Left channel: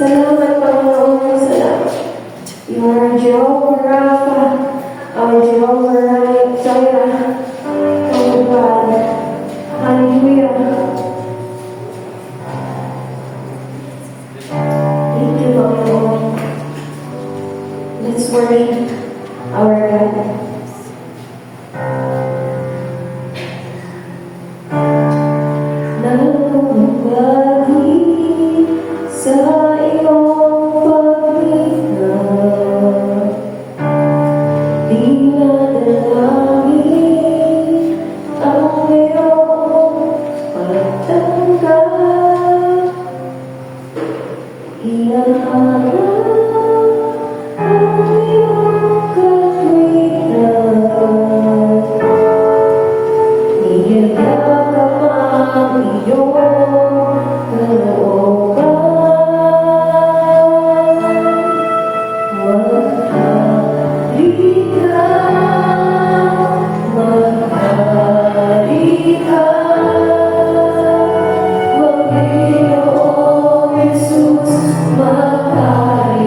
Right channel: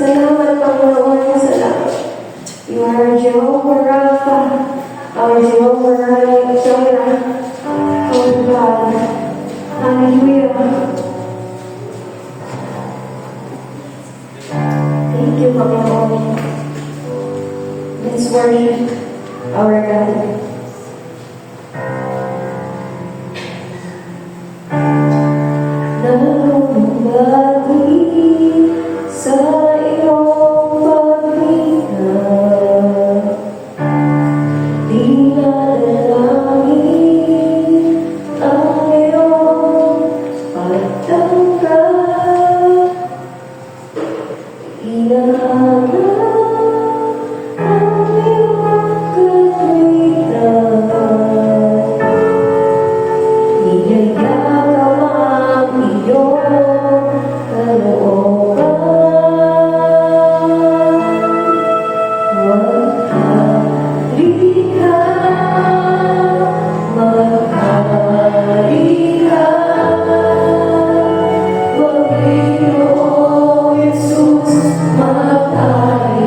Salamat, Panginoon. Salamat. You are Jehovah Rapha, our Jehovah Jireh, our God. Hallelujah. Thank you, Panginoon. Let's worship our God. Sa iyong pagbigay, di nadalangin ang iyong pagtanggap. Hinahanap ang iyong katwiran, niyayakap ang iyong kalooban. Maghalika, Panginoong Jesus, maghalika.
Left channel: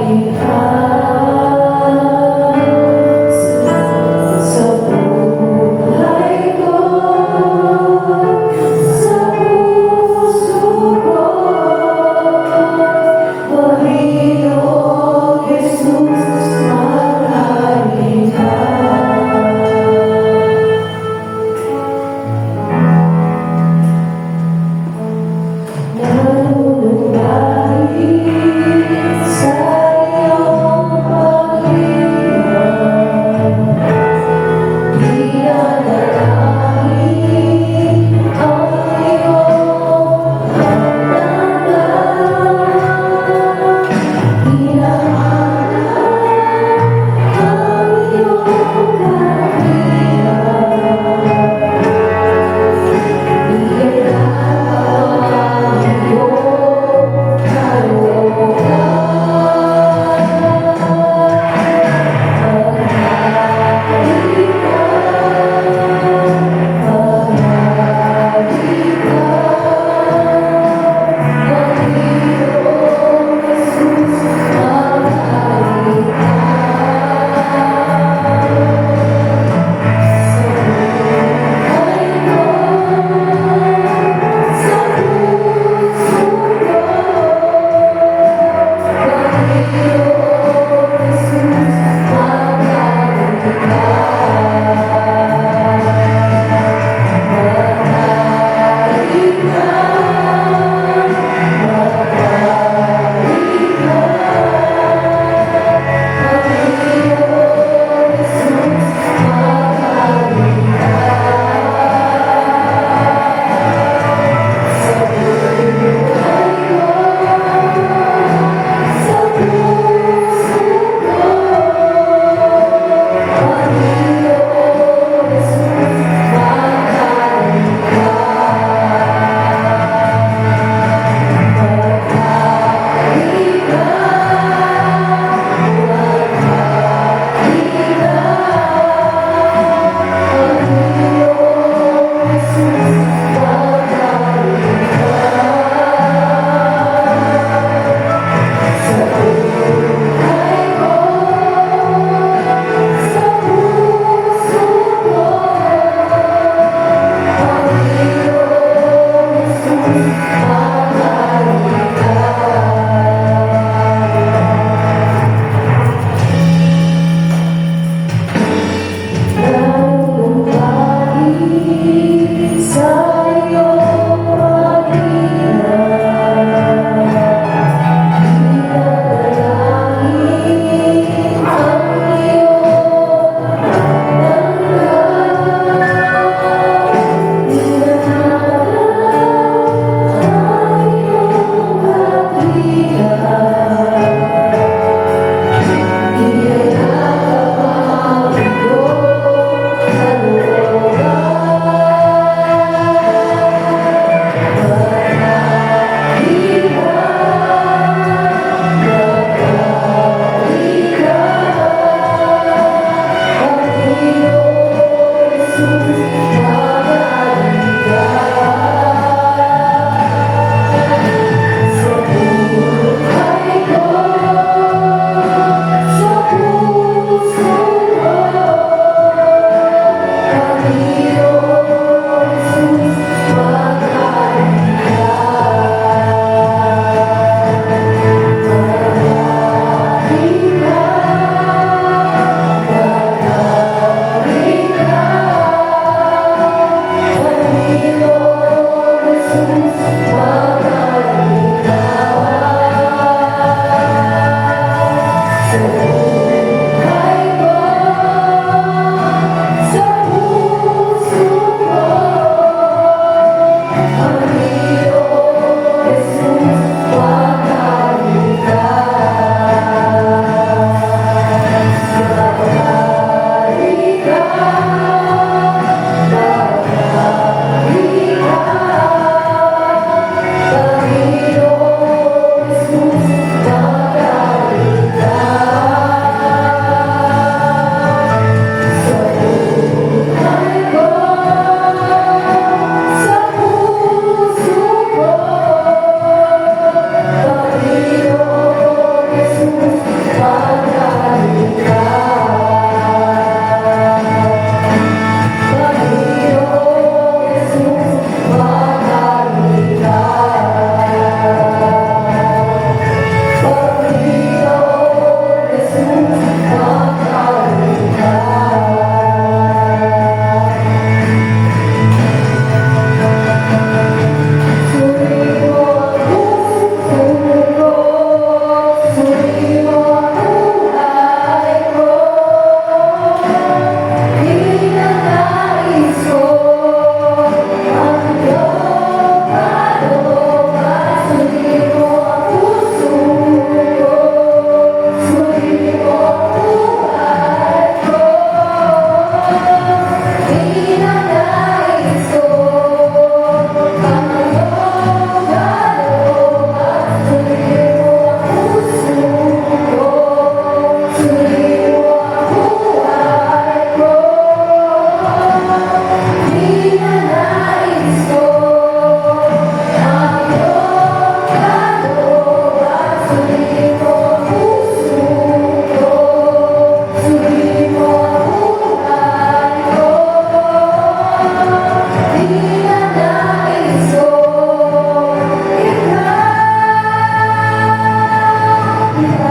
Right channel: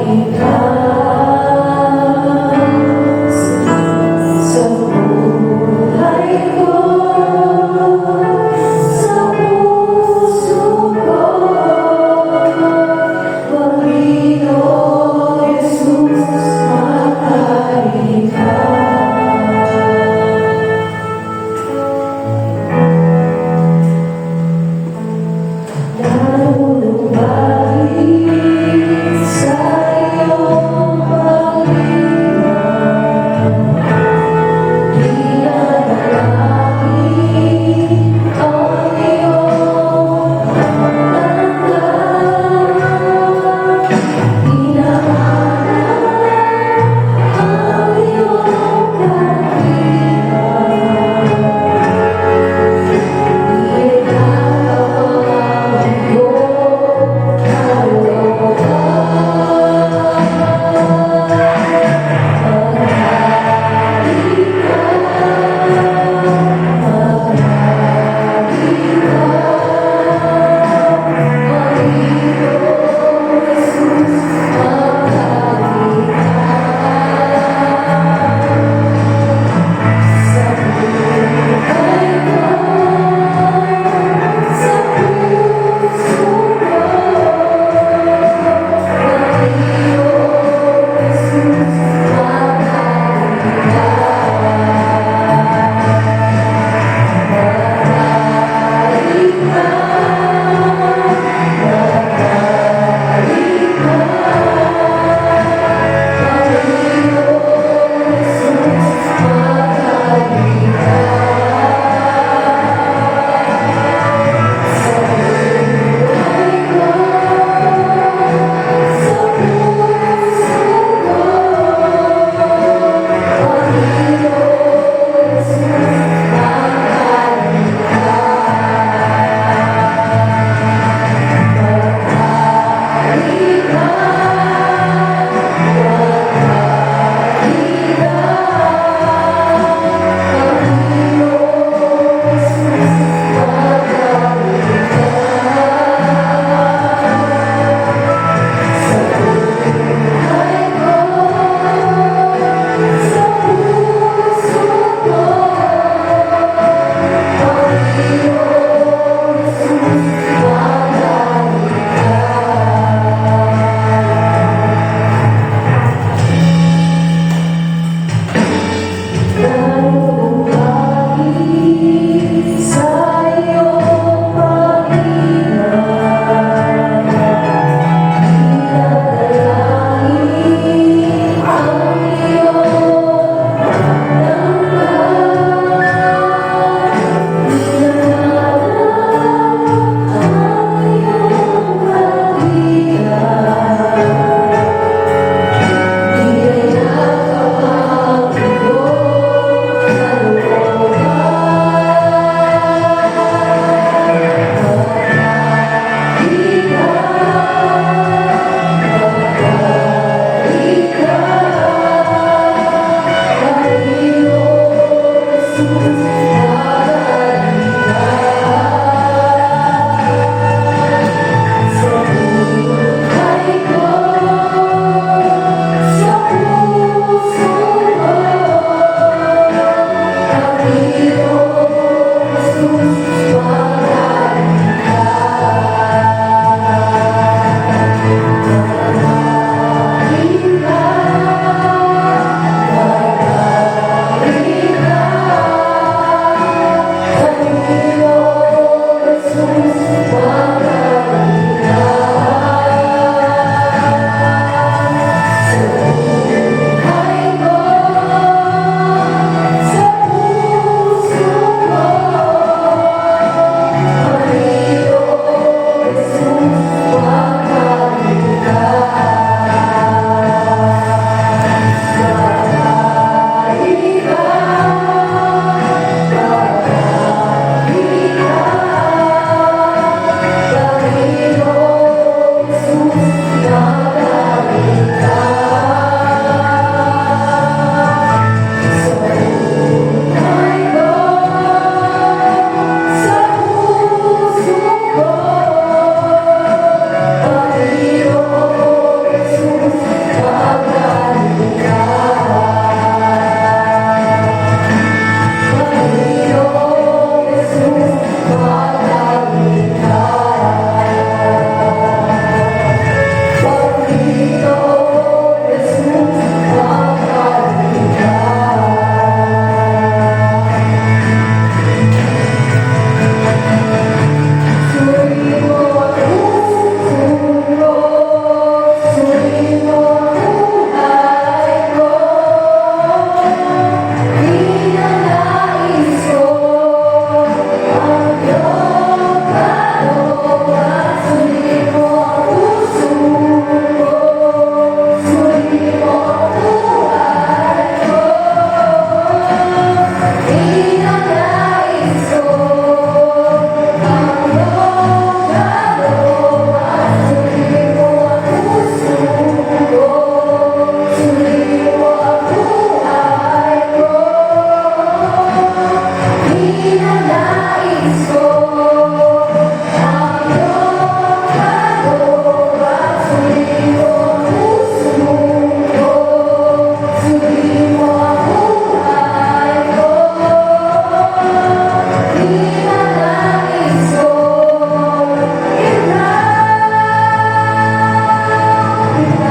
Sa'yo,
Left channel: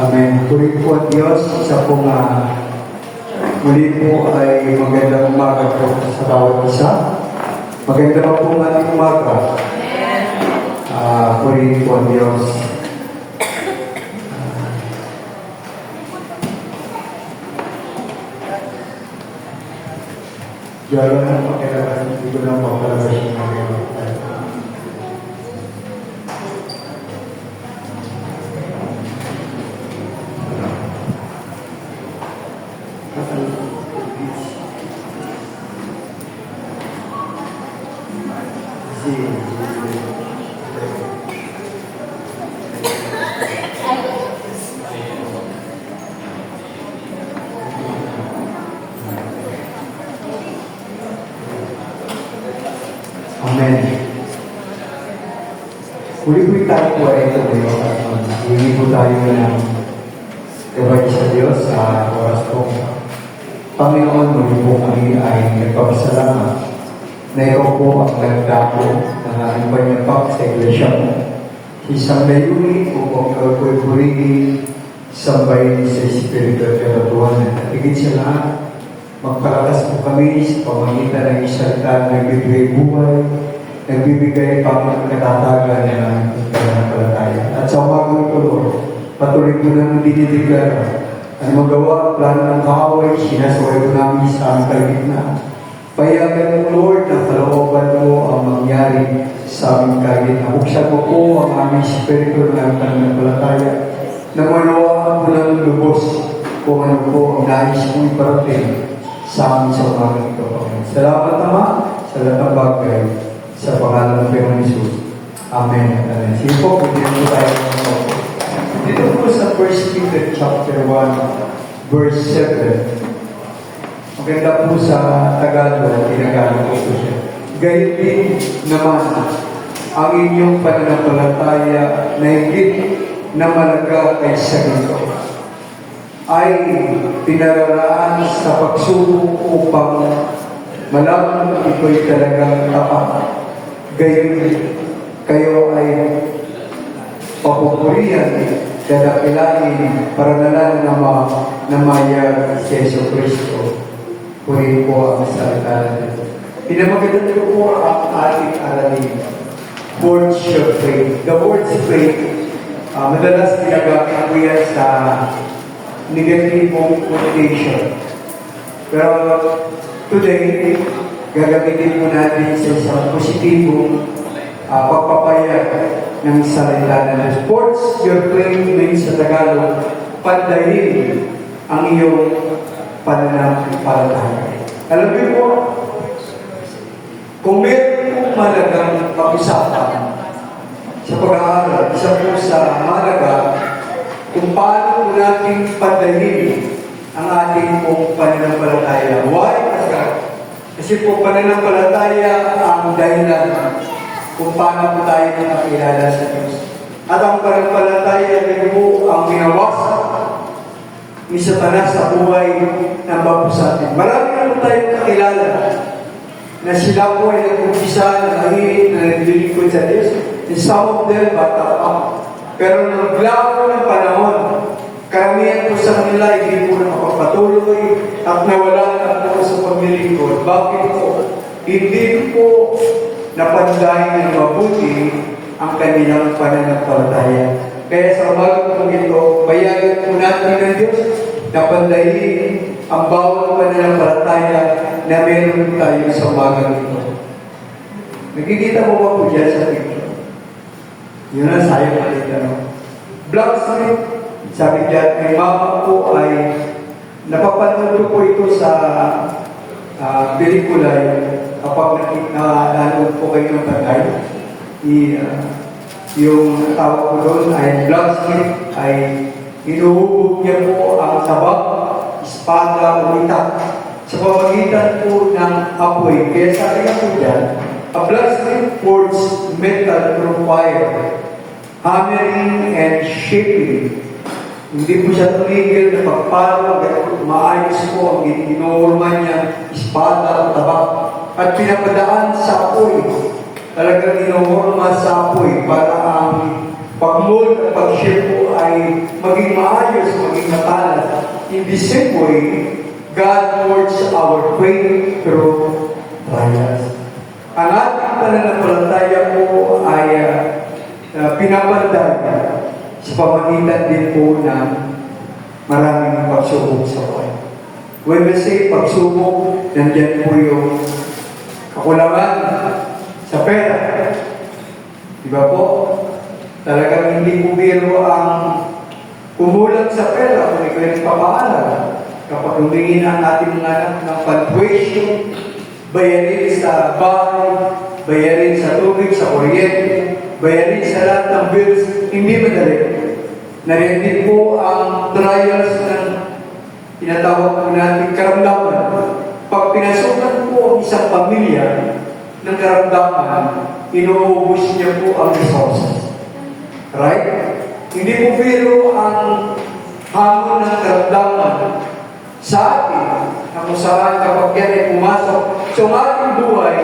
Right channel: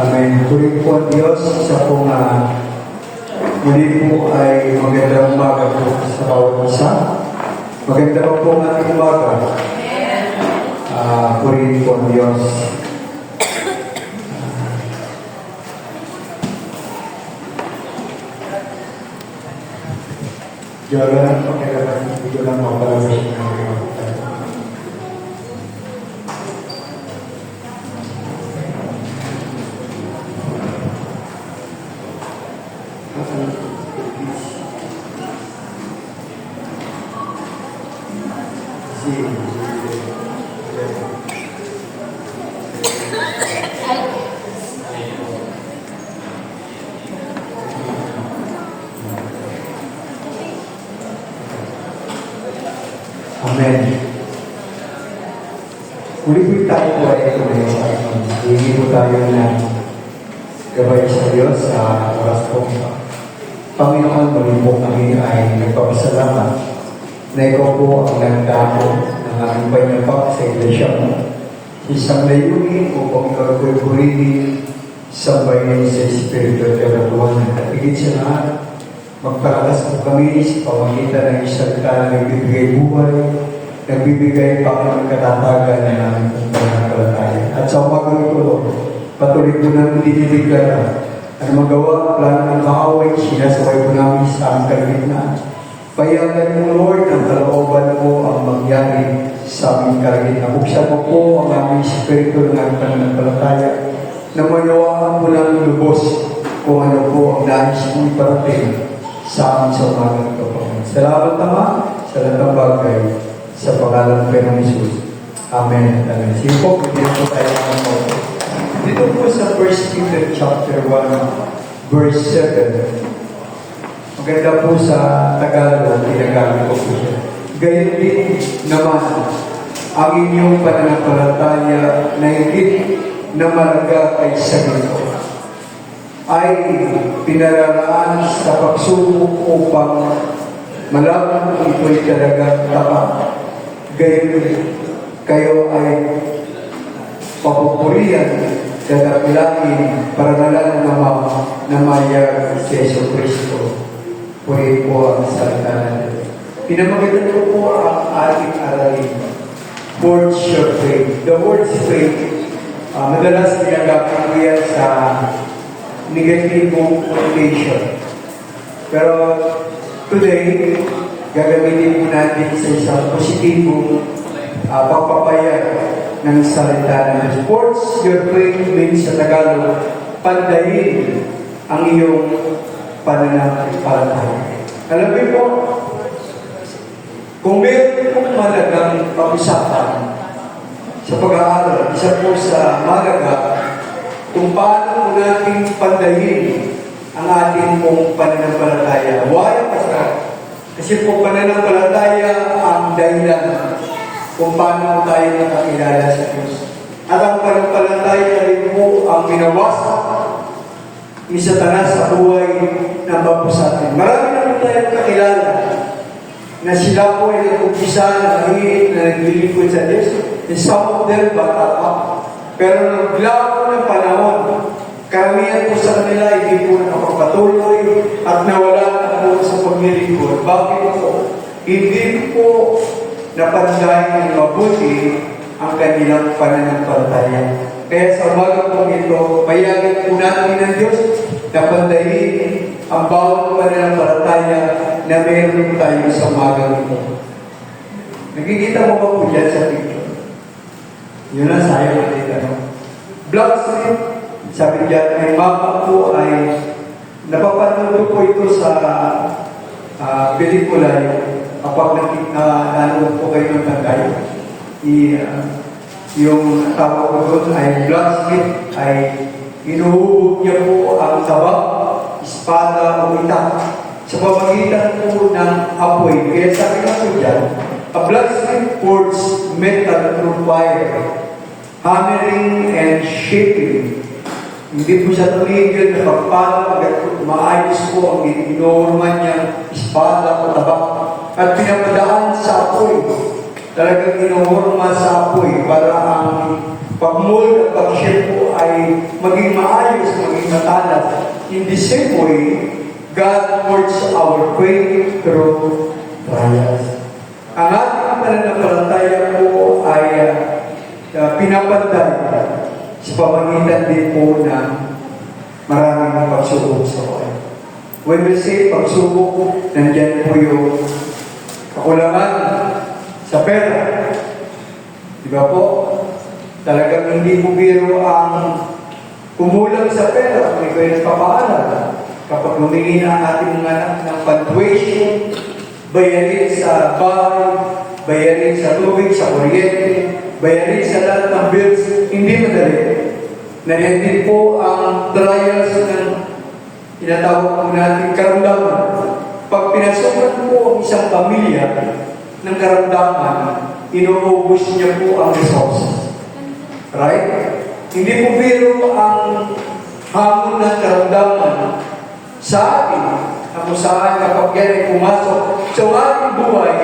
Amen. Puri po ang Diyos sa pong muli po ay magandang umaga po sa bawat isa. Maganda po ang ating umaga. Puri po ang Diyos. Diyan lang po kailangan dito lang po pala sa Amen. Uli-uli tayo po ay ito ngayon. Hindi po tayo ng gabay sa Diyos sa oras po. Panginoon, muli po kami ay nagpapasalamat na ikaw po ang nagdako ng aming panyapak sa iglesia mo. Isang layunin upang ikaw po'y purihin, sambahin sa Espiritu at Kabatuan at higit sa lahat, magpalakas po kami sa pamagitan ng isang salita na nagbibigay buhay, nagbibigay Panginoon katatagan ng pananampalataya. At sa umaga ito, Lord, patuloy ko namin dinideklara ang magawa at plano ng kaaway, sinasaway ko namin sa aming kalagitnaan. Payagan mo, Lord, ang kalooban mo ang mangyari sa aming kalagitnaan. Buksan mo po ang aming espiritu ng pananampalataya na manawaan mo ng lubos kung ano po ang nais mong parating sa amin sa umaga ito. Salamat Ama sa lahat ng bagay sa pangalan ng Panginoon Jesus. Amen. Amen. Sige po, pwede po tayo ng mga. Dito po sa 1 Peter chapter 1, verse 7. Maganda po sa Tagalog, tinagamit ko po siya. Gayun din naman ang inyong pananampalataya na higit na malaga ay sa ganito ay pinaralaan sa pagsubok upang malaman ito'y talagang tapat. Gayon kayo ay papupurihan, dadakilain, parangalan na maya si Yesu Cristo. Puri po ang salita natin. Pinamagalan ko po ang ating aralin. Words of faith. The words of faith, madalas ginagamit yan sa negative connotation. Pero today, gagamitin mo natin sa isang positibong pagpapayag ng salita na sports your faith means sa Tagalog, pandahin ang iyong pananampalataya. Alam mo po, kung meron pong malagang pag-usapan sa pag-aaral, isa po sa malaga, kung paano natin pandahin ang ating pong pananampalataya. Why? Kasi po pananampalataya ang dahilan kung paano tayo nakakilala sa Diyos. At ang pananampalataya rin po ang minawasak ni Satanas sa buhay ng bawat sa atin. Marami na tayo kakilala na sila po ay nag-umpisa na naglilingkod sa Diyos. And some of them bata pa. Pero naglago ng panahon, karamihan po sa kanila hindi po nakapatuloy at nawala na po sa paglilingkod. Bakit po? Hindi po napandahin ng mabuti ang kanilang pananampalataya. Kaya sa umaga po ito, payagan po natin ng Diyos na pandahin ang bawat pananampalataya na meron tayo sa umaga ito. Nakikita mo ba po dyan sa picture? Yun na sayang nakita, no? Black Street, sabi dyan, ang mapa po ay napapanood po ito sa pelikula kapag nanood po kayo ng tagay. Yung tawag ko doon ay Black Street ay inuhubog niya po ang tabak, espada, umitak sa pamagitan po ng apoy. Kaya sabi na po dyan, a Black Street forged metal through fire, hammering and shaping. Hindi po siya tumigil na pagpalo, maayos po ang inorman niyang espada o tabak at pinapadaan sa apoy. Talagang inorma sa apoy para ang pag-mold at pag-shape po ay maging maayos, maging matalas. In the same way, God works our faith through trials. Ang ating pananampalataya po ay pinapanday sa pamagitan din po ng maraming pagsubok sa buhay. When we say pagsubok, nandiyan po yung kakulangan sa pera. Di ba po? Talagang hindi po biro ang kumulang sa pera kung ikaw yung papaaral. Kapag humingi ng ating mga anak ng punctuation, bayarin sa bahay, bayarin sa tubig, sa kuryente, bayarin sa lahat ng bills, hindi madali. Nariyan po ang trials ng tinatawag po natin karamdaman. Pag pinasukan po ang isang pamilya ng karamdaman, inuubos niya po ang resources. Right? Hindi po biro ang hamon ng karamdaman sa atin na kung saan kapag yan ay pumasok sa ating buhay,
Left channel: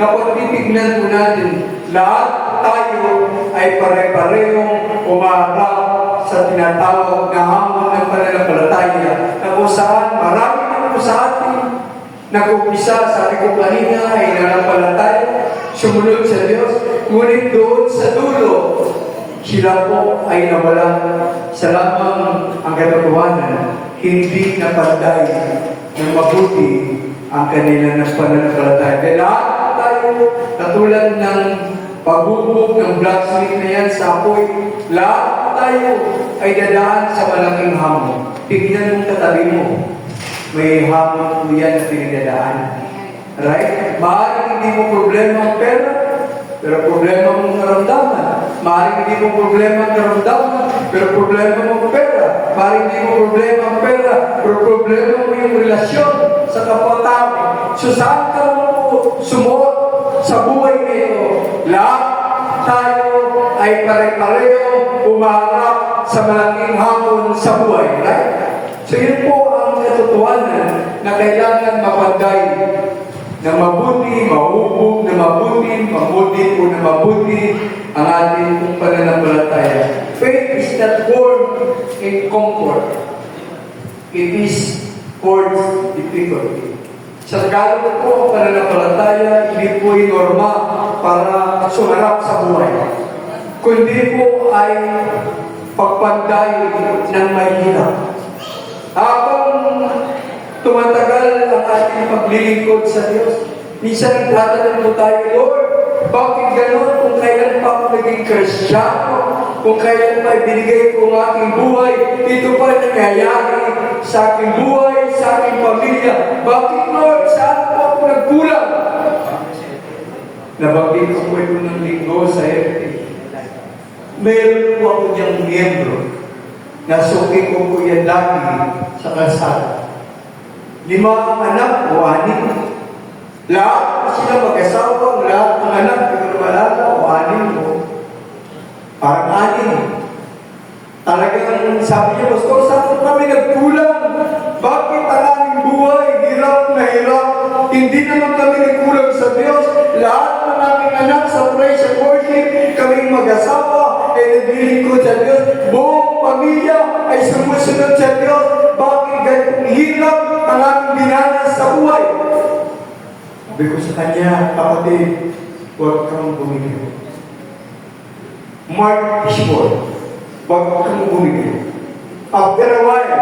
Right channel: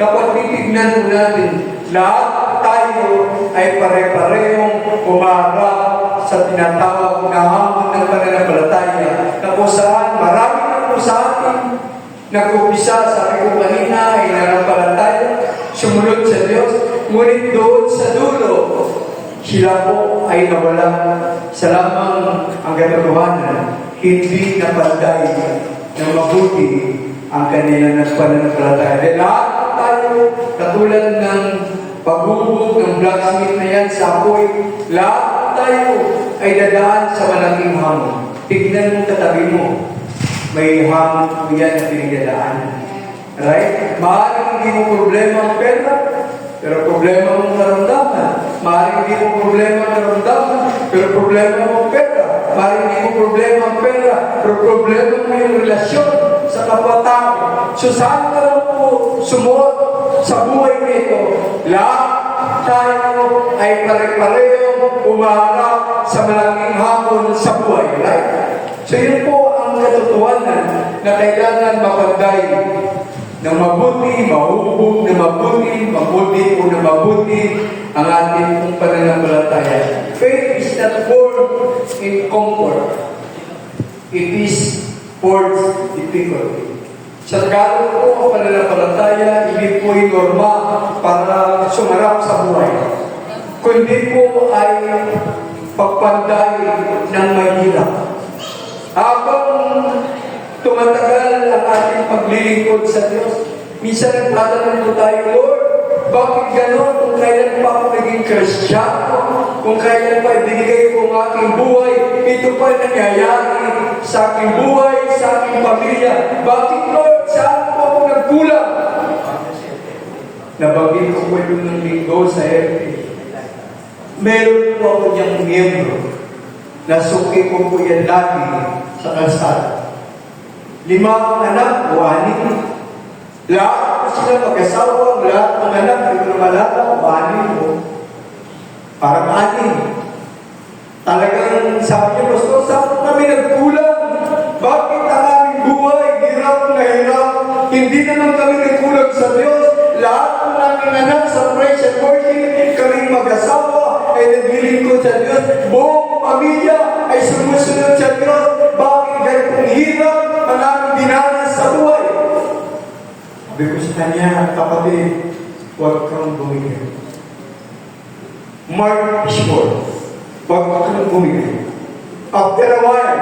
kapag titignan po natin, lahat tayo ay pare-parehong umarap sa tinatawag na hamon ng pananampalataya na kung saan marami na po sa atin nag-umpisa, sabi ko kanina, ay nanampalataya, sumunod sa Diyos, ngunit doon sa dulo, sila po ay nawalan sa lamang ang katotohanan, hindi napanday ng mabuti ang kanila ng pananampalataya. Dahil lahat tayo, katulad ng paghubog ng blacksmith na yan sa apoy, lahat tayo ay dadaan sa malaking hamon. Tignan mo katabi mo, may hamon po yan na pinagdadaan. Right? Maaaring hindi mo problema ang pera, pero problema mong naramdaman. Maaaring hindi mo problema ang naramdaman, pero problema mong pera. Maaaring hindi mo problema ang pera, pero problema mo yung relasyon sa kapatao. So saan ka mo po sumuot sa buhay nito? Lahat tayo ay pare-pareho umaharap sa malaking hamon sa buhay. Right? So yun po ang katotohanan na kailangan mapanday na mabuti, mahubog na mabuti, mabuti o na mabuti ang ating pong pananampalataya. Faith is not born in comfort. It is born in difficulty. Sa Tagalog po, ang pananampalataya, hindi po yung norma para sumarap sa buhay. Kundi po ay pagpanday ng mahirap. Habang tumatagal ang ating paglilingkod sa Diyos, minsan nagtatanong po tayo, Lord, bakit gano'n? Kung kailan pa ako naging Kristiyano, kung kailan pa ibinigay ko ang aking buhay, ito pa nangyayari sa aking buhay, sa aking pamilya. Bakit, Lord? Saan po ako nagkulang? Nabanggit ko po yung ng linggo sa FP. Meron po ako niyang miyembro. Nasuki ko po yan lagi sa kalsada. 5 ang anak o 6. Lahat po sila mag-asawa, lahat ng anak, hindi ko naman alam o 6 mo. Parang 6. Talagang sabi niya, Pastor, saan po kami nagkulang? Bakit ang aming buhay, hirap na hirap? Hindi naman kami nagkulang sa Diyos. Lahat po namin anak sa praise and worship, kaming mag-asawa, ay naglilingkod sa Diyos. Buong pamilya ay sumusunod sa Diyos. Bakit ganitong hirap ang aming dinanas sa buhay? Sabi ko sa kanya, kapatid, huwag kang bumigay. Mark is word. Huwag kang bumigay. After a while,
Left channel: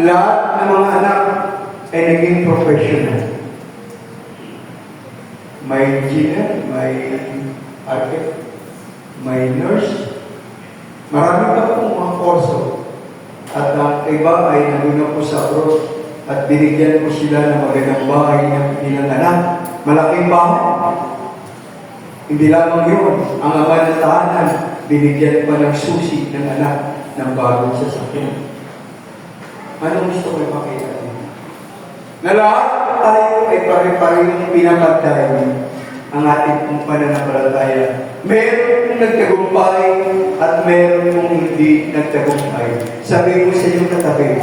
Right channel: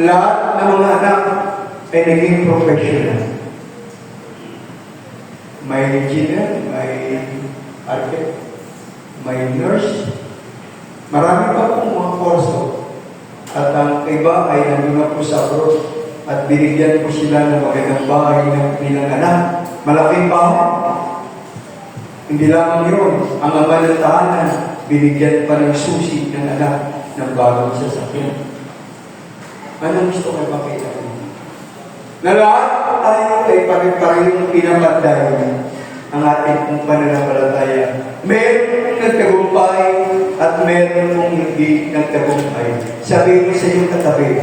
lahat ng mga anak ay naging professional. May engineer, may architect, may nurse. Marami pa pong mga kurso. At ang iba ay nandun po sa abroad at binigyan po sila ng magandang bahay ng pinanganak. Malaking bahay. Hindi lamang yun. Ang ama ng tahanan, binigyan pa ng susi ng anak ng bagong sasakyan. Ano gusto kayo makita? Na lahat tayo ay pare-parehong pinamatay ang ating pananampalataya. Meron pong nagtagumpay at meron pong hindi nagtagumpay. Sabi ko sa iyo katabi,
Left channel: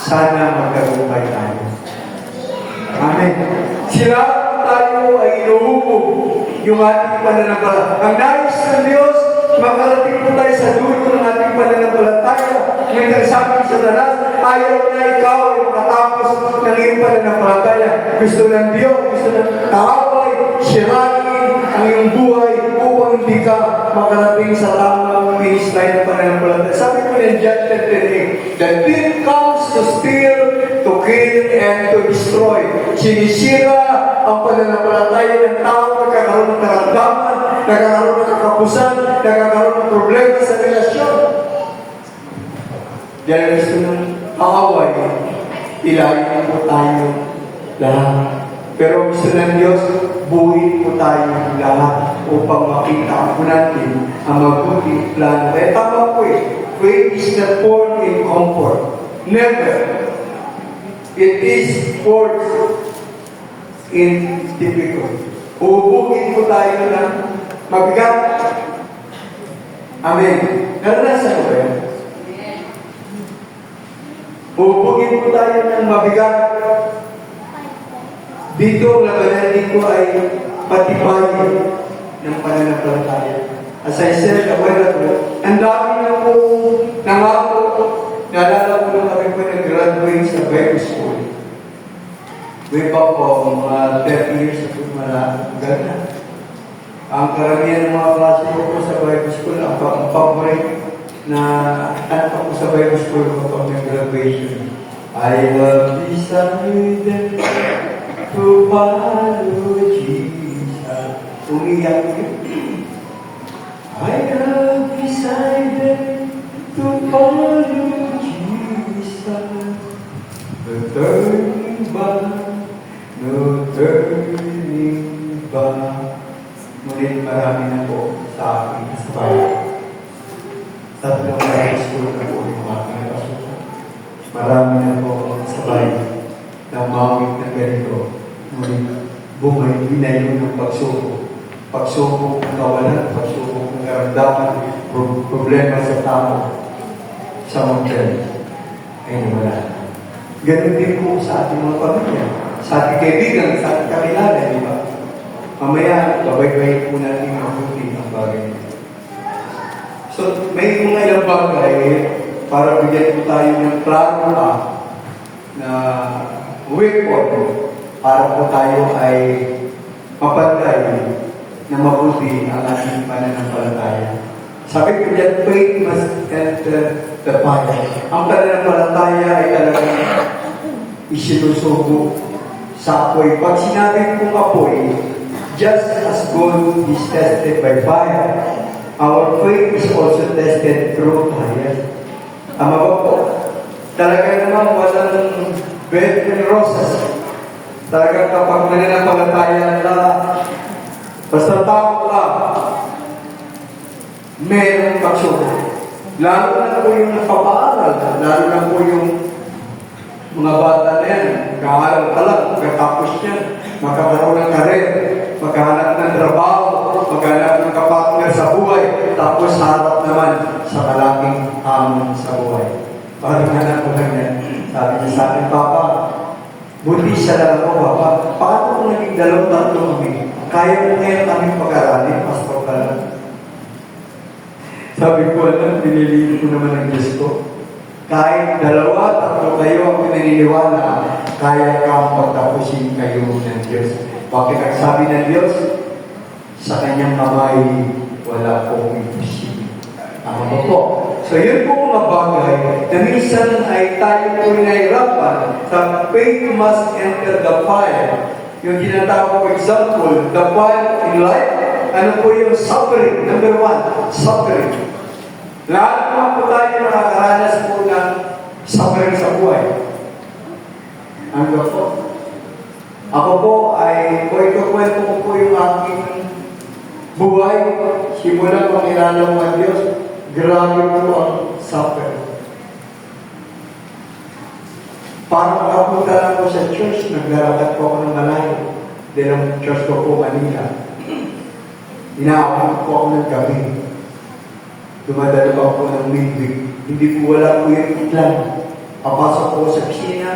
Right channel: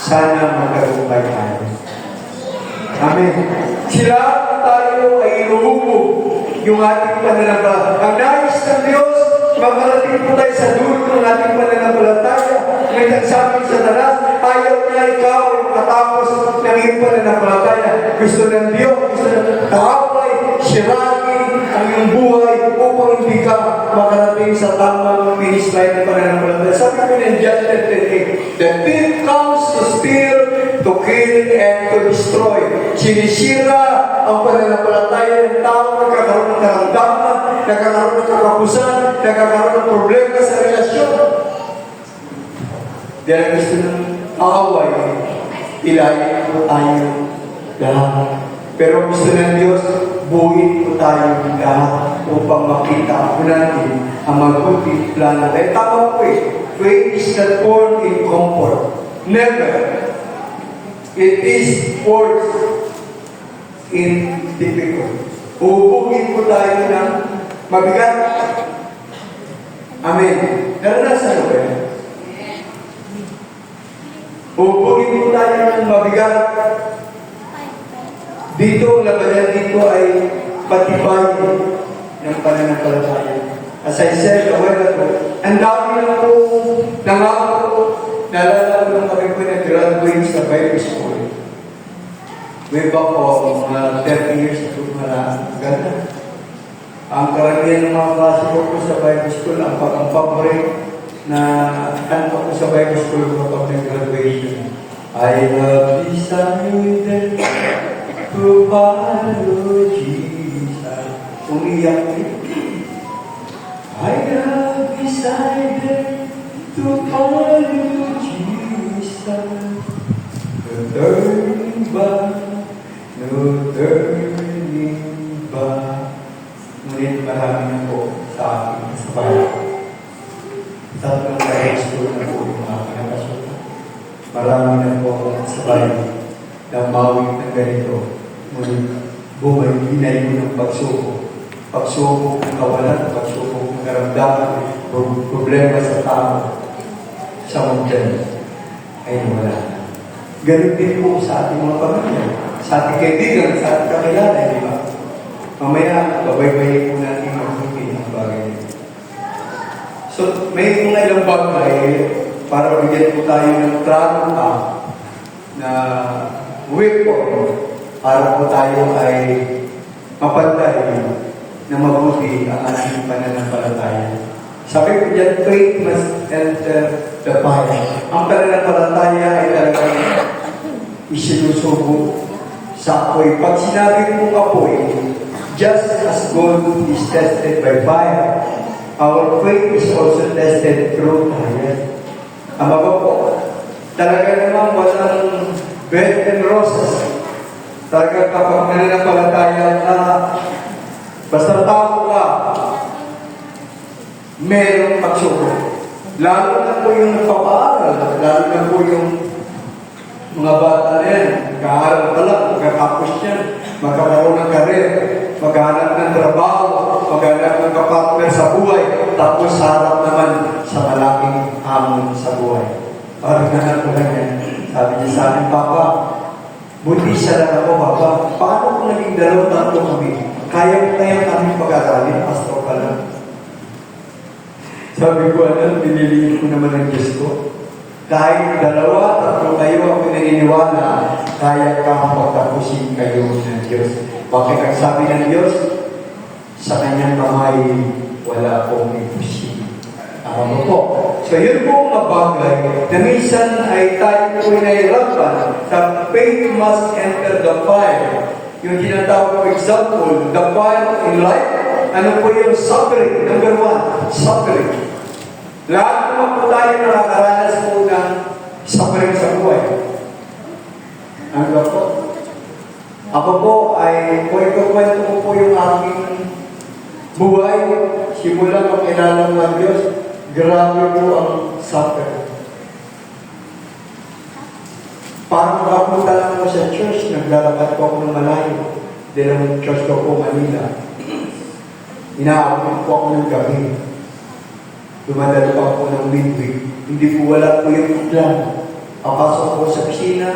sana magtagumpay tayo. Amen. Sila tayo ay inuhubog yung ating pananampalataya. Ang nais ng Diyos, makarating po tayo sa dulo ng ating pananampalataya. May nagsabi sa daras, ayaw na ikaw ay makatapos ng iyong pananampalataya. Gusto ng Diyos, gusto ng kaaway, sirain ang iyong buhay upang hindi ka makarating sa tamang baseline ng pananampalataya. Sabi ko ng John 10:8, the thief comes to steal, to kill, and to destroy. Sinisira ang pananampalataya ng tao, nagkakaroon ng karamdaman, nagkakaroon ng kakapusan, nagkakaroon ng problema sa relasyon. Dahil gusto ng kaaway, ilayin po tayo lahat. Pero gusto ng Diyos, buuin po tayo lahat upang makita po natin ang mabuting plano. Kaya tama po faith is not born in comfort. Never. It is born in difficult. Uubugin po tayo ng mabigat. Amen. Naranasan ko yan. Uubugin po tayo ng mabigat. Dito, ang labanan dito ay patibayin ng pananampalataya. As I said a while ago, ang dami na po nangako. Naalala ko nung kami po nag-graduate sa Bible School. Way back po, mga 30 years ago, ganda. Ang karamihan ng mga klase ko sa Bible School, ang favorite na tanto ko sa Bible School kapag nag-graduation, I will be decided to follow Jesus. Umiyak yun. I have decided to follow Jesus. No turning back, no turning back. Ngunit marami na po sa aking sabay. Tatlong Bible school na po yung aking nakasuta. Marami na po sabay na mawit na ganito. Ngunit binayo ng pagsubok. Pagsubok ng kawalan, pagsubok ng karamdaman, problema sa tao, sa mountain, ay nawala na. Ganun din po sa ating mga pamilya, sa ating kaibigan, sa ating kakilala, di ba? Mamaya, babay-bay po natin mabuti ang bagay. So, may mga ilang bagay para bigyan po tayo ng plano pa na weapon para po tayo ay mapantay na mabuti ang ating pananampalataya. Sabi ko dyan, faith must enter the fire. Ang pananampalataya ay talagang isinusubo sa apoy. Pag sinabi kong apoy, just as gold is tested by fire, our faith is also tested through fire. Tama ba po? Talaga naman walang bed and roses. Talaga kapag nananampalataya na basta tao ka, mayroong pagsubok. Lalo na po yung napapaaral, lalo na po yung mga bata na yan, mag-aaral pa lang, magkatapos niya, magkakaroon ng karir, maghanap ng trabaho, maghanap ng kapatner sa buhay, tapos harap naman sa malaking hamon sa buhay. Parang nanak ko ganyan. Sabi niya sa akin, Papa, buti sa dala ko, Papa, paano kung naging dalawang tatlo kami? Kaya kami pag-aralin, pastor ka lang. Sabi ko, alam, piniliin ko naman ang Diyos ko. Kahit dalawa, tatlo kayo, ako naniniwala, kaya kang pagtapusin kayo ng Diyos. Bakit ang sabi ng Diyos? Sa kanyang kamay, wala pong imposible. Tama mo po. So yun po mga bagay na minsan ay tayo po nahirapan. The faith must enter the fire. Yung tinatawag example, the fire in life, ano po yung suffering? Number one, suffering. Lahat naman po tayo nakakaranas po ng suffering sa buhay. Ano po? Ako po ay, ikukwento ko po yung aking buhay. Simula pangilala mo ang Diyos, grabe po ang suffering. Parang makapunta lang ako sa church, naglalakad po ako ng malayo. Dahil ang church ko po Manila. Inaakit po ako ng gabi. Dumadalo pa ako ng midweek. Hindi po wala po yung plan. Papasok po sa kusina,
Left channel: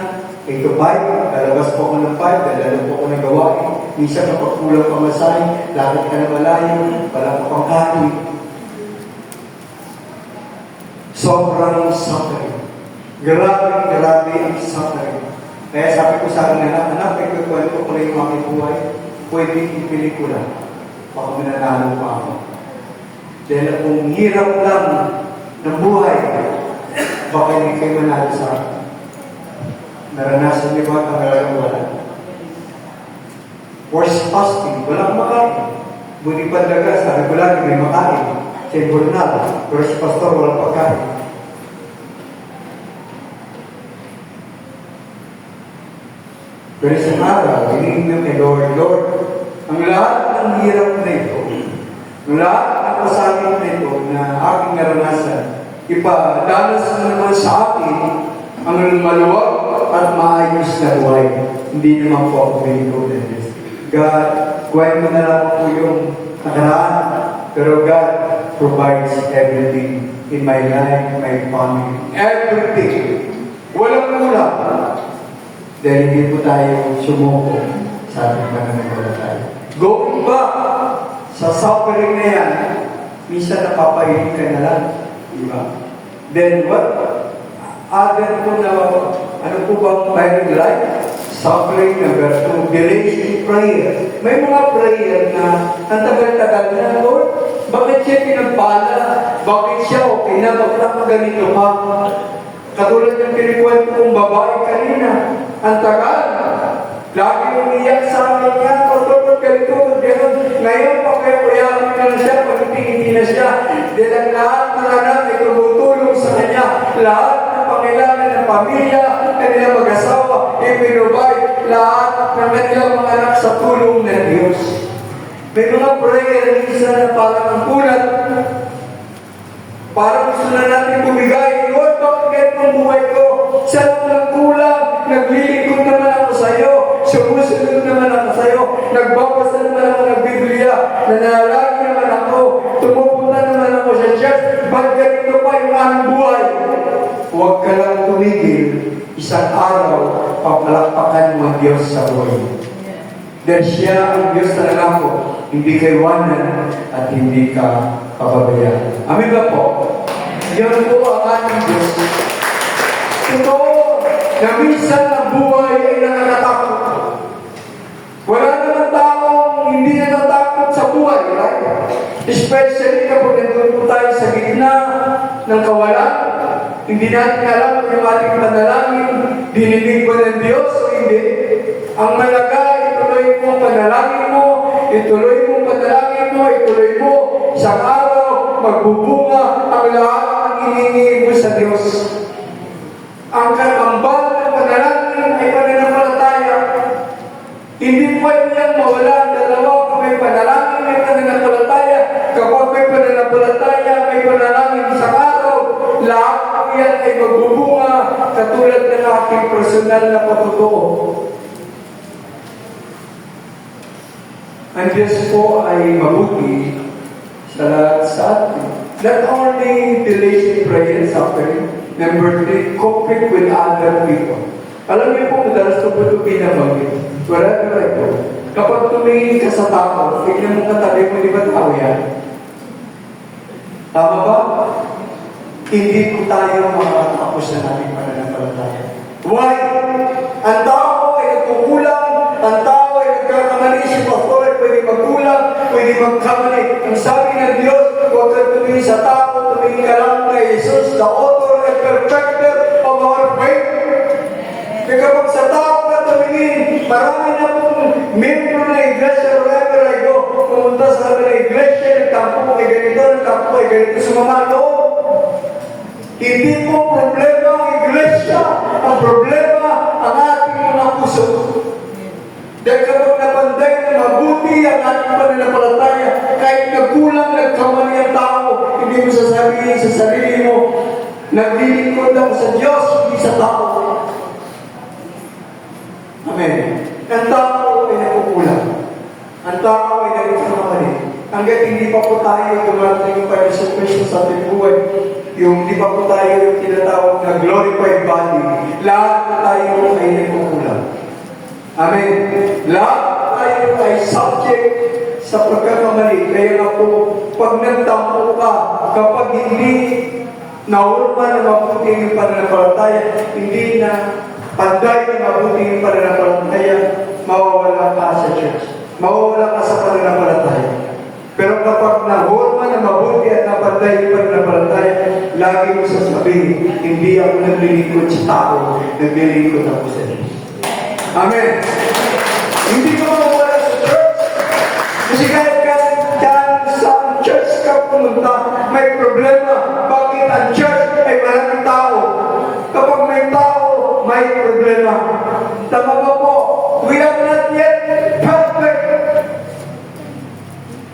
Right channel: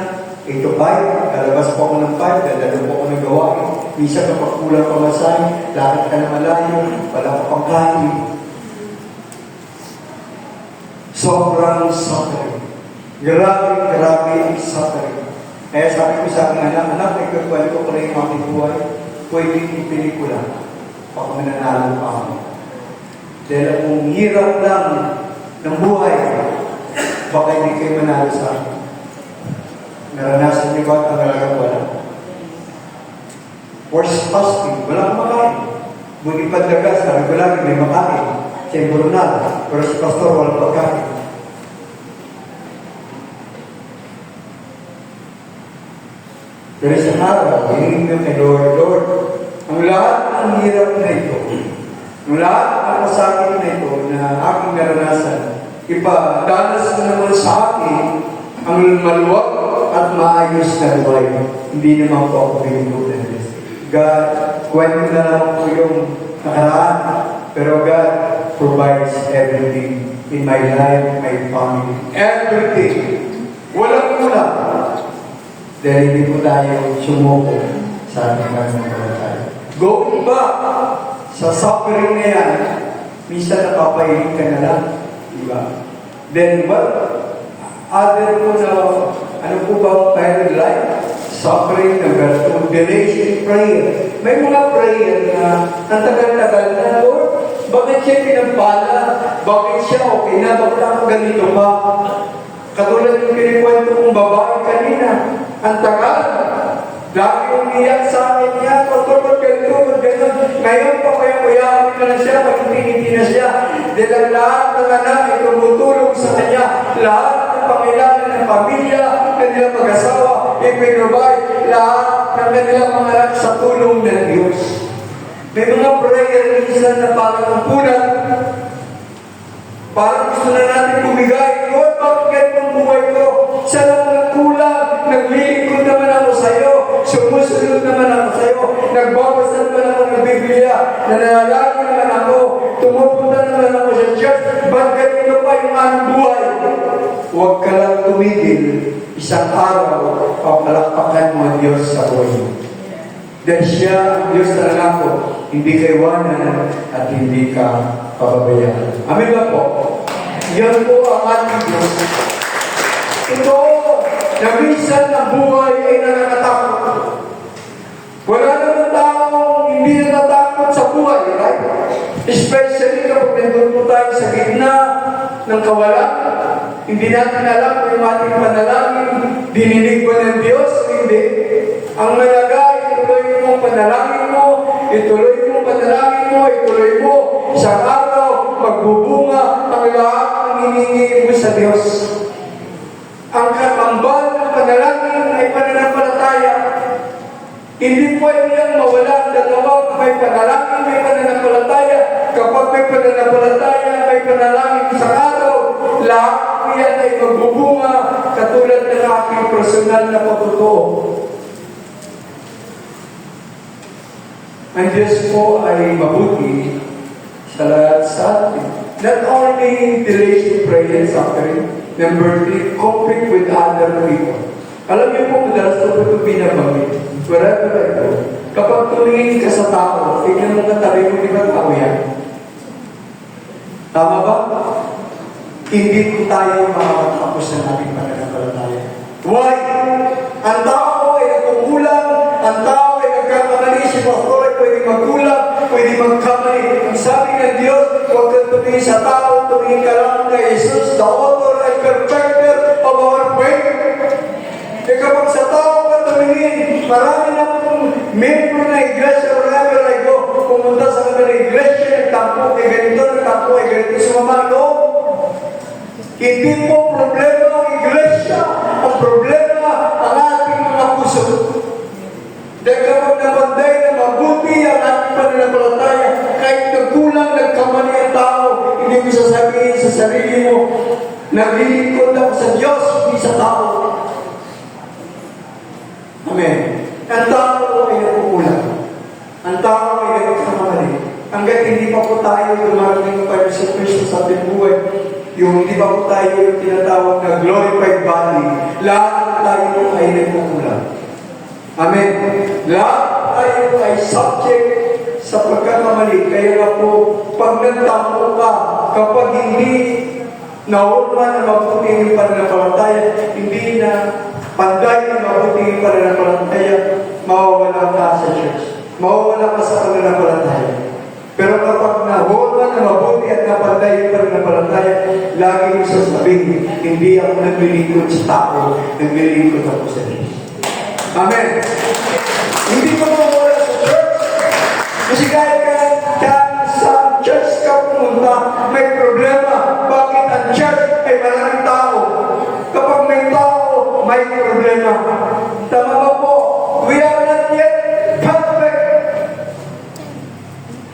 8 to 5, kalabas po ako ng 5, dadalo po ako ng gawain. Minsan kapag kulang pamasahe, lakad ka na malayo, wala ka pang kanin. Sobrang suffering. Grabe ang suffering. Kaya sabi ko sa aking anak, ikakwento ko na yung aking buhay, pwede yung pelikula. Pag mananalo pa ako. Dahil kung hirap lang ng buhay, baka hindi kayo manalo sa akin. Naranasan niyo ba ang talagang wala? Forced fasting, walang makain. Muni pandaga, sabi ko lagi may makain. Kaya Burnal, first pastor, walang pagkain. Pero sa araw, hinihingi kay Lord, ang lahat ng hirap na ito, ang lahat ng pasakit na ito na aking naranasan, ipadanas mo naman sa akin ang maluwag at maayos na buhay. Hindi naman po ako binigod na Diyos. God, kwento na lang po yung nakaraan, pero God provides everything in my life, my family, everything. Walang kulang. Dahil hindi po tayo sumuko sa ating pananampalataya. Going back sa suffering na yan, minsan napapahilig ka na lang. Diba? Then what? Other po na, ano po ba ang parent life? Suffering, number 2, delays in prayer. May mga prayer na ang tagal-tagal na, Lord, bakit siya pinagpala? Bakit siya okay na? Bakit ako ganito pa? Katulad yung kinikwento kong babae kanina, ang tagal. Lagi umiyak sa akin niya, pastor, ganito, gano'n. Ngayon pa kaya uyakin na lang siya, pag hindi na siya. Dahil ang lahat ng anak ay tumutulong sa kanya. Lahat ng pangailangan ng pamilya, kanilang mag-asawa, ipinubay, lahat ng kanilang mga anak sa tulong ng Diyos. May mga prayer na isa na parang pulat. Parang gusto na natin tumigay. Lord, bakit ganito ang buhay ko? Saan ang nagkulang? Naglilingkod naman ako sa iyo. Sumusunod naman ako sa iyo. Nagbabasa naman ako ng Biblia. Nanalagi naman ako. Tumupunta naman ako sa church. Bakit ganito pa yung aming buhay? Huwag ka lang tumigil. Isang araw, papalakpakan mo ang Diyos sa buhay. Dahil siya ang Diyos na nangako. Hindi ka iwanan at hindi ka pababayaan. Amin ba po? Yan po ang ating Diyos. Ito, na minsan ang buhay ay nakakatakot. Wala naman taong hindi natatakot sa buhay, right? Especially kapag nandun po tayo sa gitna ng kawalan. Hindi natin alam kung yung ating panalangin, dininig ba ng Diyos o hindi. Ang malaga, ituloy mo ang panalangin mo, ituloy mo ang panalangin mo, ituloy mo. Isang araw, magbubunga ang lahat ng hinihingi mo sa Diyos. Ang kakambal ng panalangin ay pananampalataya. Hindi pwedeng mawala ang dalawa kapag may panalangin, may pananampalataya. Kapag may pananampalataya, may panalangin sa araw, lahat yan ay magbubunga katulad ng aking personal na patutuo. Ang Diyos po ay mabuti sa lahat sa atin. Not only delays in prayer and suffering, number 3, coping with other people. Alam niyo po, madalas ito po ito pinabagin. Wherever I go, kapag tumingin ka sa tao, tignan mo katabi mo, di ba tao yan? Tama ba? Hindi po tayo makakapos na natin pananampalataya. Why? Ang tao ay nagkukulang, ang tao ay nagkakamali, si pastor ay pwede magkulang, pwede magkamali. Ang sabi ng Diyos, huwag kang tumingin sa tao, tumingin ka lang kay Jesus, the author and perfecter of our faith. Kaya kapag sa tao ka tumingin, marami na pong membro na iglesia, wherever I go, pumunta sa mga iglesia, nagtampo ay ganito, nagtampo ay ganito, sumamalo. Hindi po problema ang iglesia, ang problema ang ating mga puso. Dahil kapag nabanday na mabuti ang ating pananampalataya, kahit nagkulang, nagkamali ang tao, hindi mo sasabihin sa sarili mo, naglilingkod ako sa Diyos, hindi sa tao. Amen. Ang tao ay nagkukulang. Ang tao ay nagkamali. Hanggat hindi pa po tayo dumating pa sa Kristo sa ating buhay, yung di pa po tayo yung tinatawag na glorified body, lahat tayo ay nagkukulang. Amen. Lahat tayo ay subject sa pagkakamali. Kaya nga po, pag nagtampo ka, kapag hindi Naurma na mabuti yung pananampalataya, hindi na panday na mabuti yung pananampalataya, mawawala ka sa church. Mawawala ka sa pananampalataya. Pero kapag nahurma na mabuti at napanday yung pananampalataya, lagi mo sasabihin, hindi ako naglilingkod sa tao, naglilingkod ako sa Diyos. Amen. Hindi mo mawala sa church. Kasi kahit sa church ka pumunta, may problema. Bakit ang church ay maraming tao? Kapag may tao, may problema. Tama ba po? We are not yet perfect.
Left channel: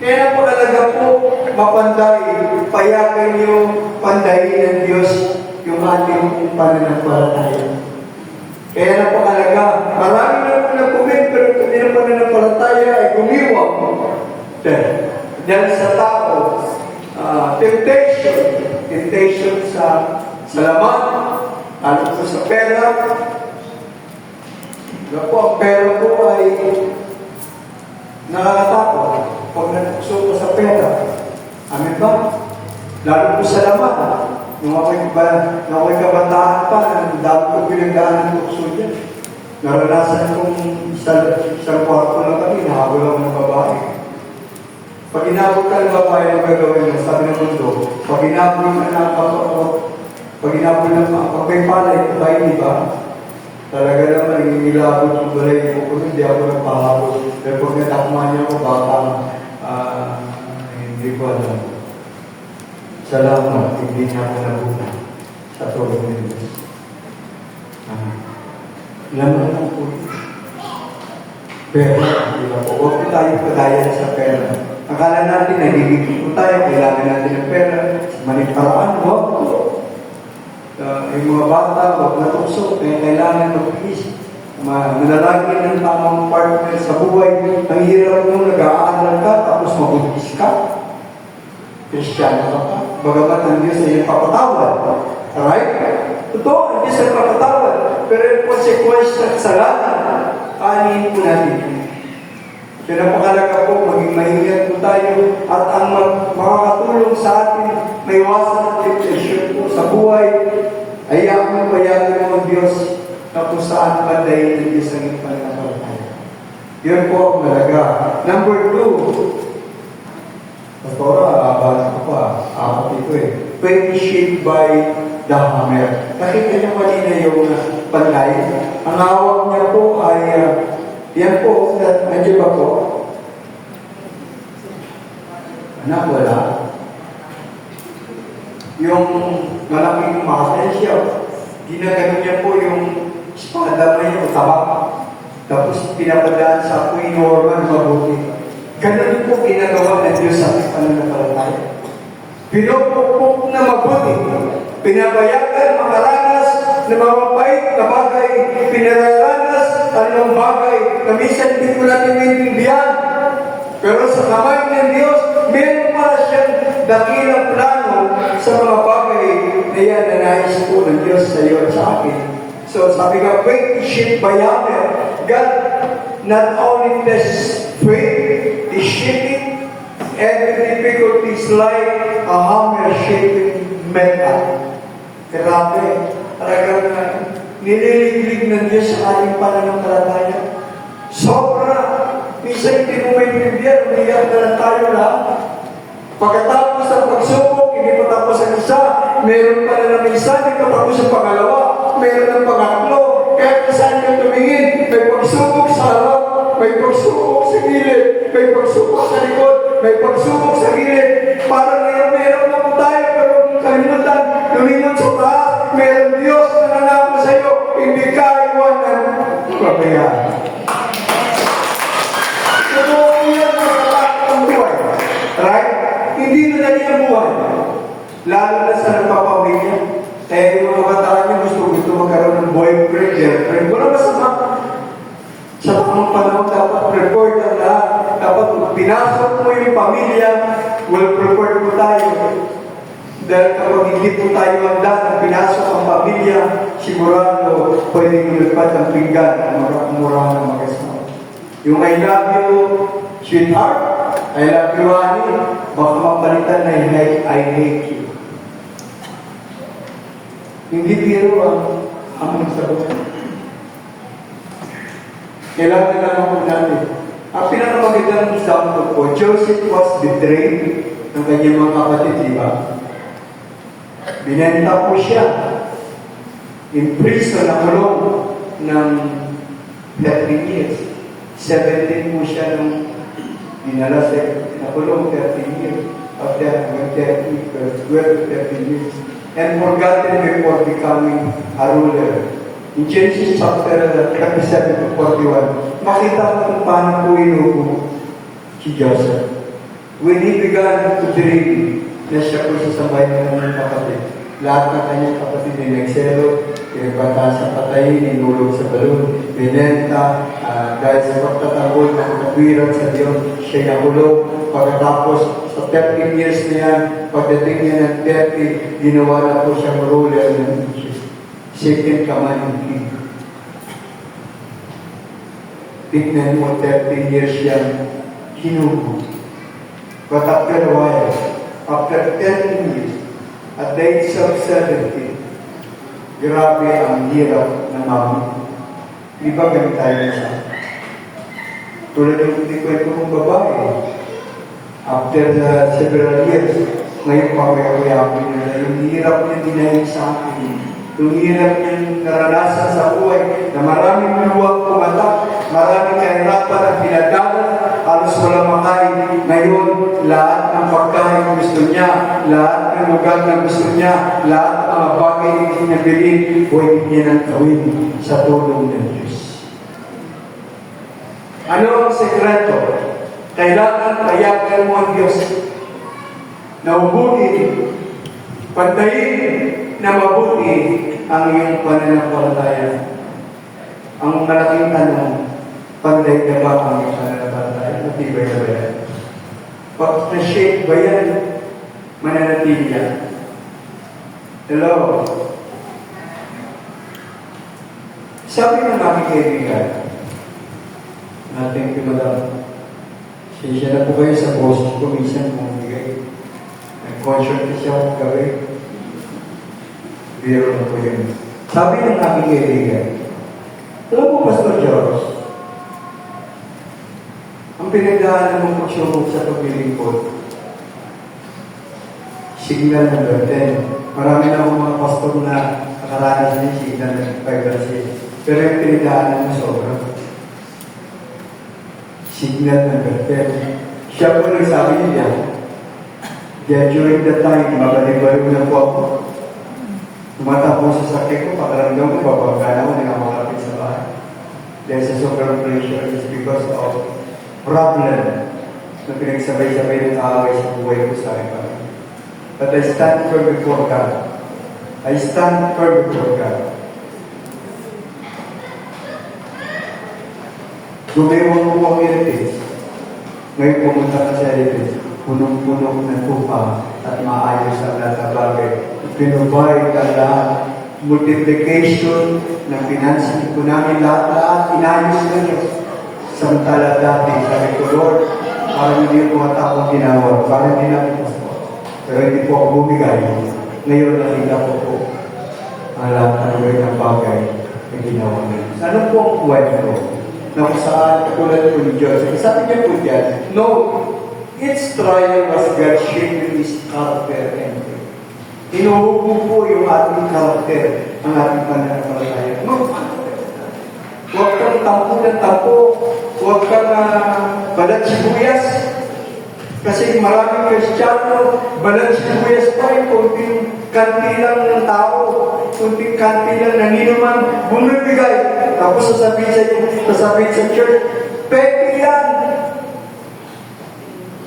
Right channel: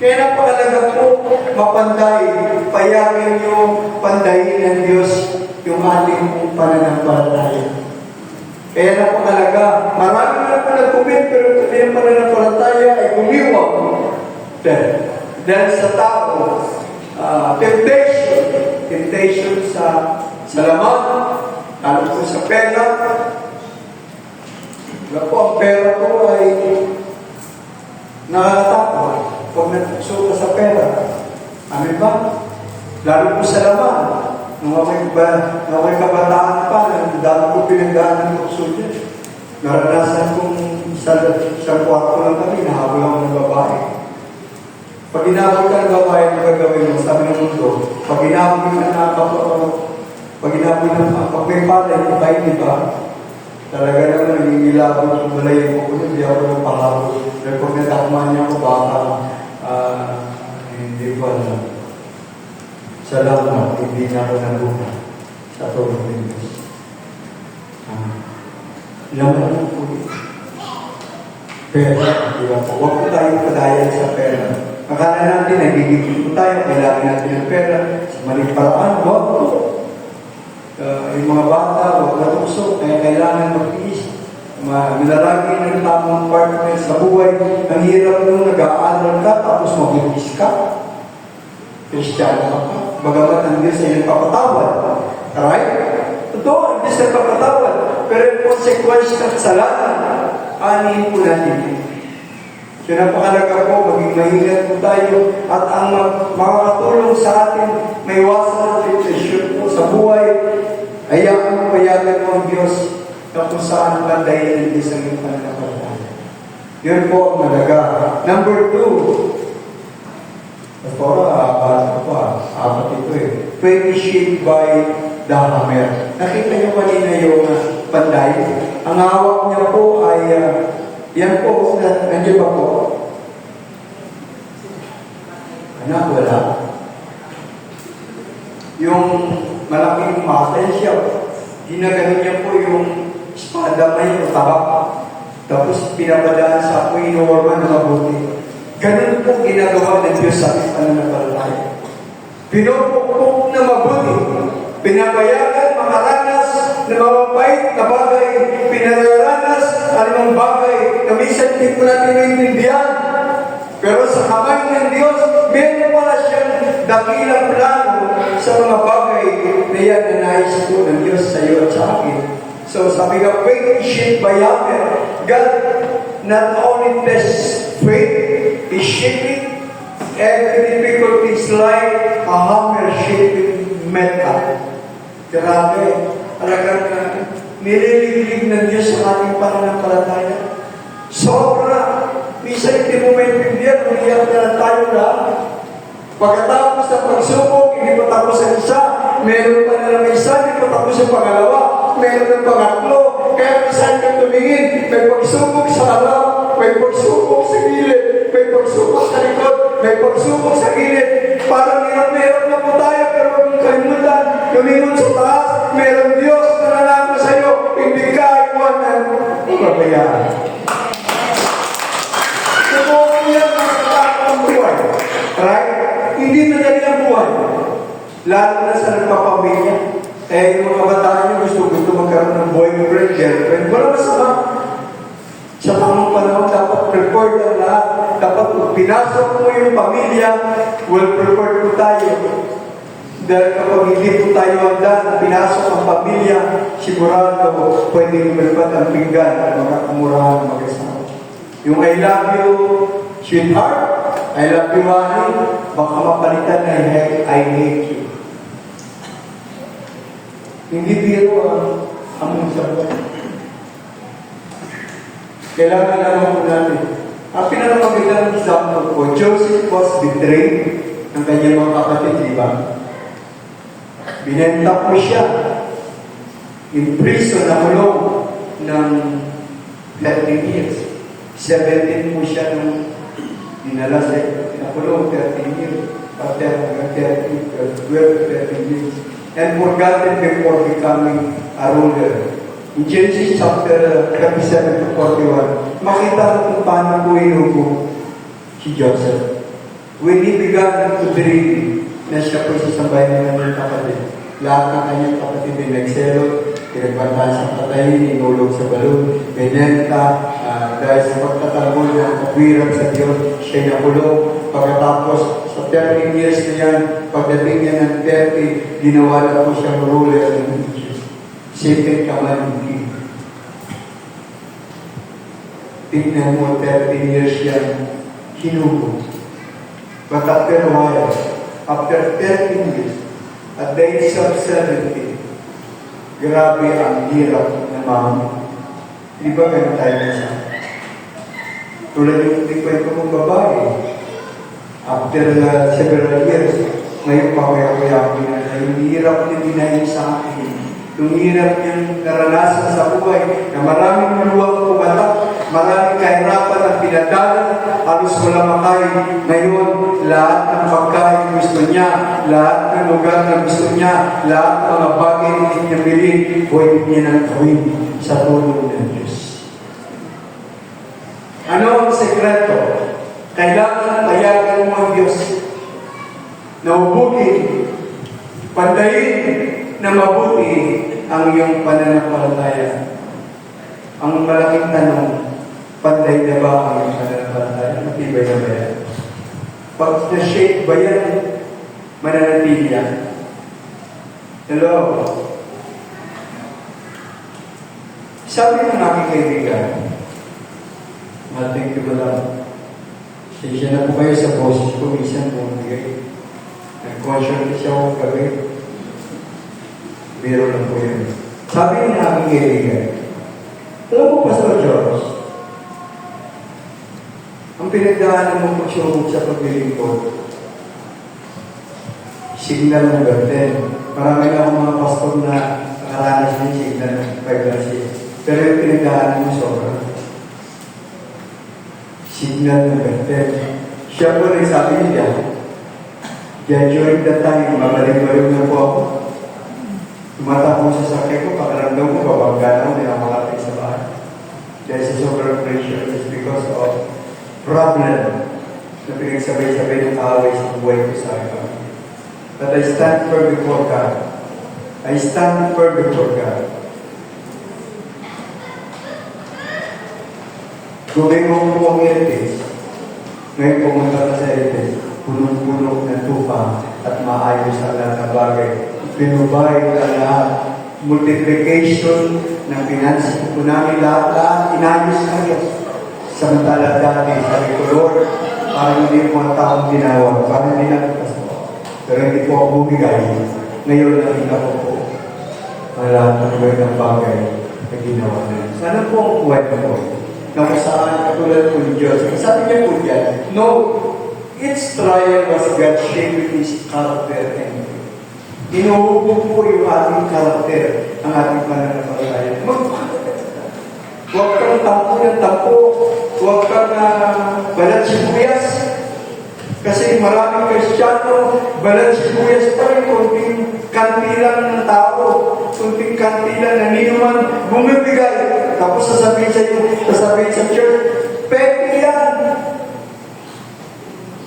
Kaya napakalaga po, mapanday, payagan niyo, pandayin ng Diyos yung ating pananampalataya. Kaya napakalaga, marami na po nag-comment, pero ito din ang pananampalataya ay gumiwag. Dahil sa tao, temptation sa laman, lalo po sa pera. Ako, ang pera po ay nakakatakot pag nagsuko sa pera. Amin ba? Lalo po sa laman. Nung ako'y kabataan pa, dahil ko pinagdaan ng kurso dyan. Naranasan kong sa kwarto lang kami, nahabol ako ng babae. Pag inabot ka ng babae, ang gagawin mo, sabi ng mundo, pag inabot ka ng pag may palay, tayo, di ba? Talaga naman, nangingilabot yung balay ko, hindi ako ng pahabot. Pero pag natakma niya ako, baka, hindi ko alam. Salamat, hindi niya ako nabuna sa tulong ng Diyos. Laman po. Pera, di ba po? Huwag po tayo padayan sa pera. Akala natin, nagigigil po tayo, kailangan natin ng pera. Sa maling paraan, huwag po. Yung mga bata, huwag natuso, kaya kailangan mag-iisip. Manalagi ng tamang partner sa buhay. Ang hirap mo, nag-aaral ka, tapos mabuntis ka. Kristiyano ka pa. Bagamat ang Diyos ay nagpapatawad. Alright? Totoo, ang Diyos ay nagpapatawad. Pero yung consequence ng salanan, anin po natin. Kaya napakalaga po, maging mahingat po tayo at ang makakatulong sa atin, may iwasan ang temptation po sa buhay. Hayaan mo, payagan mo ang Diyos na kung saan pandayin ng Diyos ang iyong pananampalataya. Yun po ang malaga. Number 2, bata ko pa, apat ito pwede shaped by the hammer. Nakita niyo kanina yung panday. Ang hawak niya po ay, yan po, nandiyo ba po? Wala. Yung malaking maten siya, ginagano niya po yung espada na yung tabak. Tapos pinapadaan sa apoy normal na mabuti. Ganun po ginagawa ng Diyos sa ating pananampalataya. Pinupukpok na mabuti. Pinabayagan, makaranas na mga pahit na bagay. Pinaranas anong bagay na minsan hindi ko natin maintindihan. Pero sa kamay ng Diyos, meron pala siyang dakilang plano sa mga bagay na yan na nais po ng Diyos sa iyo at sa akin. So sabi nga, faith is shaped by hammer. God not only tests faith, is shaping every difficulties like a hammer shaping metal. Grabe, talagang nililiglig ng Diyos sa ating pananampalataya. Sobra. Minsan hindi mo maintindihan, umiyak na lang tayo lahat. Pagkatapos ang pagsubok, hindi ko tapos ang isa, meron pa na ng isa, hindi ko tapos ang pangalawa, meron ng pangatlo, kaya saan ka tumingin, may pagsubok sa harap, may pagsubok sa gilid, may pagsubok sa likod, may pagsubok sa gilid. Parang meron na po tayo, pero huwag mong kalimutan, lumingon sa taas, meron Diyos na nanako sa iyo, hindi ka iwanan ng pabayaan. So, yan ang buhay. Right? Hindi na dali ang buhay. Lalo na sa nagpapamilya. Yung mga bataan nyo gusto magkaroon ng boyfriend, girlfriend. Wala masama. Sa mga panahon, dapat prepared ang lahat. Dapat pinasok mo yung pamilya, well prepared po tayo. Dahil kapag hindi po tayo handa na pinasok ang pamilya, sigurado pwede lumipad ang pinggan at makakumurahan ng mag-asawa. Yung I love you, sweetheart, I love you, honey, baka mapalitan na I hate you. Hindi biro ang sagot. Kailangan naman po natin. Ang pinakamagitan example po, Joseph was betrayed ng kanyang mga kapatid, di ba? Binenta po siya. In prison na kulong ng 13 years. 17 po siya nung dinala sa nakulong 13 years. After 12 to 13 years. And forgotten before becoming a ruler. In Genesis chapter 37 to 41, makita mo kung paano po inugo si Joseph. When he began to believe na siya po sasabay ng kanyang kapatid, lahat ng kanyang kapatid ay nagselo, pinagbantaan sa patayin, inulog sa balon, binenta, dahil sa pagtatanggol ng kapwiran sa Diyos, siya'y nakulong. Pagkatapos, sa 13 years na yan, pagdating niya ng 30, ginawa na po siyang ruler ng Egypt. Second command king. Tignan mo, 13 years yan, hinugo. But after a while, after 13 years, at the age of 70, grabe ang hirap na mami. Di ba ganun tayo nasa? Tulad yung kwento kong babae. After several years, ngayon pawaya-waya na yung hirap niya dinahin sa akin. Yung hirap niyang naranasan sa buhay na maraming luwag pumatak, maraming kahirapan at pinadala, halos walang makain. Ngayon, lahat ng pagkain gusto niya, lahat ng lugar na gusto niya, lahat ng mga bagay na gusto niya bilhin, pwede niya nang gawin sa tulong ng Diyos. Ano ang sekreto? Kailangan tayagan mo ang Diyos na mabuti, pantayin na mabuti ang iyong pananampalataya. Ang malaking tanong, panday na ba ang iyong pananampalataya? Matibay na ba yan? Pag na-shake ba yan, mananatili yan? Hello? Sabi ng aking kaibigan, thank you, madam. Siya na po kayo sa boses ko, minsan bumigay. Nag-conscious siya kung gawin. Biro lang po yun. Sabi ng aking kaibigan, alam mo, Pastor George, ang pinagdaanan mo pagsubok sa paglilingkod, signal ng garden. Marami na akong mga pastor na nakaranas ng signal ng pregnancy. Pero yung pinagdaanan mo sobrang signal ng garden. Siya po rin sabi niya, during the time, mabalik-balik na po ako. Tumata po sa sakit ko, pakaramdam ko, papagana ko, nakakalapit sa bahay. Dahil sa sobrang pressure is because of problem na pinagsabay-sabay ng away sa buhay ko sa akin. But I stand firm before God. I stand firm before God. Gawin mo po ang iritis. Ngayon pumunta ka sa iritis, punong-puno ng tupa at maayos ang lahat ng bagay. Pinubay ka lahat. Multiplication ng finansin ko namin lahat inayos ka niya. Samantala dati, sabi ko, Lord, parang hindi yung mga taong ginawa, parang hindi natin po. Pero hindi po ako bumigay. Ngayon nakita ko po ang lahat ng bagay na ginawa niya. Ano po ang kwento ko? Na kung saan katulad po ni Diyos. Sabi niya po dyan, no, each trial was God shaping His character and faith. Inuhubog po yung ating character, ang ating pananampalataya. Huwag kang tampo ng tampo, huwag kang balat sibuyas. Kasi maraming Kristiyano, balat sibuyas pa rin, kunting kantilang ng tao, kunting kantilang na ninuman, bumibigay. Tapos sasabihin sa church, pwede yan.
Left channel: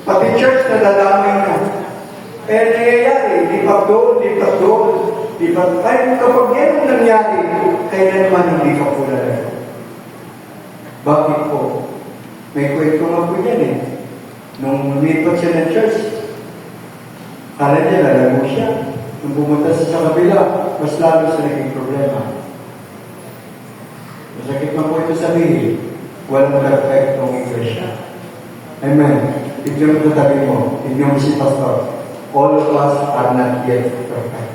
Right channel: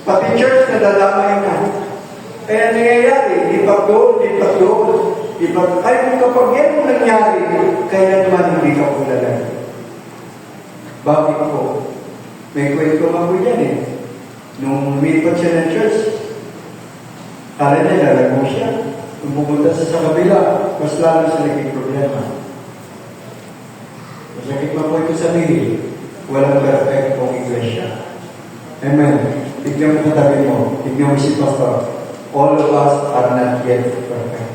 Pati church na dadamay ka. Kaya nangyayari, di pa doon. Kaya kapag yan ang nangyari, kaya naman hindi ka kulala. Bakit po? May kwento nga po yan eh. Nung lumipat siya ng church, kala niya lalago siya. Nung pumunta sa kabila, mas lalo siya naging problema. Masakit na po ito sabihin, walang perfectong iglesia. Amen. Tignan mo tabi mo, tignan mo si Pastor. All of us are not yet perfect.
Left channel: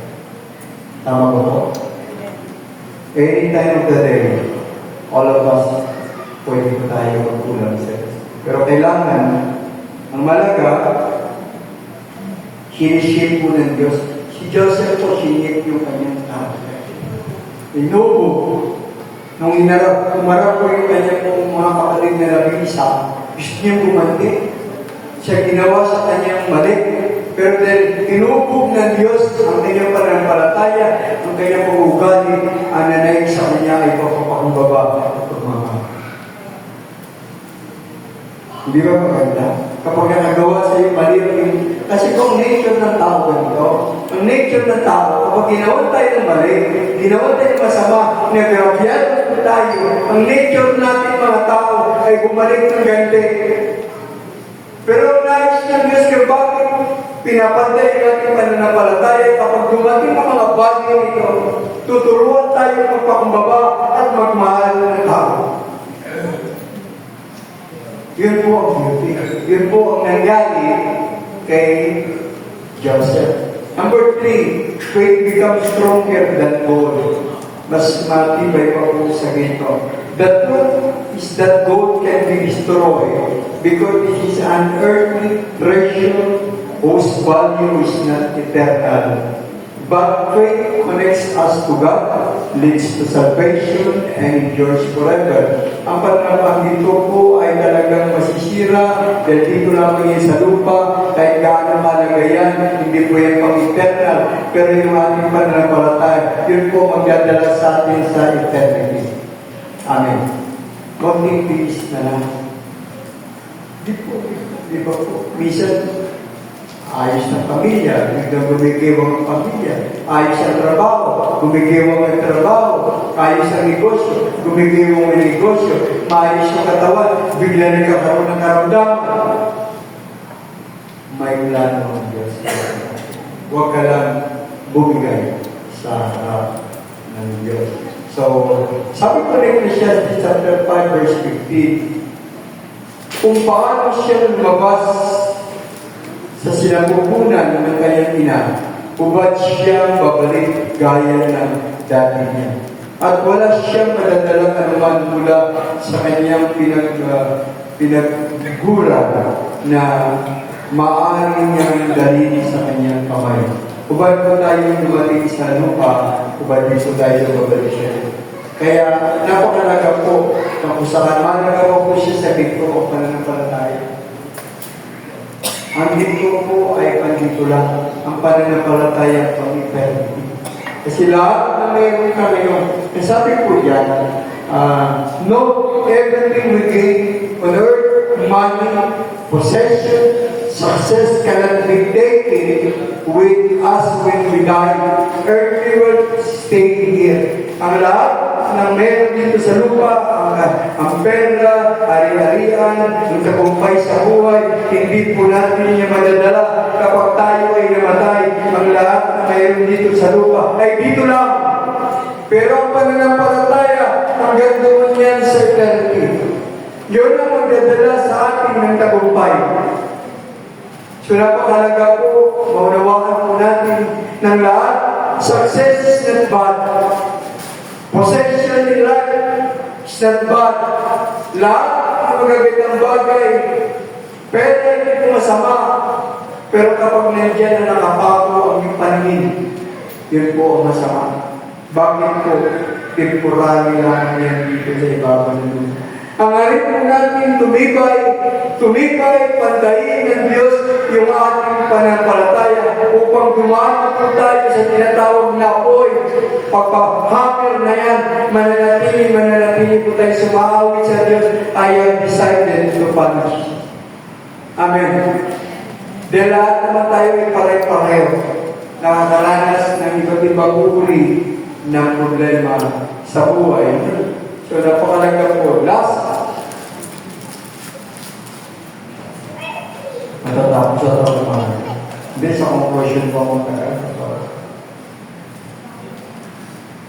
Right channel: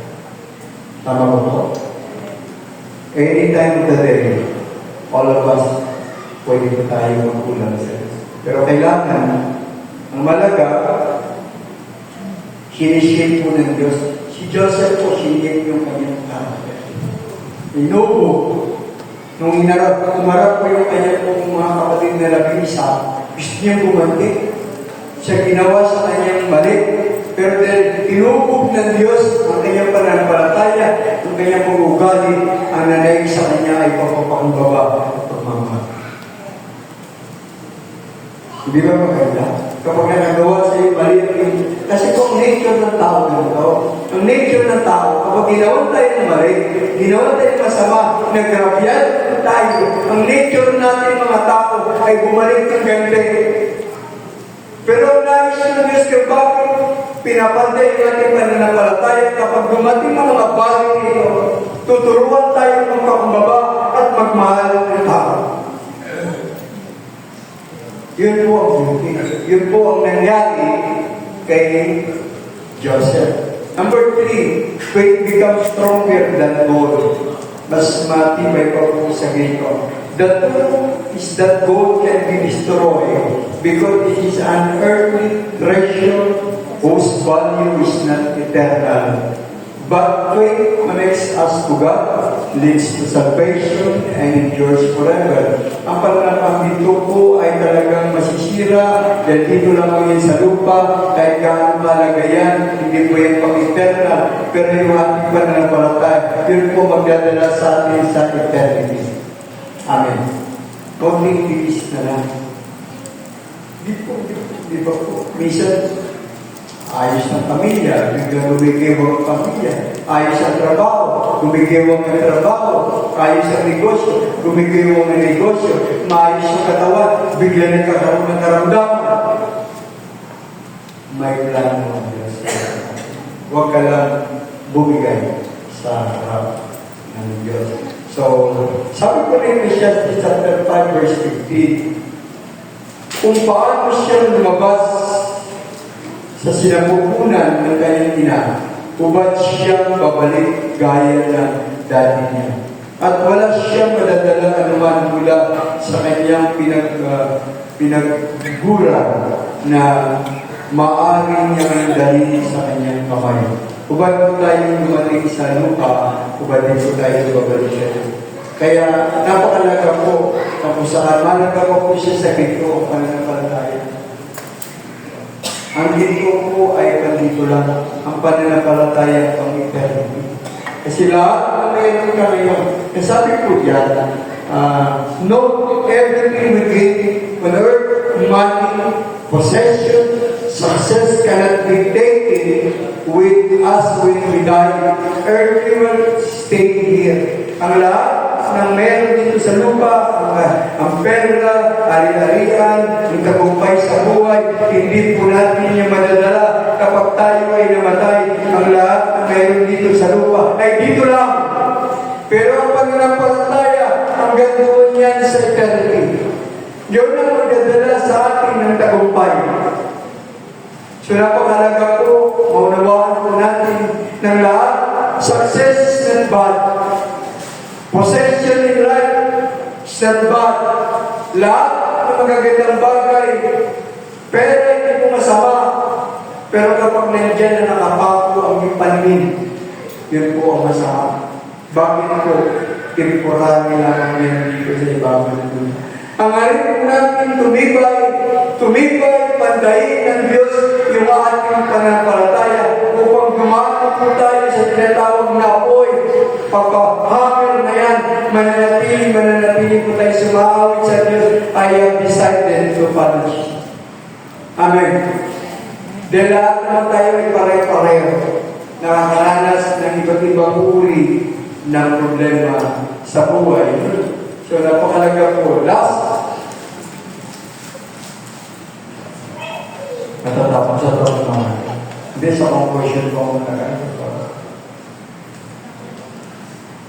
Tama ba po? Any time of the day, all of us, pwede po tayo magkulang sa Diyos. Pero kailangan, ang malaga, sinishape po ng Diyos. Si Joseph po, sinip yung kanyang tao. Inubo. Nung umarap ko yung kanyang mga kapatid na labisa, gusto niyang gumanti. Siya ginawa sa kanyang mali. Pero dahil inubog ng Diyos ang kanyang pananampalataya, ang kanyang pag-ugali, ang nanay sa kanya ay papapakumbaba. Hindi ba maganda? Kapag nagagawa sa iyo mali, kasi ito ang nature ng tao ganito. Ang nature ng tao, kapag ginawa tayo ng mali, ginawa tayo ng masama, nagrabyan tayo, ang nature natin mga tao ay bumalik ng ganti. Pero nais ng Diyos kung bakit pinapantay yung ating pananampalataya kapag dumating mga bagay nito, tuturuan tayo magpakumbaba at magmahal ng tao. Yun po ang beauty. Yun po ang nangyari kay Joseph. Number 3, faith becomes stronger than gold. Mas matibay pa po sa ganito. The truth is that gold can be destroyed because it is an earthly treasure whose value is not eternal. But faith connects us to God, leads to salvation, and endures forever. Ang pananampang dito po ay talagang masisira dahil dito lang yan sa lupa, kahit gaano malaga yan, hindi po yan pang-eternal. Pero yung ating pananampalataya, yun po magdadala sa atin sa eternity. Amen. Konting tiis na lang. Di ba po? Minsan, ayos ang pamilya, biglang gumigiwang ang pamilya. Ayos ang trabaho, gumigiwang ang trabaho. Ayos ang negosyo, gumigiwang ang negosyo. Maayos ang katawan, bigla nagkakaroon ng karamdaman. May plano ng Diyos. Huwag ka lang bumigay sa harap ng Diyos. So, sabi ko na Ecclesiastes chapter 5 verse 15, kung paano siya lumabas sa sinapupunan ng kanyang ina, hubad siyang babalik gaya ng dati niya. At wala siyang madadalang anuman mula sa kanyang pinagguran na maaaring niyang dali sa kanyang kamay. Hubad po tayo dumating sa lupa, hubad din po tayo babalik siya. Kaya napakalaga po kung saan managawa po siya sa ginto o pananampalataya. Ang ginto po ay pandito lang, ang pananampalataya pang eternity. Kasi lahat na mayroon kami yung nasabi po diyan, no, everything we gain on earth, money, possession, success cannot be taken with us when we die. Earthly will stay here. Ang lahat ng meron dito sa lupa, ang pera, ari-arian, yung tagumpay sa buhay, hindi po natin niya madadala kapag tayo ay namatay. Ang lahat na meron dito sa lupa ay dito lang. Pero ang pananampalataya, hanggang doon yan sa eternity. Yun ang magdadala sa atin ng tagumpay. So napakalaga po, maunawaan po natin ng lahat, success is not bad. Possession in life is not bad. Lahat ng magagandang bagay, pera hindi po masama. Pero kapag nandiyan na nakapako ang yung paningin, yun po ang masama. Bakit po? Temporary na yan dito sa ibabaw ng dunia. Ang arin po natin tumibay, pandayin ng Diyos yung ating pananampalataya upang gumawa po tayo sa tinatawag na apoy. Pagkahamil na yan, mananatili po tayo sumaawit sa Diyos. I have decided to punish. Amen. Dahil lahat naman tayo ay pareho-pareho. Nakakaranas ng iba't ibang uri ng problema sa buhay. So, napakalaga po. Last. Natatapos sa trabaho. Hindi sa conclusion ko muna.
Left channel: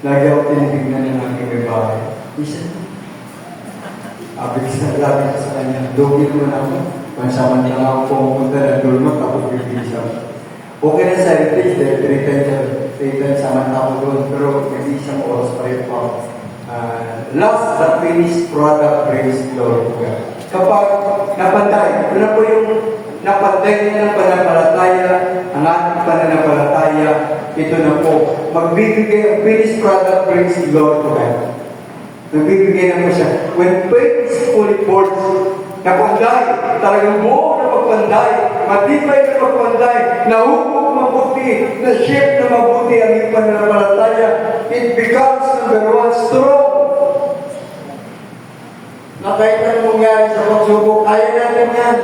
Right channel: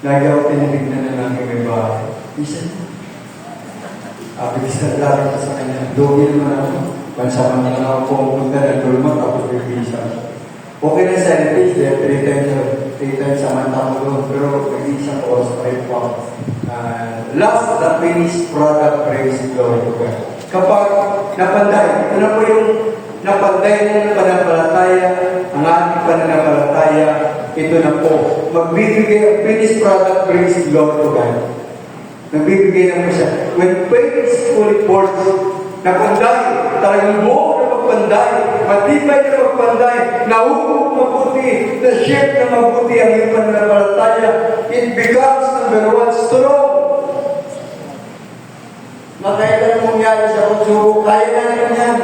Lagi ako tinibignan na ng may bahay. Isa. Bilis na lagi ka sa kanya. Dogi naman ako. Mansaman lang ako pumunta na dulma tapos bibisa. Okay na sa edit, pinitay times naman ako doon, pero nag-isang oras pa rin po. Last but finished product brings glory to God. Kapag napanday, ito na po yung napanday niya ng pananampalataya, ang ating pananampalataya, ito na po. Magbibigay ang finished product brings glory to God. Nagbibigay naman siya. When faith is fully forced, napanday, talagang buo na pagpanday, matibay na pagpanday, nahuhog mabuti, na-shape na mabuti ang iyong pananampalataya, it becomes number one, strong. Makailan mangyari sa pagsubok, kaya natin yan.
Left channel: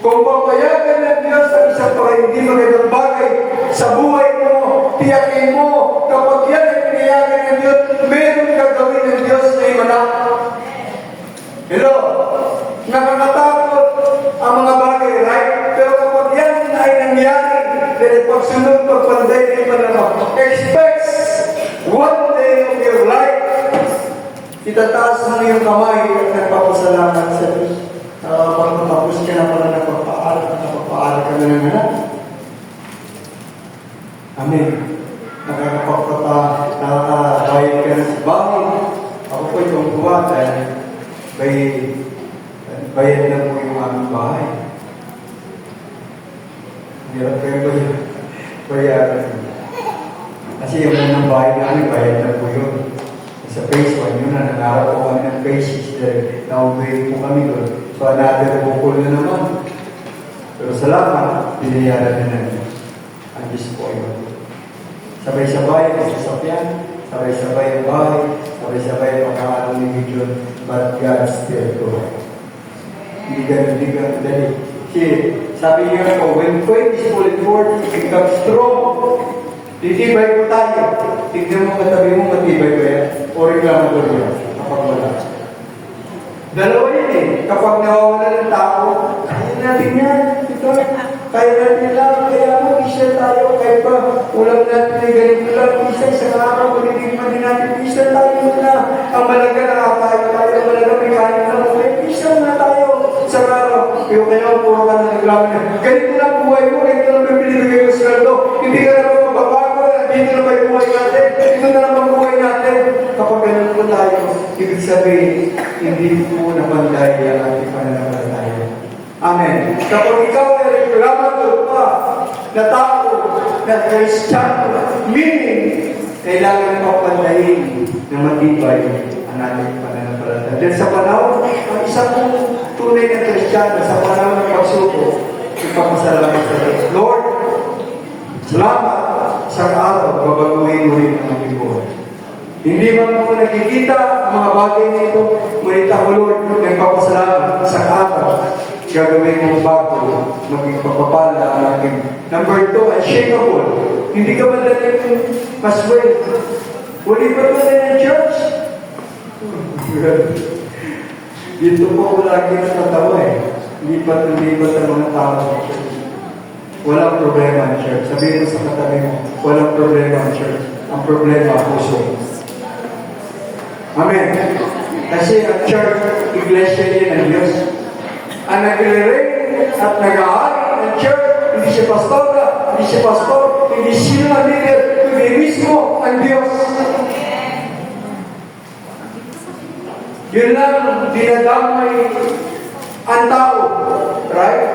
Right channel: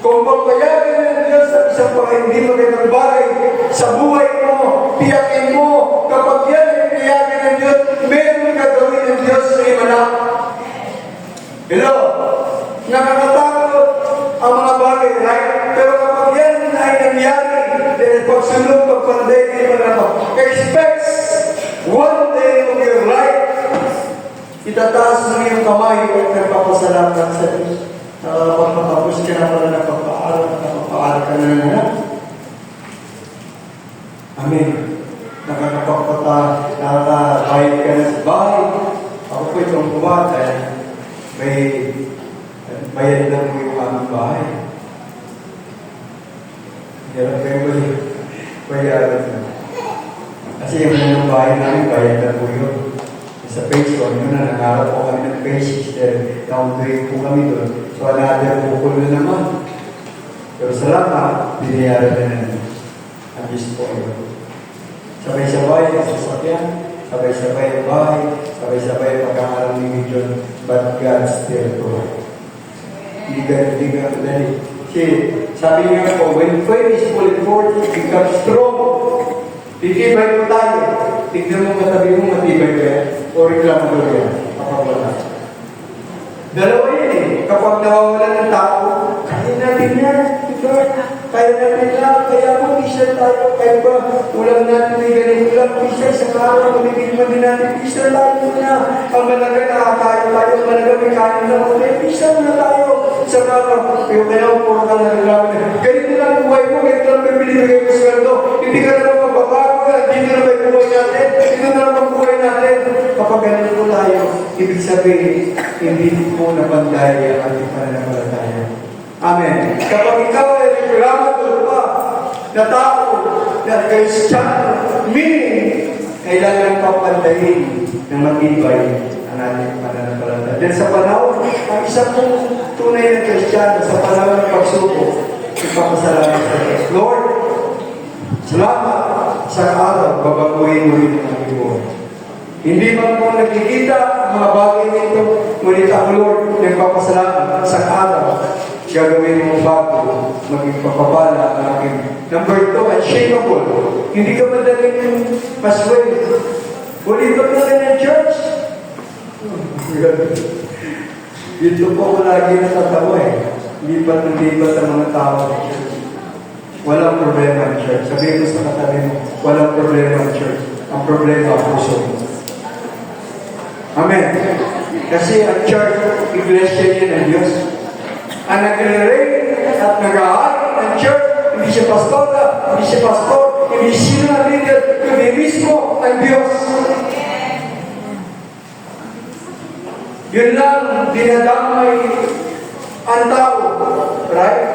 Kung papayagan ng Diyos ang isang hindi magandang bagay sa buhay mo, tiyakin mo, kapag yan ang tiyakin ng Diyos, meron gagawin ng Diyos na imalak. Hello? Nakakatakot ang mga bagay, right? Pero kapag yan ay nangyari, dahil pagsunod, pagpanday na imalak, expect one day of your life, itataas mo yung kamay at nagpapasalamat sa Diyos. Matapos ka na pala napapaaral ka na naman. Amen. Nakakapagpapayag ka na sa bahay. Ako po itong buwan dahil bayad lang mo yung aming bahay. Hirap kayo ba yun? Bayaran mo. Kasi yung mga bahay namin, bayad lang mo yun. Sa phase 1, yun na, nag-aaral po kami ng phase 6, downgrade po kami doon. So, another bukol na naman. Pero salamat, binayaran na namin. Ang Diyos po yun. Sabay-sabay ang sasakyan, sabay-sabay ang bahay, sabay-sabay ang pag-aaral ni Gideon, but God still good. Hindi ka madali. Kasi, sabi niyo po, when faith is fully formed, it becomes strong. Titibay po tayo. Tignan mo katabi mo, matibay ba yan? O reklamo ko yan? Dalawa yun eh. Kapag nawawala ng tao, kaya natin yan. Ito, kaya natin lang. Kaya mo, isa tayo. Kahit ba, ulam natin ay ganito lang. Isa, isang araw, pagkitigman din natin. Isa lang muna. Ang malaga, nakakayo tayo. Ang malaga, may kain lang. Isa muna tayo. Isang araw. Pero kaya puro ka na reklamo na. Ganito lang buhay mo. Ganito lang pipili ko sa kaldo. Hindi ka na magbabago. Dito na may buhay natin. Dito na lang ang buhay natin. Kapag ganito po tayo, ibig sabihin, hindi po napanday ang ating pananampalataya. Amen. Kapag ikaw ay reklamo pa, na tao, na Kristiyano, meaning, kailangan papandayin na matibay ang ating pananampalataya. Then sa panahon, ang isang tunay na Kristiyano, sa panahon ng pagsubok, ipapasalamat sa Diyos. Lord, salamat sa araw, babaguhin mo rin ang aking buhay. Hindi ba mo nakikita ang mga bagay nito? Ngunit ako, Lord, nagpapasalamat sa araw. Gagawin mo bago, maging papapala ang aking. Number 2, unshakable. Hindi ka madaling pasway. Wali ba ito ng church? Dito po ko lagi natatawa eh. Lipat sa mga tao. Walang problema ang church. Sabihin mo sa katabi mo, walang problema ang church. Ang problema ang puso. Amen. Kasi ang church, iglesia niya ng Diyos. Ang nag-reign at nag-ahari ng church, hindi siya pastora, hindi siya pastor, hindi sino na leader, kundi mismo ang Diyos. Yun lang, dinadamay ang tao. Right?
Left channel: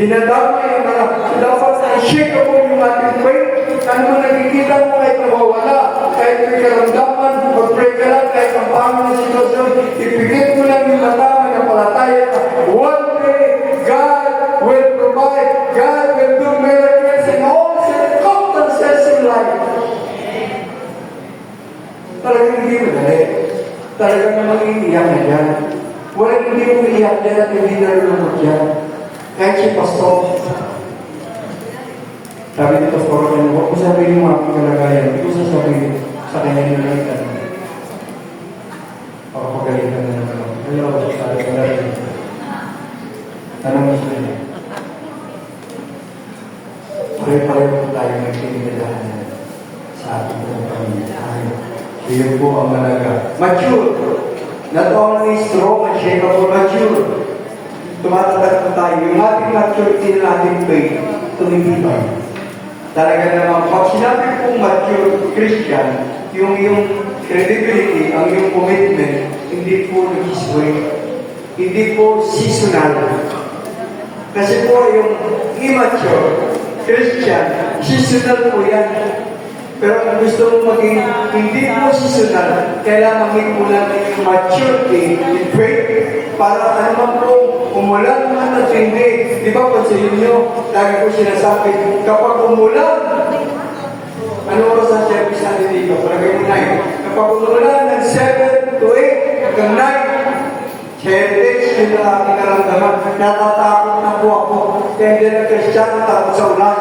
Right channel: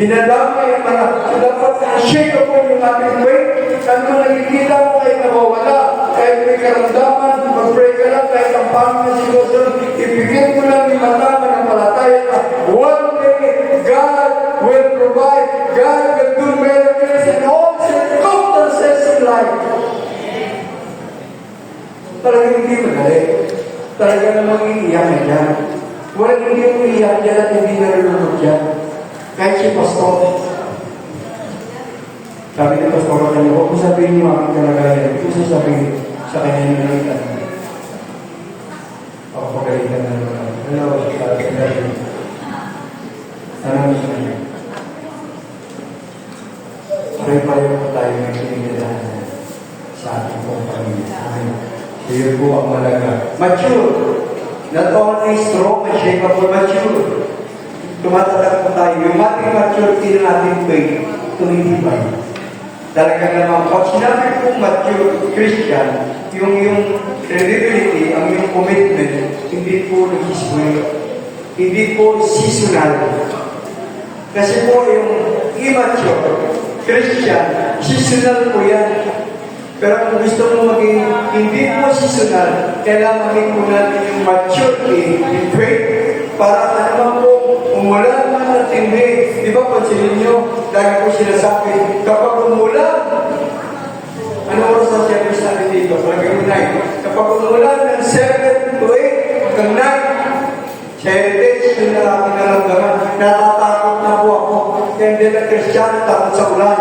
Dinadamay ang mga dapat na-shake ako yung ating faith. Ano nakikita mo kahit nawawala, kahit may karamdaman, mag-pray ka lang, kahit ang pangit na sitwasyon, ibigay mo lang yung mata ng palataya. One day, God will provide, God will do miracles in all circumstances in life. Talagang hindi madali. Talagang namang iiyak na dyan. Walang hindi mo iiyak dyan at hindi nalulungkot dyan. Kahit si Pastor, sabi ni Pastor, huwag ko sabihin yung aking kalagayan. Hindi ko sasabihin sa kanya na lang. Papapagalitan na naman. Hello, anong gusto niya? Pare-pareho po tayo may pinigadahan sa ating pamilya. Siya po ang malaga. Mature. Not only strong and shakeable, mature. Tumatatak po tayo. Yung ating maturity na ating faith, tumitibay. Talaga naman, pag sinabi kong mature Christian, yung credibility, ang yung commitment, hindi po nag-isway. Hindi po seasonal. Kasi po yung immature Christian, seasonal po yan. Pero kung gusto mo maging hindi po seasonal, kailangan maging po natin yung maturity in faith para ano po, umulan man at hindi. Di ba, pansinin nyo, lagi ko sinasabi, kapag umulan, ano ko sa service natin dito? Lagay mo 9. Kapag umulan ng 7 to 8 hanggang 9, 7 yung inaramdaman. Natatakot na po ako. Kaya hindi na Kristiyan, takot sa ulan.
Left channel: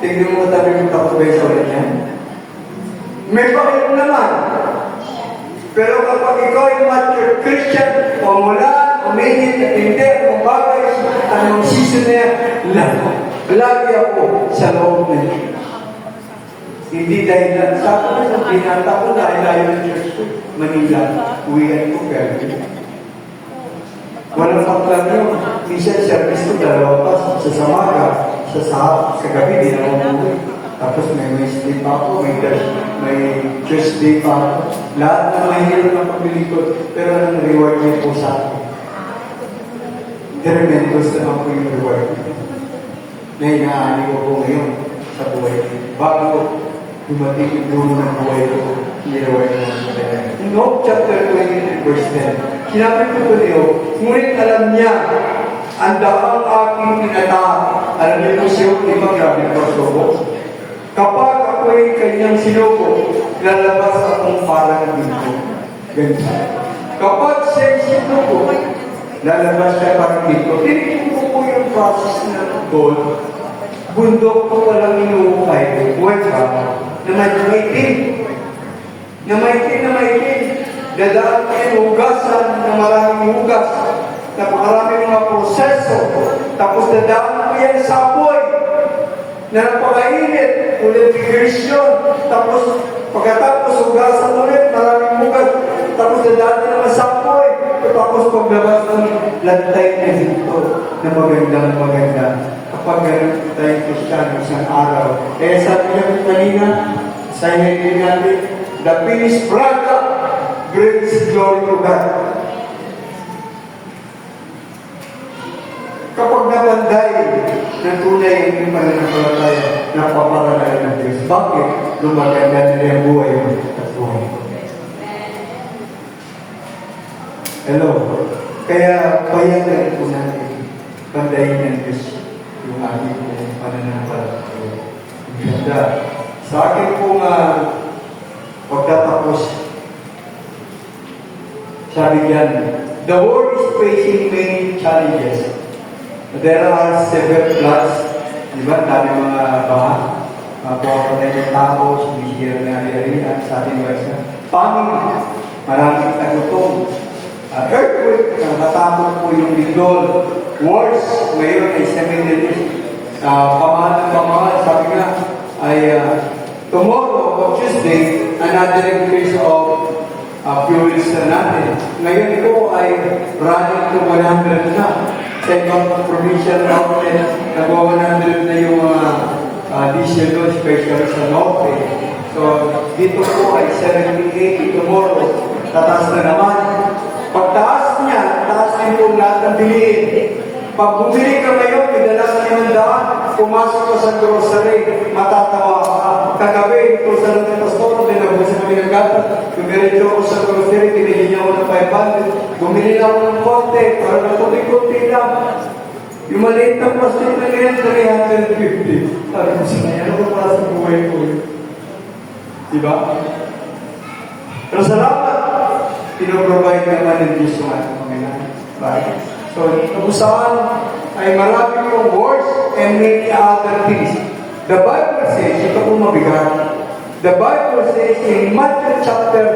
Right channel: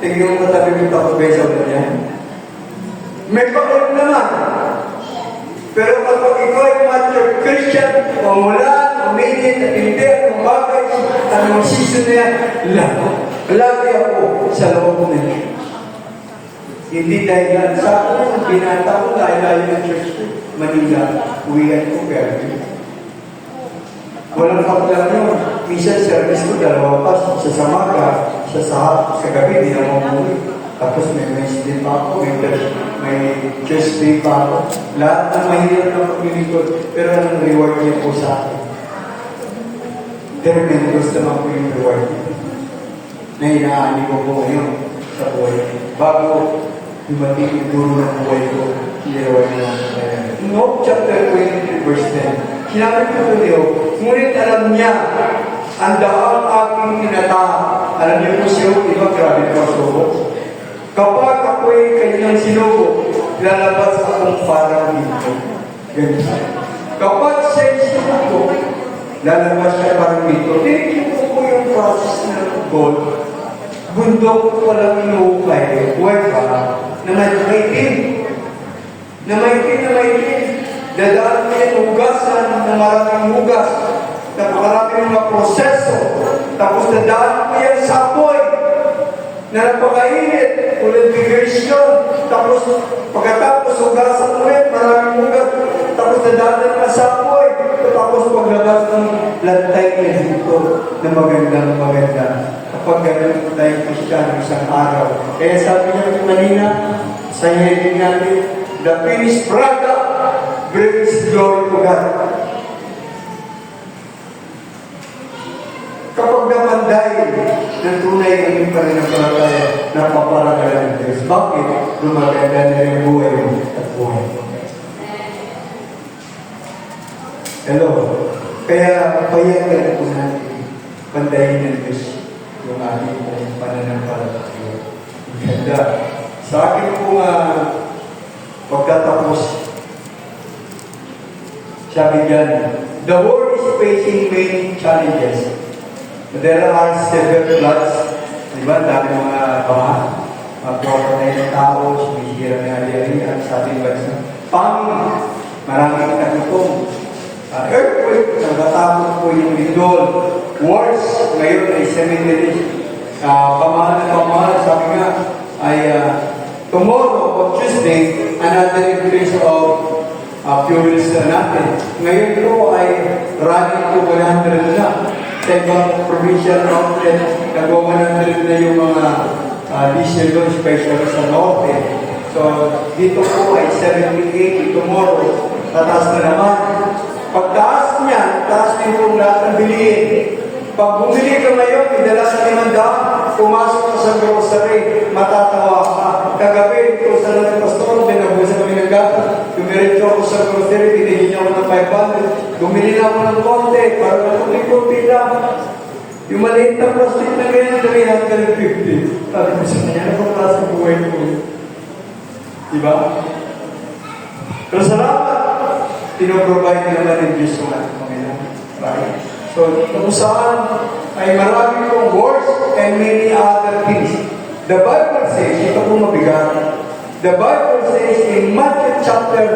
Tingnan mo tabi yung takot ba sa ulan yan? May pakilap naman. Pero kapag ikaw ay mature Christian, umulan, umingit, at hindi, umabagay, anong season na yan, lagi ako sa loob na Diyos. Hindi dahil lang sa akin, binata ko dahil ng church ko, Manila, uwihan ko, gagawin. Walang kaplang yun. Minsan service ko, 2 pa, sa Samara, sa gabi, di na umuwi. Tapos may Wednesday pa ako, may Tuesday pa ako. Lahat na mahirap ng pamilya ko, pero ang reward niya po sa akin. Tremendous naman po yung reward niya. Na inaani ko po ngayon sa buhay. Bago dumating yung dulo ng buhay ko, reward niya. Job chapter 23, verse 10. Sinabi ko ito niyo, ngunit alam niya, ang daang aking tinatahak. Alam niyo po siya, di ba grabe po subo? Kapag ako'y kanyang sinubo, lalabas akong parang dito. Ganyan. Kapag siya'y sinubo, lalabas siya parang dito. Tingin po yung process ng gold. Bundok ko walang inuukay. Huwag ba? Na maitim. Na maitim. Dadaan kayo hugasan ng maraming hugas. Napakarami ng mga proseso. Tapos dadaan ko yan sa apoy. Na napakainit. Ulit migration. Tapos pagkatapos hugasan ulit, maraming hugas. Tapos dadaan naman sa apoy. Tapos paglabas ng lantay na dito na maganda. Kapag ganun tayo Kristiyan isang araw. Kaya sabi niya kanina, sa hindi natin, the finished product brings glory to God. Kapag napanday ng tunay ng iyong pananampalataya, napaparagala ng Diyos. Bakit? Lumaganda na rin ang buhay mo at buhay mo. Hello? Kaya payagan po natin pandayin ng Diyos yung ating pananampalataya. Ang ganda. Sa akin pong pagtatapos, sabi diyan, the world is facing many challenges. There are several floods, di ba? Dami mga bahan, magpapatay ng tao, sumisira na ari-arian sa ating bansa. Famine, maraming katutong. Earthquake, natatakot po yung lindol. Wars, ngayon ay cemeteries. Pamahal, sabi nga, ay tomorrow or Tuesday, another increase of fuels na natin. Ngayon ito ay running to 100 na. Sa ibang provincial mountain, nagawa 100 na yung mga diesel doon, especially sa norte. So, dito po ay 70, 80 tomorrow. Tataas na naman. Pagtaas niya, taas din po lahat ng bilihin. Pag bumili ka ngayon, idalasan niya ng daan, pumasok ka sa grocery, matatawa ka. Kagabi, kung sa lang ng pastor, dinabusan kami ng gato. Dumiretso ako sa grocery, tinigin niya ako ng 500. Bumili na ako ng konti, para natubi-tubi lang. Yung maliit na plastic na ganyan, 350. Sabi ko sa kanya, ano ba sa buhay ko yun? Diba? Pero salamat, pinoprovide naman ng Diyos ng ating Panginoon. Right? So, kung saan ay marami pong wars and many other things. The Bible says, ito pong mabigat. The Bible says in Matthew chapter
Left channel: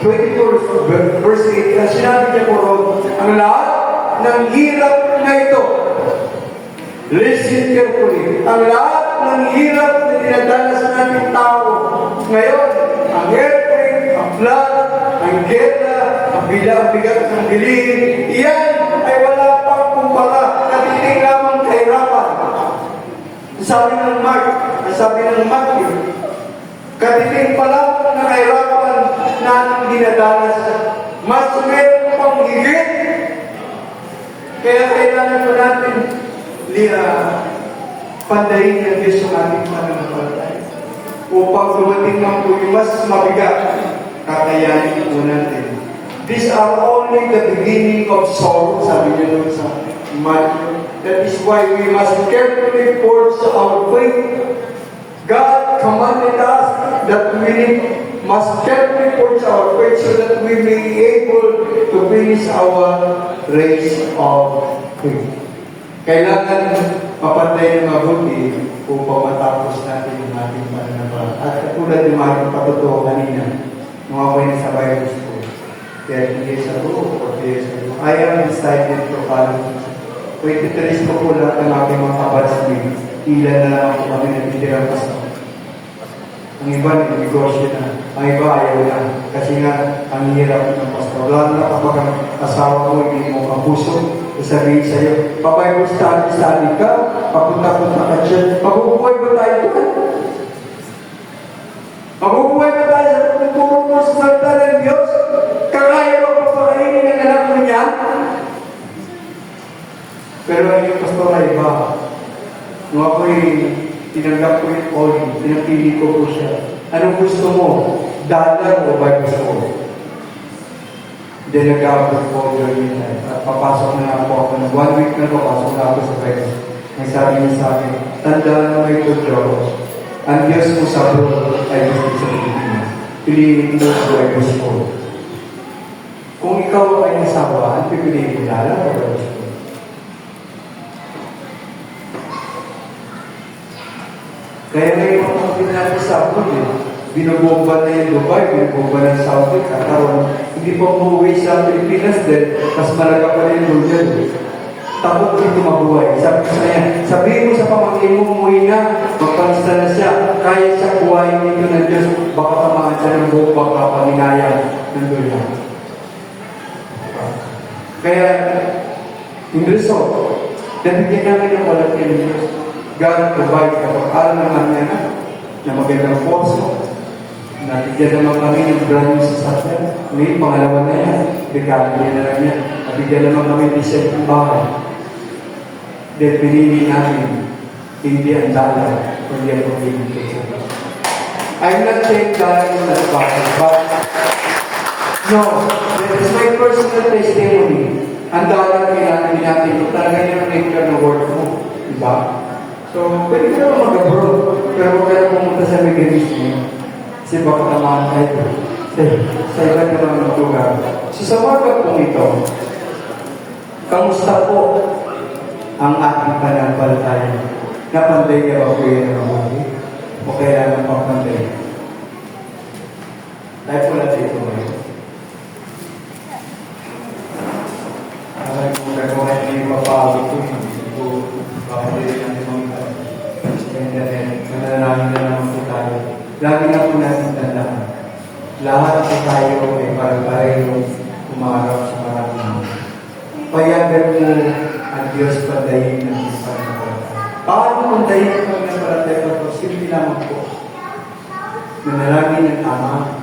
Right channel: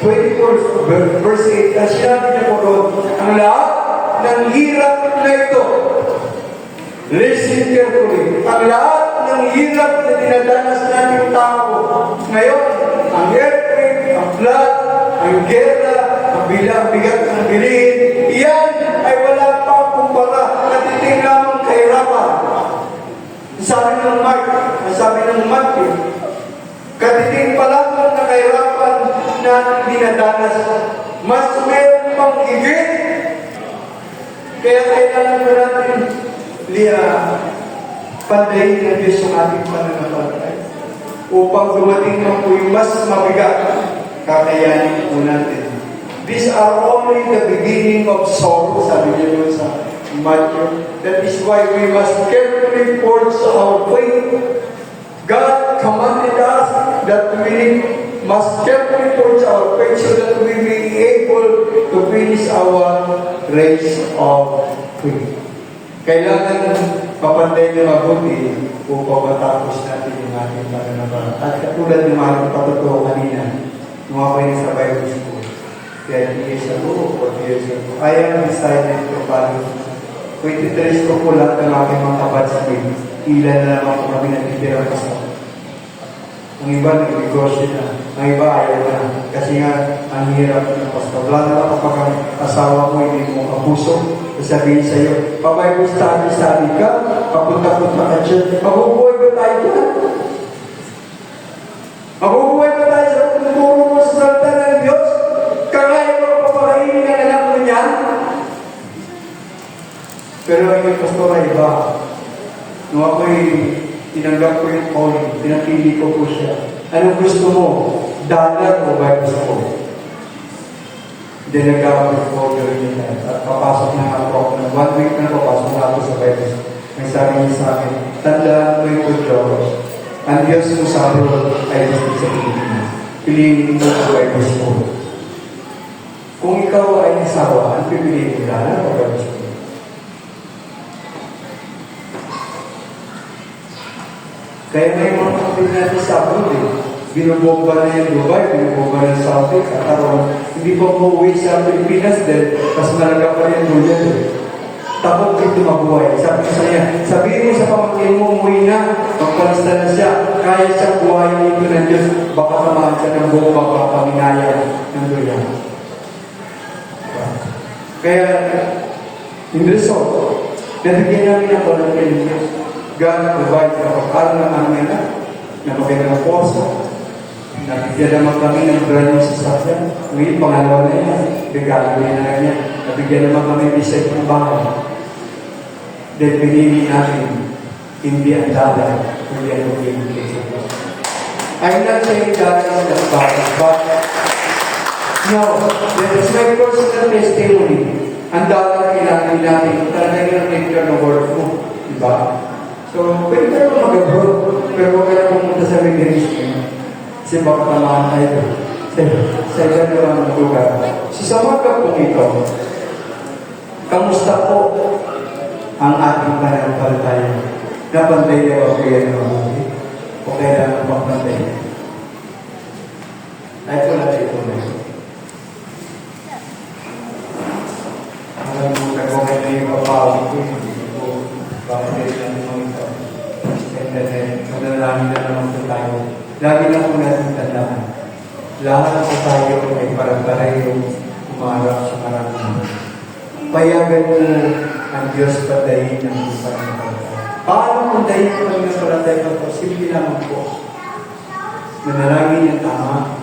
24, verse 8, ang sinabi niya po ron, ang lahat ng hirap na ito, listen carefully, ang lahat ng hirap na dinadanas natin tao, ngayon, ang earthquake, ang flood, ang gera, ang bigat ng bilhin, iyan ay wala pang kumpara, natiting lamang kahirapan. Sabi ng Pandayin ng Diyos yung ating pananampalataya. Upang dumating ang yung mas mabigat, kakayanin po natin. These are only the beginning of sorrow, sabi niya doon sa Matthew. That is why we must carefully forge our faith. God commanded us that we must carefully forge our faith so that we may be able to finish our race of faith. Kailangan mapantay na mabuti upang matapos natin yung ating pananampalataya. At katulad ng ating patutuwa kanina, nung ako ay nasa Bible school, 10 years ago or 4 years ago, I am decided to follow. 23 ko po lang ng aking mga kabatsmin. Ilan na lang ako kami natitira sa ang iba nag-negosyo na. Ang iba ayaw na. Kasi nga, ang hirap ng pastor. Lalo na kapag ang asawa mo hindi mo kapuso, sasabihin sa'yo, Bible study ka, papunta-punta ka dyan. Mabubuhay ba tayo dyan? Mabubuhay ba tayo sa pagtuturo mo sa salita ng Diyos? Kaya mo papakainin ang anak mo niya? Pero yung pastor ay iba. Nung ako'y tinanggap ko yung calling, pinapili ko po siya. Anong gusto mo? Dollar o Bible school? Hindi nag-aabot ko yun. At papasok na ako ng 1 week na papasok na ako sa Bible school. May sabi niya sa akin, tandaan mo ito, Diyos. Ang Diyos mo sa Lord ay gusto sa Pilipinas. Piliin mo sa Bible school. Kung ikaw ay nasawa, ang pipiliin mo dollar o Bible school? Kaya ngayon mga kapatid natin sa abroad binubomba na yung Dubai, binubomba na Saudi, Qatar, hindi pa umuwi sa Pilipinas din, mas malaga pa yung duyan. Takot dito mabuhay. Sabi ko sa niya, sabihin mo sa pamangkin mo, umuwi na, magpalista na siya, kaya siya buhayin dito ng Diyos, baka tamaan siya ng buong magpapanginayang ng duyan. Kaya, in result, nabigyan namin ang walang Diyos. God provide for all naman niya na magandang poso. Nabigyan naman kami ng brand new sasakyan. Ngayon, pangalawa na yan. Bigyan niya na lang niya. Nabigyan naman kami ng isip ng bahay. Dahil pinili natin, hindi ang dollar, kundi ang pagpili. I'm not saying God is not bad, but no, that is my personal testimony. Ang dollar kailangan natin, talaga yung picture ng word mo. Diba? So, pwede ka naman mag-abroad, pero huwag ka na pumunta sa Middle East mo. Kasi baka tamaan tayo. Sa ilang naman ang lugar. So, sa mga pagpong ito, kamusta po ang ating pananampalataya? Napantay niya ba po yan ng mga o kaya naman pagpantay? Ay, wala tayo po ngayon. Alam mo, nagkakit na yung papawag ko, hindi ko bakit natin mga manalangin na naman po tayo. Lagi na po natin tandaan. Lahat po tayo ay parang yung umarap sa karamihan. Payagan mo ang Diyos padayin ng pananampalataya. Paano kung dahin ang pananampalataya po? Simple naman po. Manalangin ng tama.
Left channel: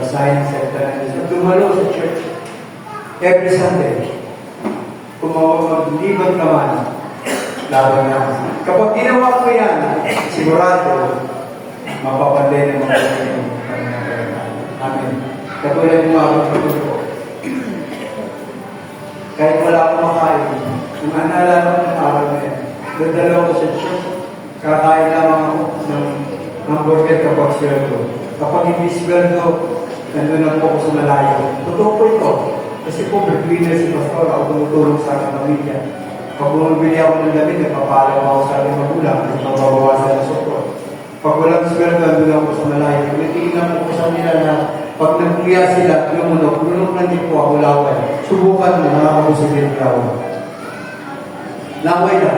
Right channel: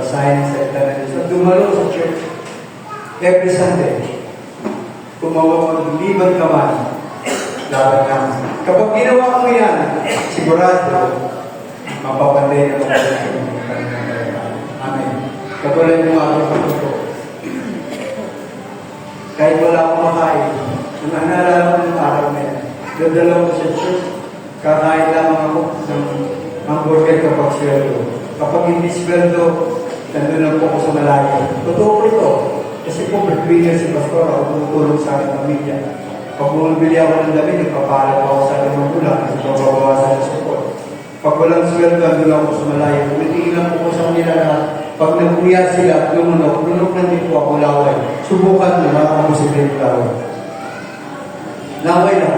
Basahin ang salita ng Diyos. Dumalo sa church. Every Sunday. Kung maglibag ka man, laban na. Kapag ginawa ko yan, sigurado, mapapanday na mga Amen. Katulad ng mga kapatid ko. Kahit wala akong makain, naalala ko ng araw na yan. Dadala ko sa church, kakain lamang ako ng hamburger kapag sweldo. Kapag hindi sweldo, nandun lang po ako sa malayo. Totoo po ito. Kasi po, breadwinner si Pastor, ako tumutulong sa aking pamilya. Pag bumibili ako ng damit, nagpapalam ako sa aking magulang, nagpapabawasan ng support. Pag walang sweldo, nandun ako sa malayo. Natigilan po ko sa nila na pag nagpuya sila, lunok na din po ako laway. Subukan mo, nakakabusin yung laway. Laway na.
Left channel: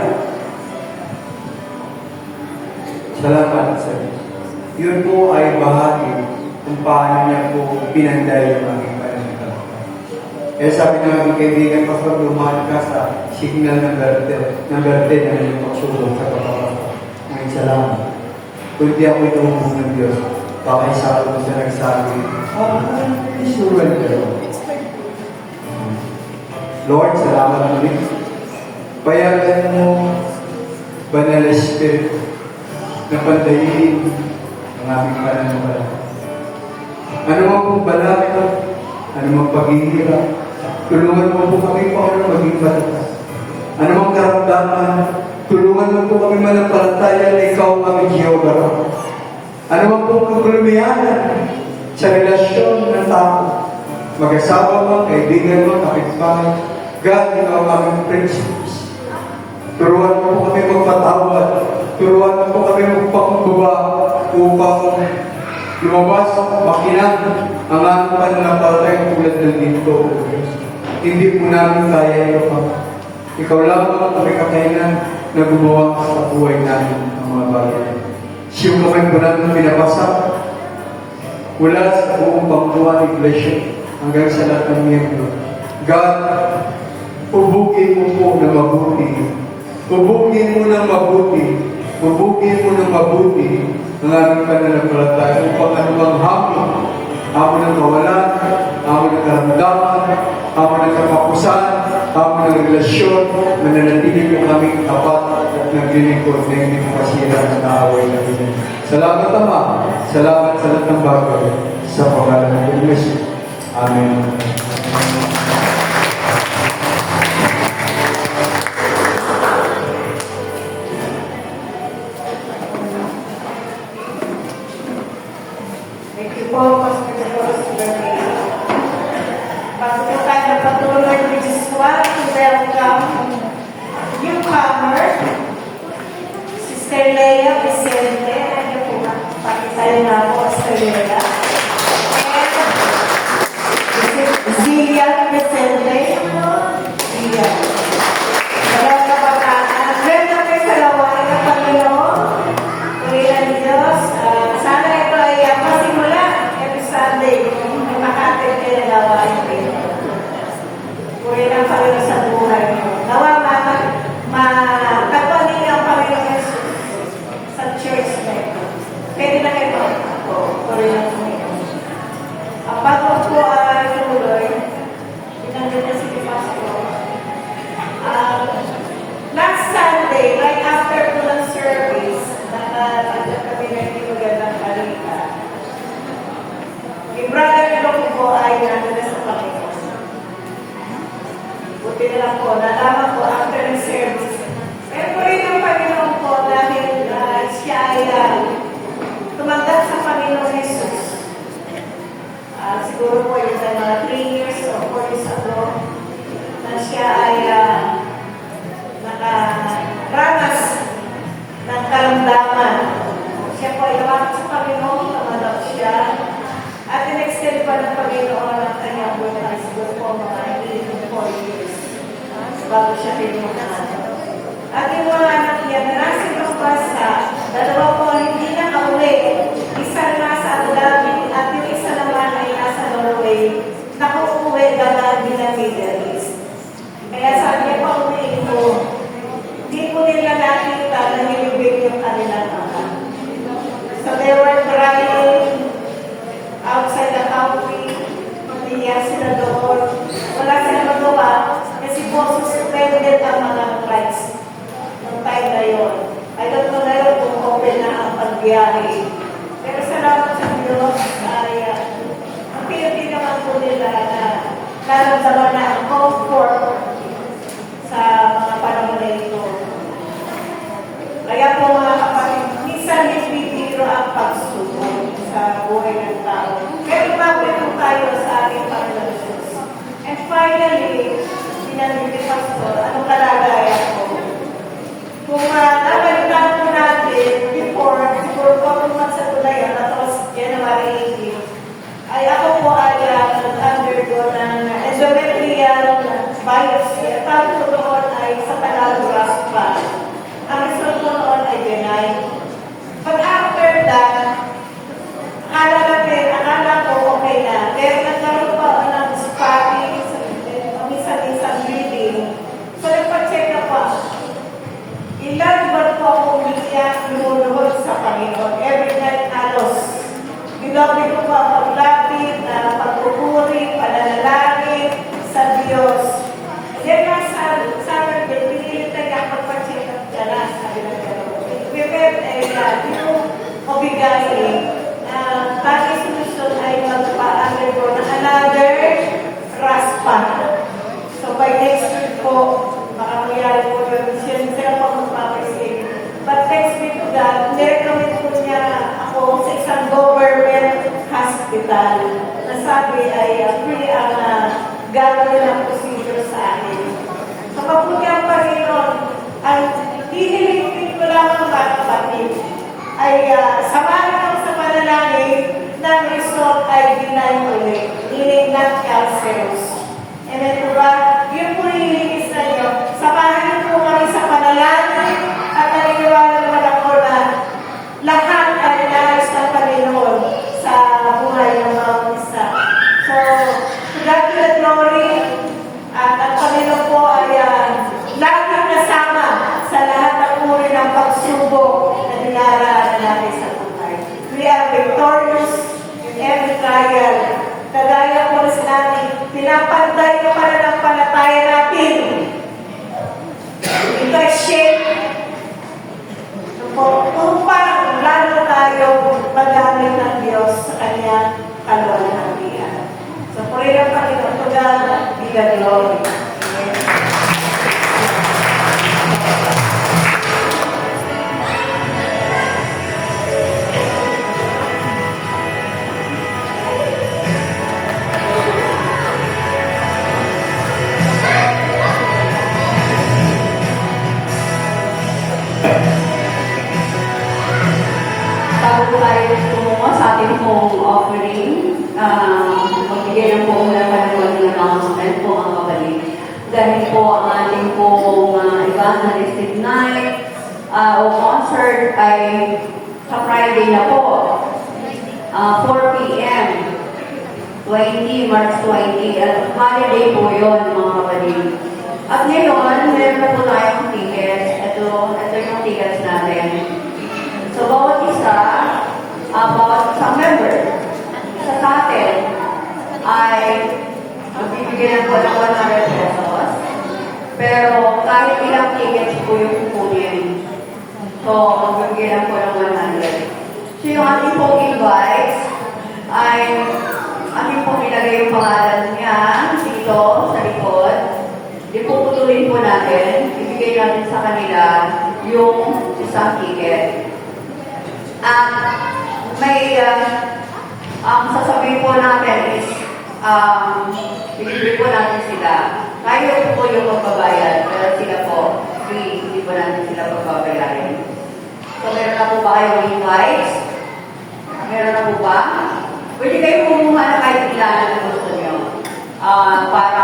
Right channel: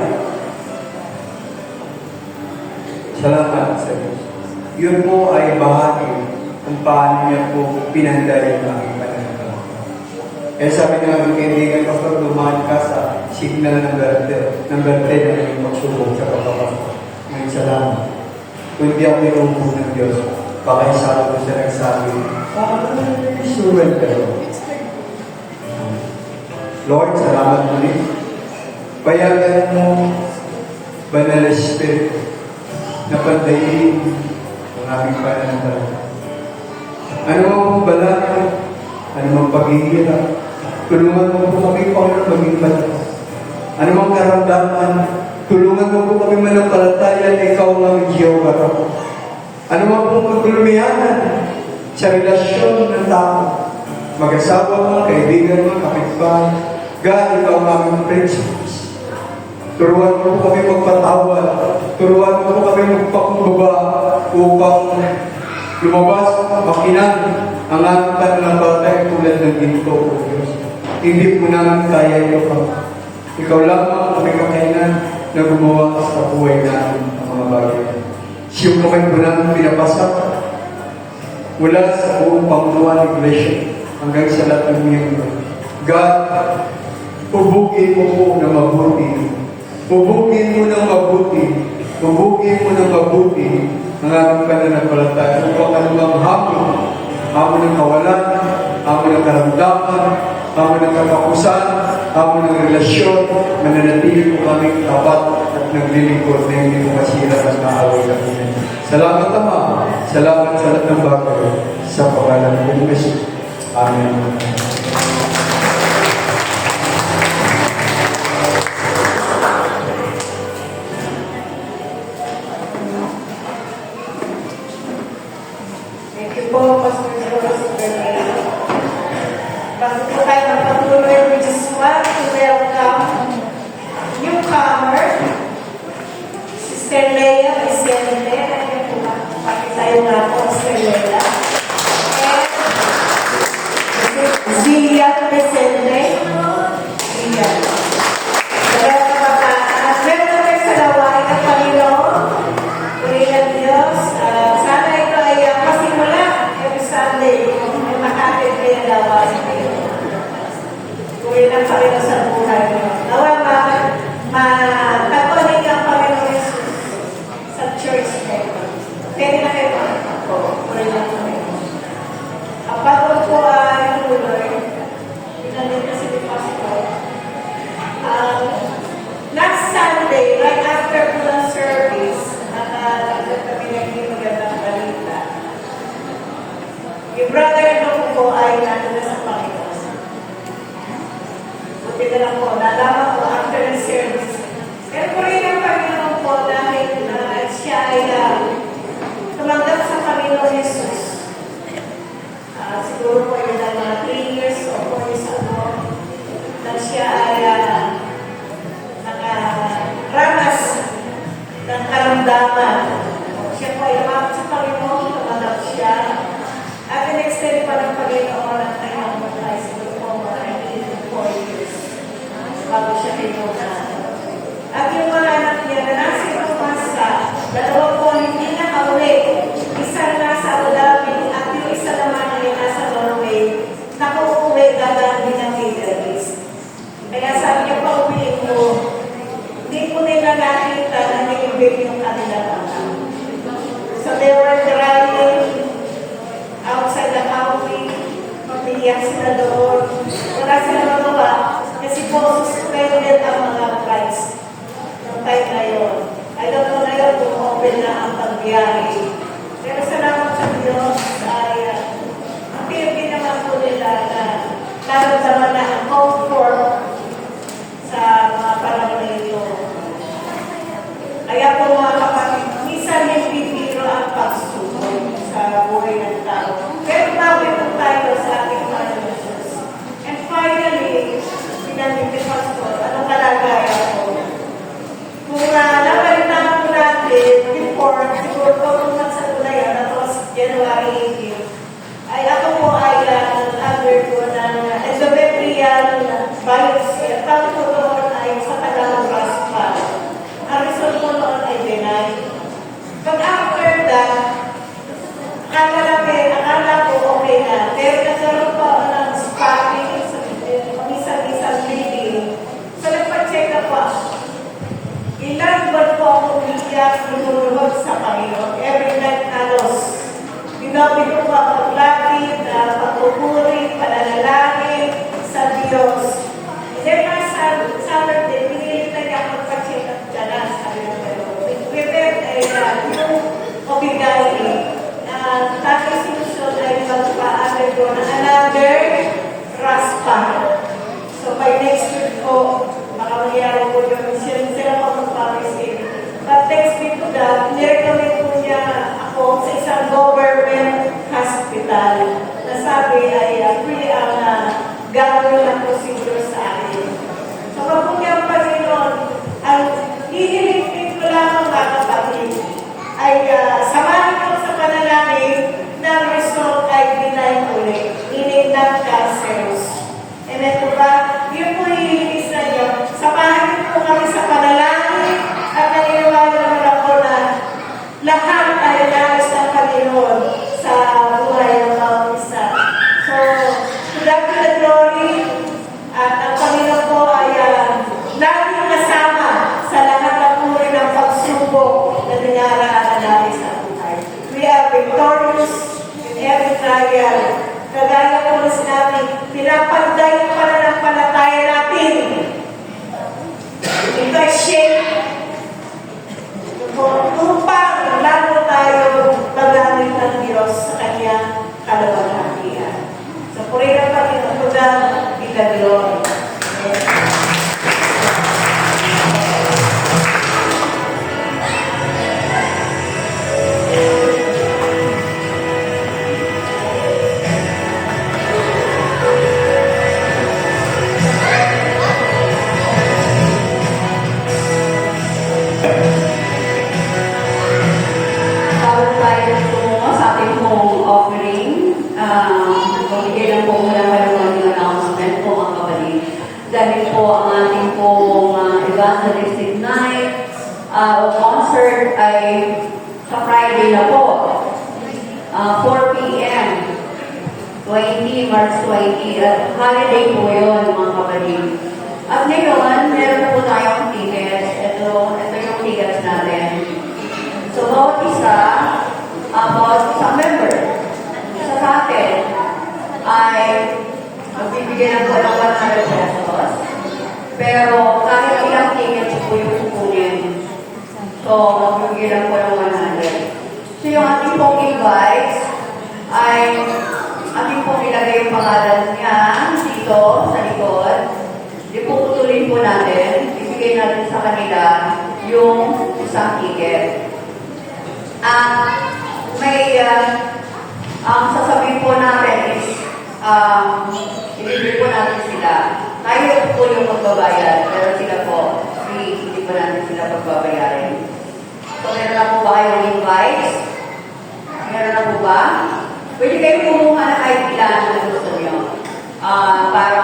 Salamat sa Diyos. Yun po ay bahagi kung paano niya po pinanday ang aking pananampalataya. Kaya sabi naman ng kaibigan, Pastor, lumahan ka sa signal ng berde na yung magsubok sa kapapasok. Ngayon, salamat. Kung di ako inuubog ng Diyos, baka isa ko siya nagsabi, surrender. Lord, salamat ulit. Payagan mo Banal na Espiritu, na pandayin ang aming pananampalataya. Ano mang pagbalak, ano mang paghihirap, tulungan mo po kami, Panginoon, maging matatag. Ano mang karamdaman, tulungan mo po kami manampalataya na ikaw ang aming Jehovah. Ano mang pong kaglulumiyanan sa relasyon ng tao, mag-asawa mo, kaibigan mo, kapitbahay, God, ikaw ang aming principles. Turuan mo po kami magpatawad, turuan mo po kami magpakumbaba upang lumabas, makinan ang aming pananampalataya tulad ng dito. Hindi po namin kaya ito. Ikaw lang ang kami kakayanan na gumawa sa buhay namin ang mga bagay. Siyo kamay po namin pinapasak mula sa buong Panginoon Iglesia hanggang sa lahat ng miyembro. God, ubugin mo po na mabuti. Ubugin mo ng mabuti. Ubugin mo ng mabuti ang aming pananampalataya. Upang anumang hamon ng kawalan, hamon ng karamdaman, hamon ng katapusan, hamon ng relasyon, mananatili po kami tapat at naglilingkod na hindi mo masira ang naaway namin. Salamat, Ama. Salamat sa lahat ng bagay sa pangalan ng Jesus. Amen. Thank you po, Pastor Joros. Bago po tayo magpatuloy, we just want to welcome newcomer, Sister Leia Vicente. Ano po ba? Pakitayo nga po, Sister Leia. And Zia Vicente. Zia. Welcome kayo sa lawain ng Panginoon. Kuya Diyos, sana ito ay pasimula every Sunday na makatid kayo na lawain kayo. Kuya lang kayo sa buhay niyo. Nawa matatuloy ang Panginoon Jesus sa church kayo. Pwede na kayo ako. Kuya lang kayo. Ang bago po ay tuloy. Pinanit na si Pastor. Last Sunday, right after the service, kami nagbibigan ng balita. Yung brother-in-law ko po ay nandun sa Panginoon. Buti na lang po, nalaman po after the service. Pero po rin ang Panginoon po dahil siya ay tumanggap sa Panginoon Jesus. Siguro po yun ay mga 3 years o 4 years ago na siya ay nakaranas ng karamdaman. Siya po ay lumapit sa Panginoon, tumanggap siya. At in-extend pa ng Panginoon ang kanyang buhay siguro po mga 4 years bago siya tinunan. At yung mga anak niya na nasa Pagpasa, dalawa po hindi na kauli. Isa nasa Abu Dhabi at yung isa naman ay nasa Norway. Nakuuwi gagawin din ng Middle East. Kaya sabi niya pa uwiin ko, hindi ko nila nakita na nilibig yung kanilang ama. So they were driving outside the country, pagbiyak sila doon. Wala sila magawa kasi po suspended ang mga flights noong time na yun. I don't know ngayon kung open na ang pagbiyahe. Pero salamat sa Diyos ay ang pinagin naman po nila na naramdaman na ang comfort sa mga panahon na ito. Kaya po mga kapatid, minsan hindi biro ang pagsubok sa buhay ng tao. Pero bakit po tayo sa ating Panginoon Diyos? And finally, sinanong ni Pastor, anong kalagayan ko? Kung nabalita po natin before, siguro po kung sa tulay, that was January 18, ay ako po ay undergo ng endometrial biopsy. At ang po noon ay sa Tagalog pa. Ang result po noon ay benign. But after that, akala ko okay na. Pero nagkaroon pa ako ng spotting, minsan-minsan bleeding. So nagpa-check up pa. Ilang buwan po ako umiyak, lumulubog sa Panginoon. Every night halos. Binabi ko po ako paglapit, pagpupuri, pananalangin sa Diyos. And then last Saturday, pinilit na niya ako pa-check up dyan. Sabi ko, ay samahan ko sa panalangin ng result ay binay ulit. Meaning not cancerous. And then po ba, yun po hihigis na niyo. Samahan niyo po kami sa panalangin at naniniwala naman ako na lahat ay inayos ng Panginoon sa buhay ng mga isa. So, to God be the glory. At ang Panginoon po ay laging kasama sa lahat ng uri ng pagsubok na nangyayari natin sa buhay. We are victorious in every trial. Kagaya po na sinabi, pinapantay yung pananampalataya natin. Ito ay shape. Upang lalo tayo magamit ng Diyos sa kanyang kalawalhatian. So, pray na Panginoon ko na bilang glory. Amen. Bago tayo tumungo sa ating pong offering, magbigay lang po muna ng announcement po ang kapatid. Dahil po ang ating pong evangelistic night o concert ay sa Friday na po, 4 p.m. 20, March 20, at holiday po yun mga kapatid. At ngayon, meron po tayong tickets. Ito yung tickets natin. So, bawat isang member sa atin ay magbibigyan ng po ng 100 pesos. Pero kahit ilang tickets po yung kukunin. So, magbibigyan ng po ng 100. So, yung ating pong invites ay ating pong ilagay yung pangalan niya dito sa likod. Ipuputulin po natin, ibigay natin sa kanila yung isang ticket. Ang sasabihin po natin is, ibigay po natin sila. Kayo po yung magbabayad, pero sila po, free, hindi po natin sila magbabayarin. So, meron na po ba kayong invites? Meron na po ba? Pwede kayo kumuha na kahit ilan na gusto nyo. Para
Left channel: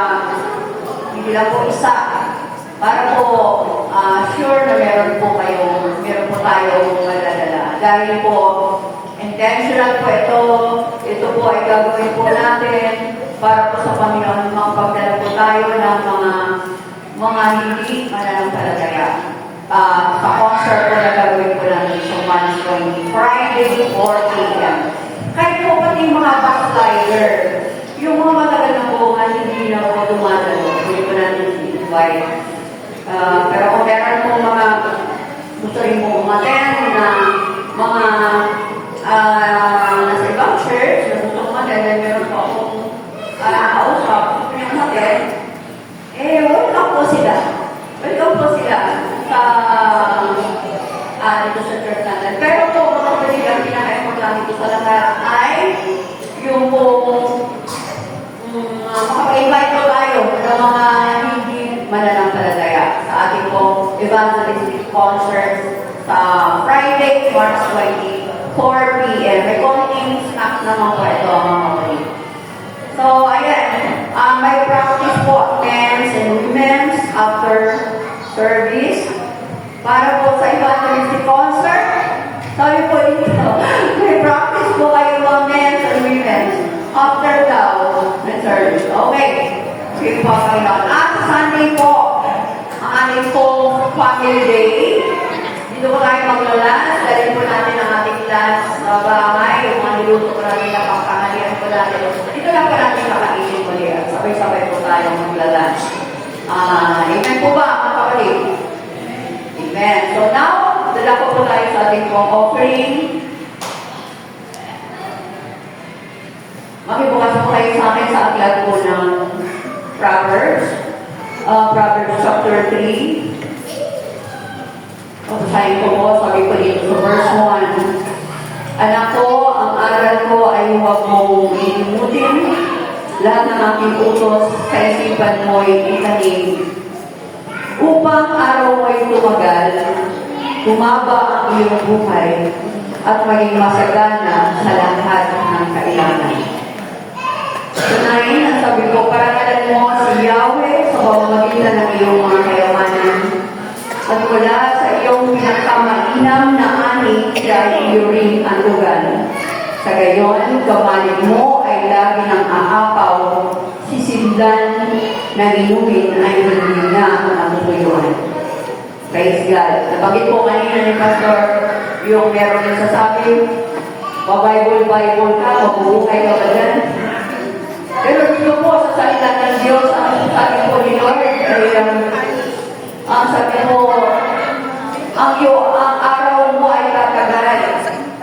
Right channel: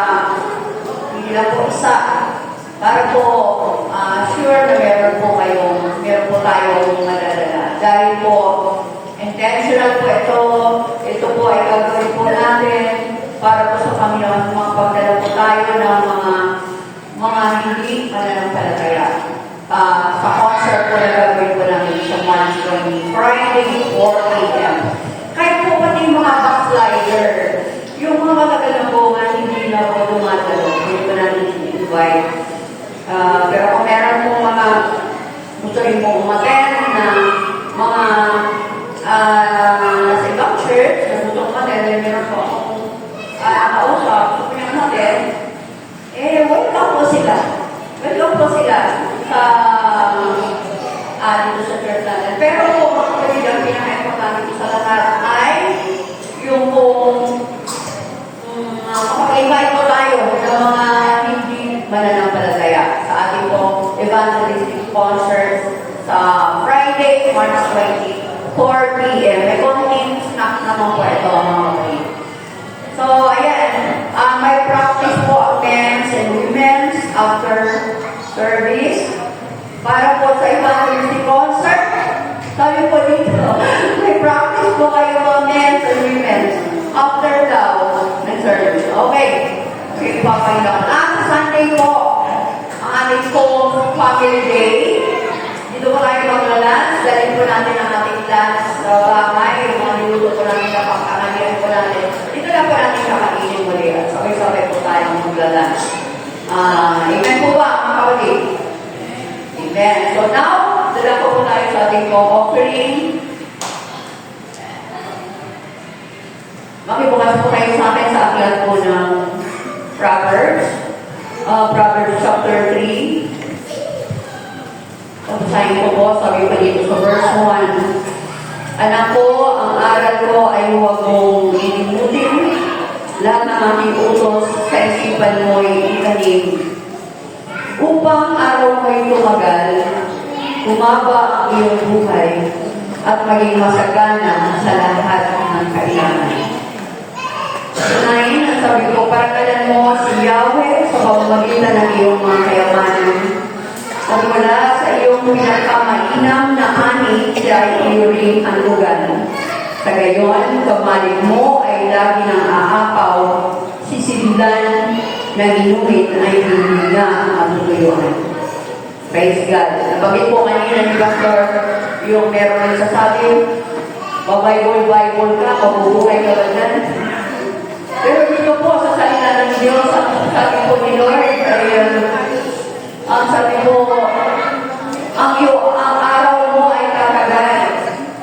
hindi lang po isa. Para po sure na meron po tayong madadala. Dahil po, intentional po ito po ay gagawin po natin para po sa Panginoon, magpagdala po tayo ng mga hindi mananampalataya. Sa concert po na gagawin po natin sa March 20, Friday, 4 p.m. Kahit po pati yung mga backslider, yung mga matagal na po nga hindi na po tumatalo, hindi po natin invite. Pero kung meron po mga gusto rin po umaten na mga nasa ibang church, gusto umaten, then meron po akong nakausap, gusto niya umaten, welcome po sila. Welcome po sila sa dito sa church natin. Pero po, kasi lang pinaka-importante dito sa lahat ay yung makaka-invite po tayo sa mga hindi mananampalataya sa ating pong evangelistic concert sa Friday, March 20, 4 p.m. May konting snack naman po ito, mga kapatid. So, ayan, may practice po, men's and women's after service. Para po sa evangelistic concert, sabi po dito, may practice po kayo ng men's and women's after daw na service. Okay. Okay, papayaan. Sa Sunday po, ang ating pong family day. Dito po tayo mag-lunch. Dahil po natin ang ating lunch sa bahay. Yung mga niluto po natin na pangkahalian po natin. Dito lang po natin nakainin mo rin. Sabay-sabay po tayo mag-lunch. Amen po ba, mga kapatid? Amen. So now, dala po tayo sa ating pong offering. Makibukas po kayo sa akin sa aklat po ng Proverbs. Proverbs chapter 3. Basahin ko po, sabi pa dito sa verse 1. Anak ko, ang aral ko ay huwag mong lilimutin. Lahat ng aking utos sa isipan mo'y itanim. Upang araw mo'y tumagal, tumaba ang iyong buhay, at maging masagana sa lahat ng kailangan. Unahin, ang sabi ko, paragalan mo si Yahweh sa pamamagitan ng iyong mga kayamanan. At mula sa iyong pinakamainam na ani, siya ay iyuring anlugan. Sa gayon, kamalik mo ay lagi ng aapaw, sisindan ng inumin ay hininga ang tuyuan. Praise God. Nabanggit po kanina ni Pastor, yung meron yung sasabi, Bible ka, mabubuhay ka ba dyan? Pero dito po sa salita ng Diyos, ang sabi po ni Lord, ay ang sabi po, ang araw mo ay tatagal,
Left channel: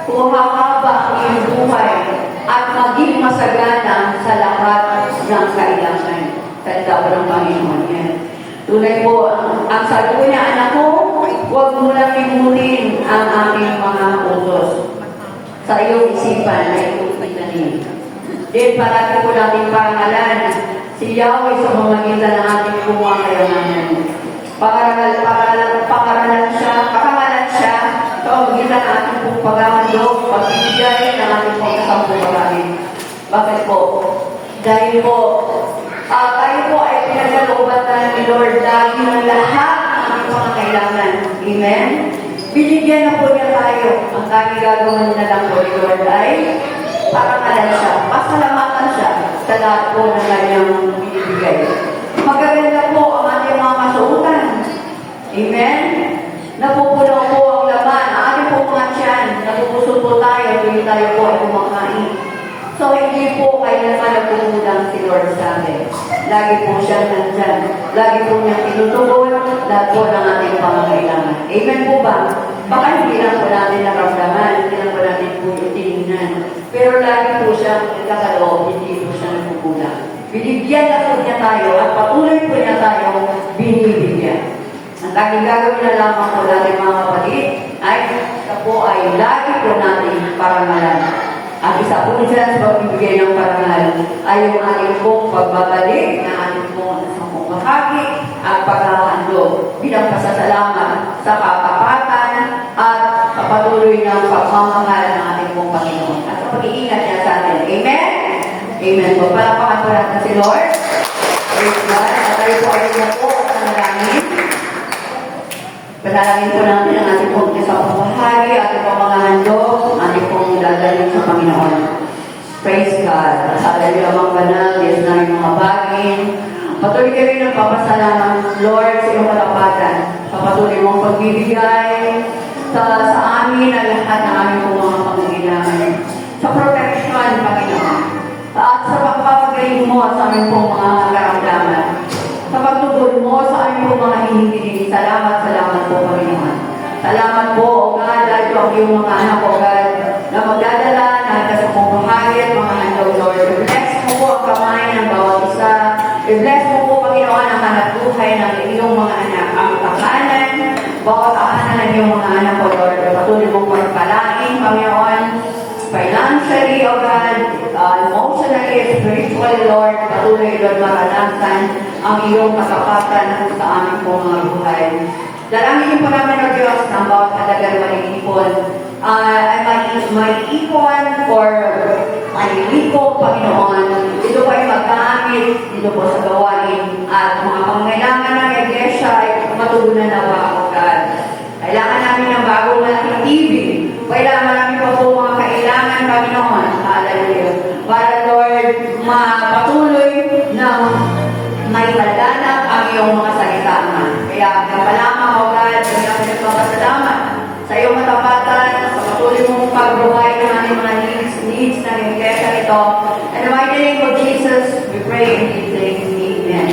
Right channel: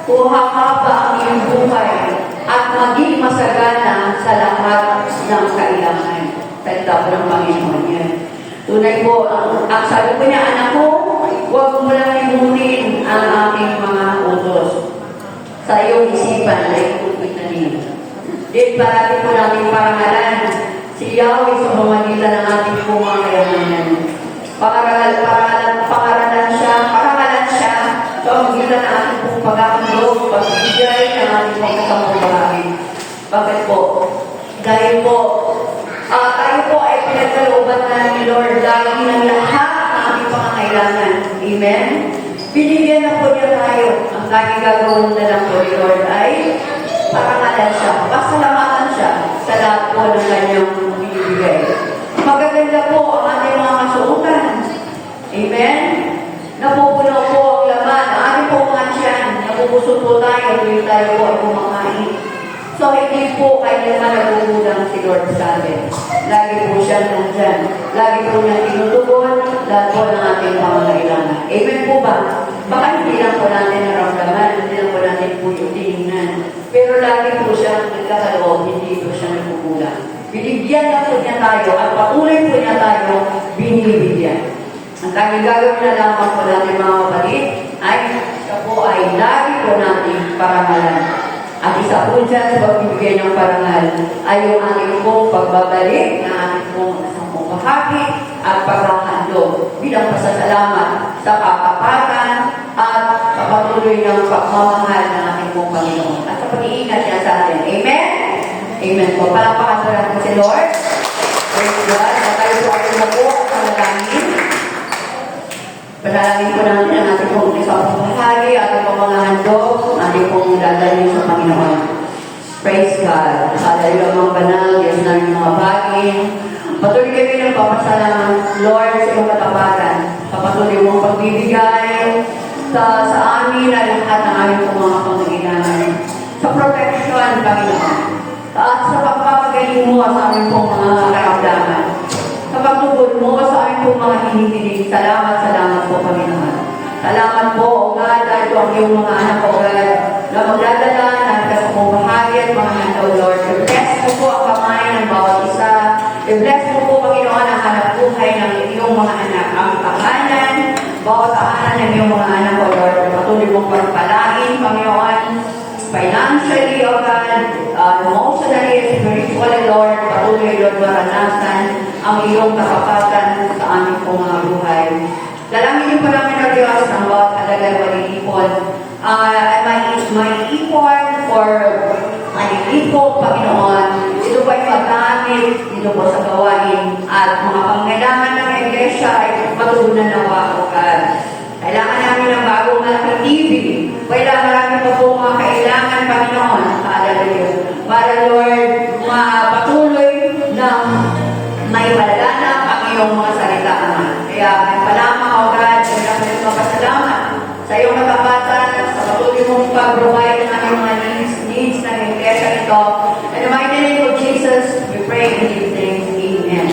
kung hahaba ang iyong buhay, at maging masagana sa lahat ng kailangan. Salita po ng Panginoon yan. Tunay po, ang sabi ko niya, anak ko, huwag mo lang limutin ang aking mga utos. Sa iyong isipan ay ipitanin. Then, parati po natin parangalan si Yahweh sa pamamagitan ng ating mga kayamanan. Pangaralan siya sa pamamagitan ng ating pong pagkakandog, pagbibigay ng ating pong kasampumalangin. Bakit po? Dahil po, tayo po ay pinagkalooban na ni Lord lagi ng lahat ng ating mga kailangan. Amen? Binigyan na po niya tayo. Ang lagi gagawin na lang po ni Lord ay parangalan siya, pasalamatan siya sa lahat po ng kanyang binibigay. Magaganda po ang ating mga kasuotan. Amen? Napupuno po ang laman. Ang ating po mga tiyan, napupusot po tayo, tuwing tayo po ay kumakain. So, hindi po kaya naman nagkukulang si Lord sa amin. Lagi po siya nandyan. Lagi po niya tinutugon lahat po ng ating pangangailangan. Amen po ba? Baka hindi lang po natin naramdaman, hindi lang po natin po yung tinignan. Pero lagi po siya nagkakaloob, hindi po siya nagkukulang. Binibigyan na po niya tayo at patuloy po niya tayo binibigyan. Ang tanging gagawin na lamang po natin mga kapatid ay siya po ay lagi po natin parangalan. At isa po dyan sa pagbibigay ng parangal ay yung ating pong pagbabalik na ating pong isang makaki at pagkakandog bilang pasasalamat sa kapapatan at sa patuloy ng pagmamahal ng ating pong Panginoon at sa pag-iingat niya sa atin. Amen? Amen po. Palapakan po natin si Lord. Praise God. At tayo po ay na po sa malangin. Panalangin po natin ang ating pong isang pamahali, ating pong mga handog, ating pong dadalhin sa Panginoon. Praise God. Sa ating amang banal, Diyos na mga bagay. Patuloy kami ng papasalam, Lord, sa iyong katapatan. Sa patuloy mong pagbibigay sa amin na lahat ng aming mga pangangailangan. Sa protection, Panginoon. At sa pagpapagaling mo sa aming pong mga karamdaman. Sa pagtugod mo sa aming pong mga hinihiling. Salamat po, Panginoon. Salamat po, O God, dahil po ang iyong mga anak, O God, na magdadala na sa pumahagi at mga handog, Lord. I-bless mo po ang kamay ng bawat isa. I-bless mo po, Panginoon, ang hanap buhay ng iyong mga anak. Ang pangalan, bawat aanan ng iyong mga anak, O Lord. Patuloy mong pagpalain, Panginoon, financially, O God, emotionally, spiritually, Lord. Patuloy, Lord, maranasan ang iyong katapatan sa aming pong mga buhay. Dalangin po namin ng Diyos ang bawat kadagal malilipon. May ipon or malilipo, Panginoon. Ito po ay pagkaamit, dito po sa gawain. At mga pangailangan ng iglesia ay matugunan na God. Kailangan namin ng bagong malaking TV. Kailangan namin pa po mga kailangan, Panginoon. Hallelujah. Para, Lord, mapatuloy ng may malalanap ang iyong mga salita. Kaya, nagpalamang, O God, kaya kami magpasalamat sa iyong matapatan, sa patuloy mong pagbuhay ng ating mga needs ng iglesia ito. In the mighty name of Jesus, we pray in Jesus' name. Amen.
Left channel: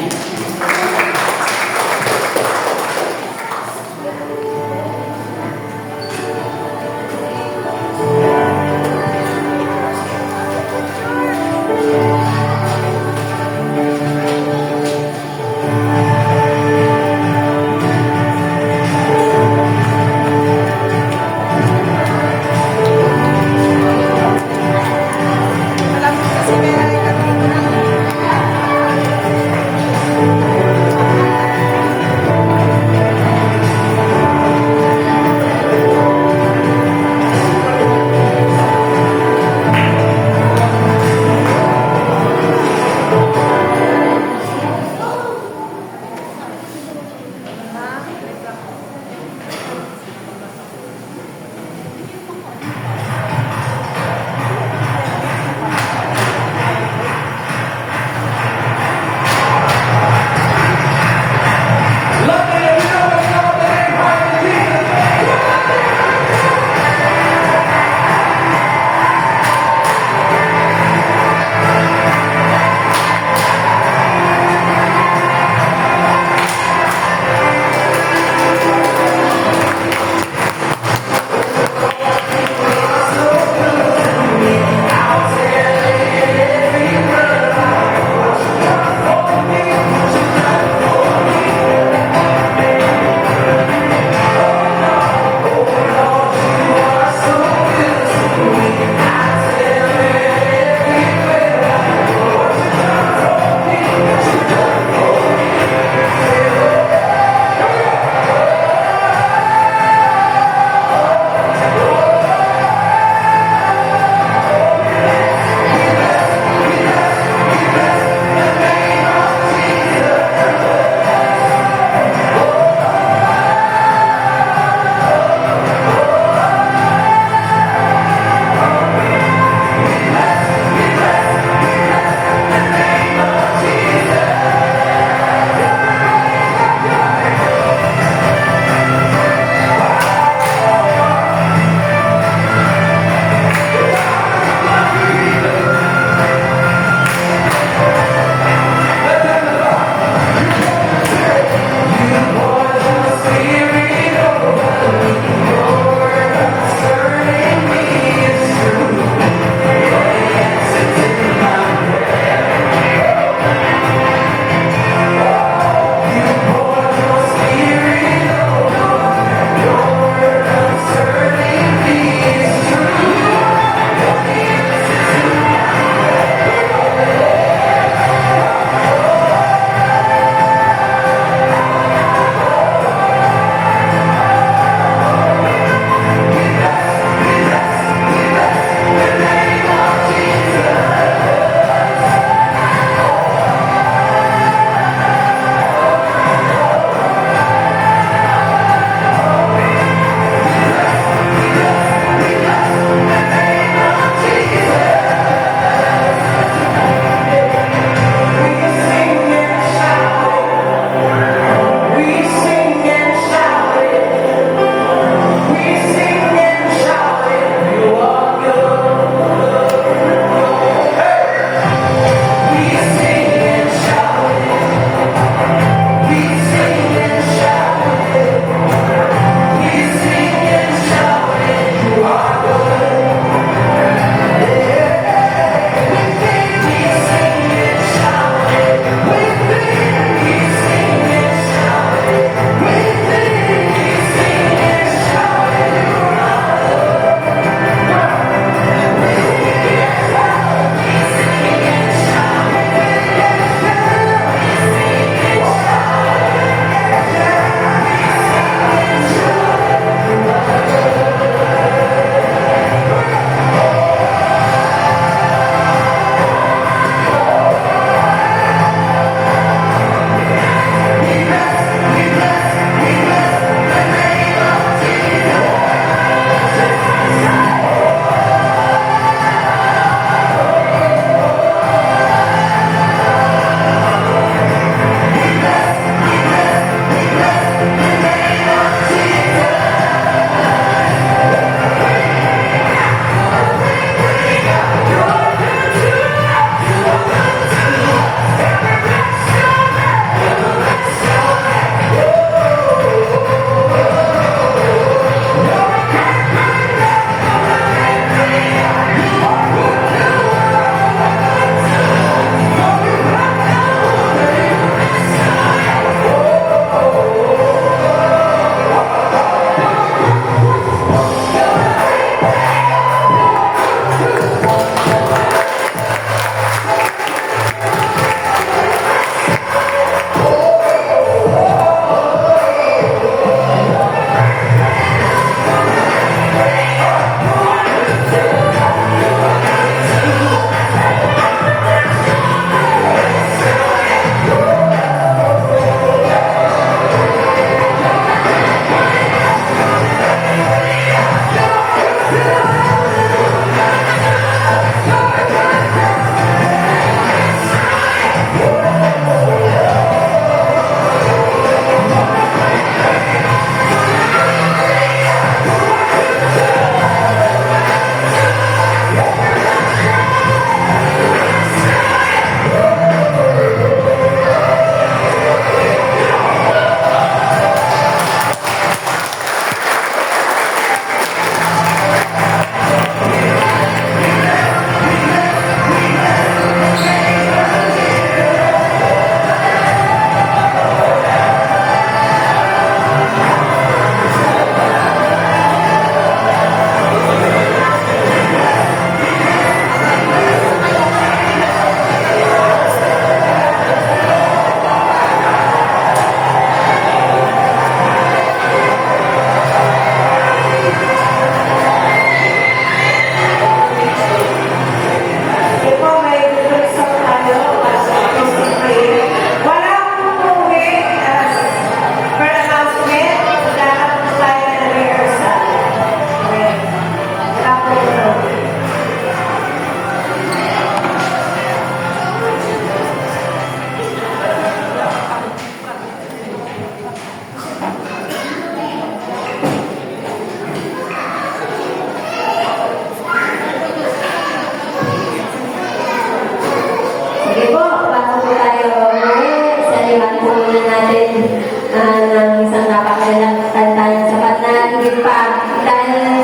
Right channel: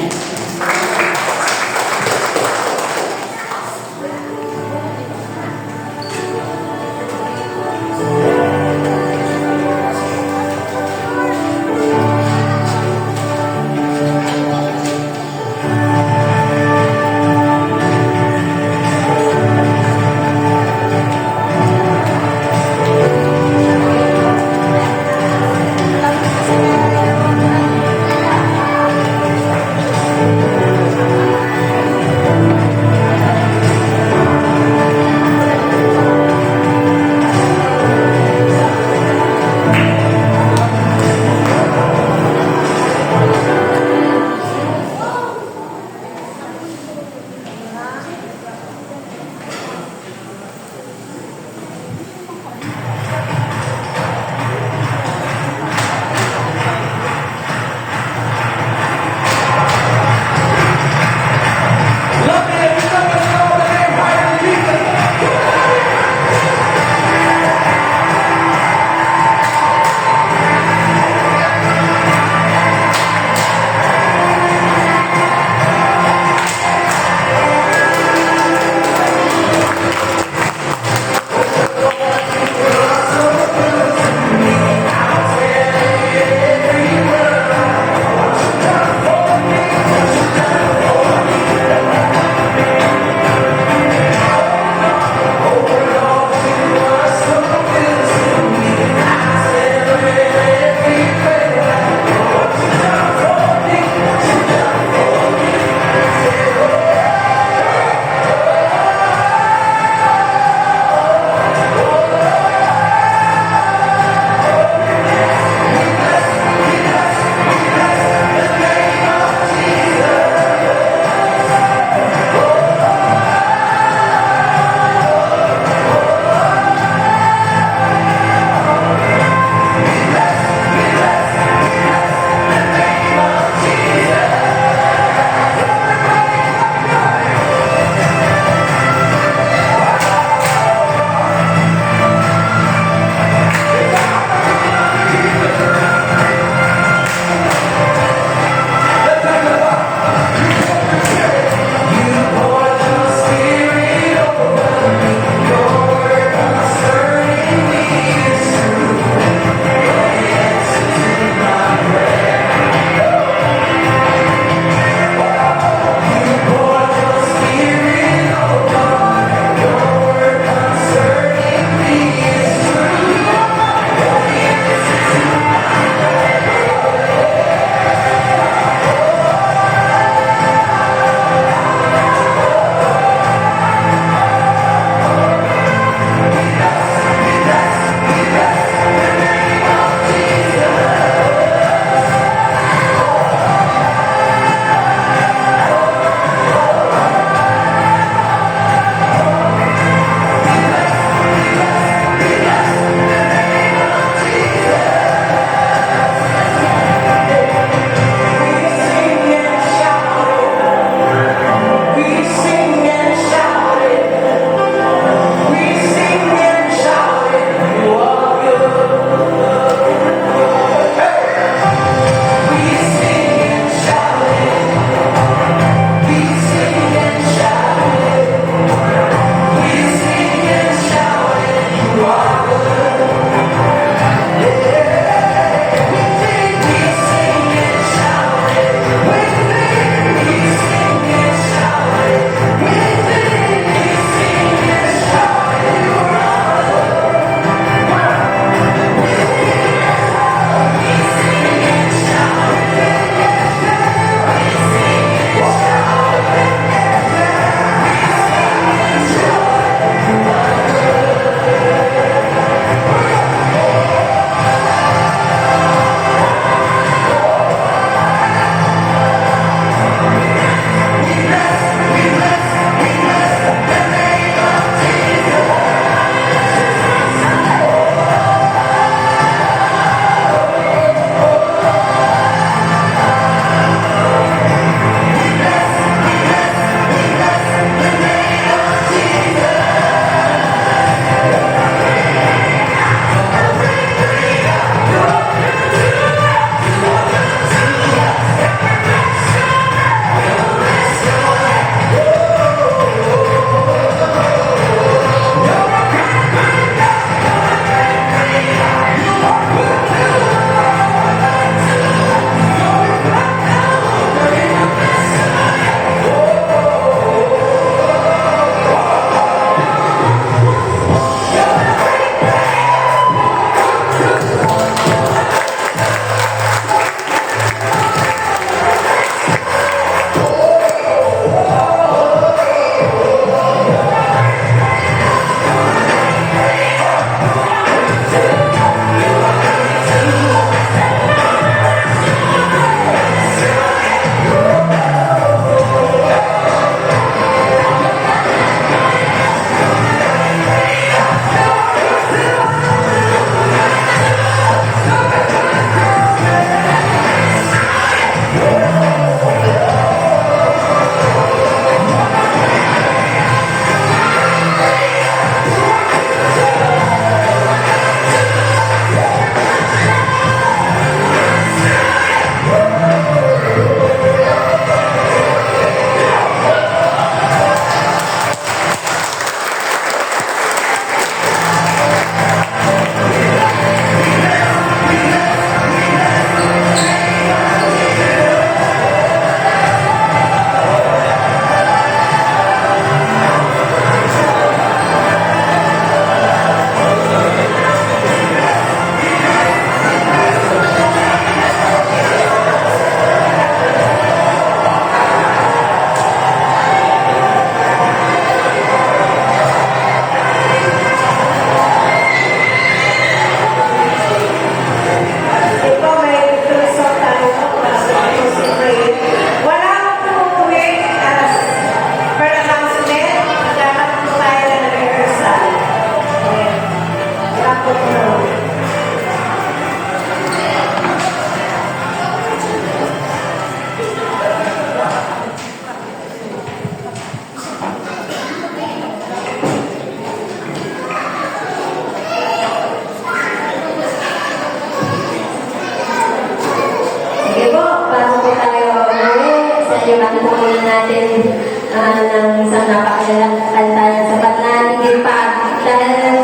ng isang napakalalang kanta ng sapat na hindi pa. Dahil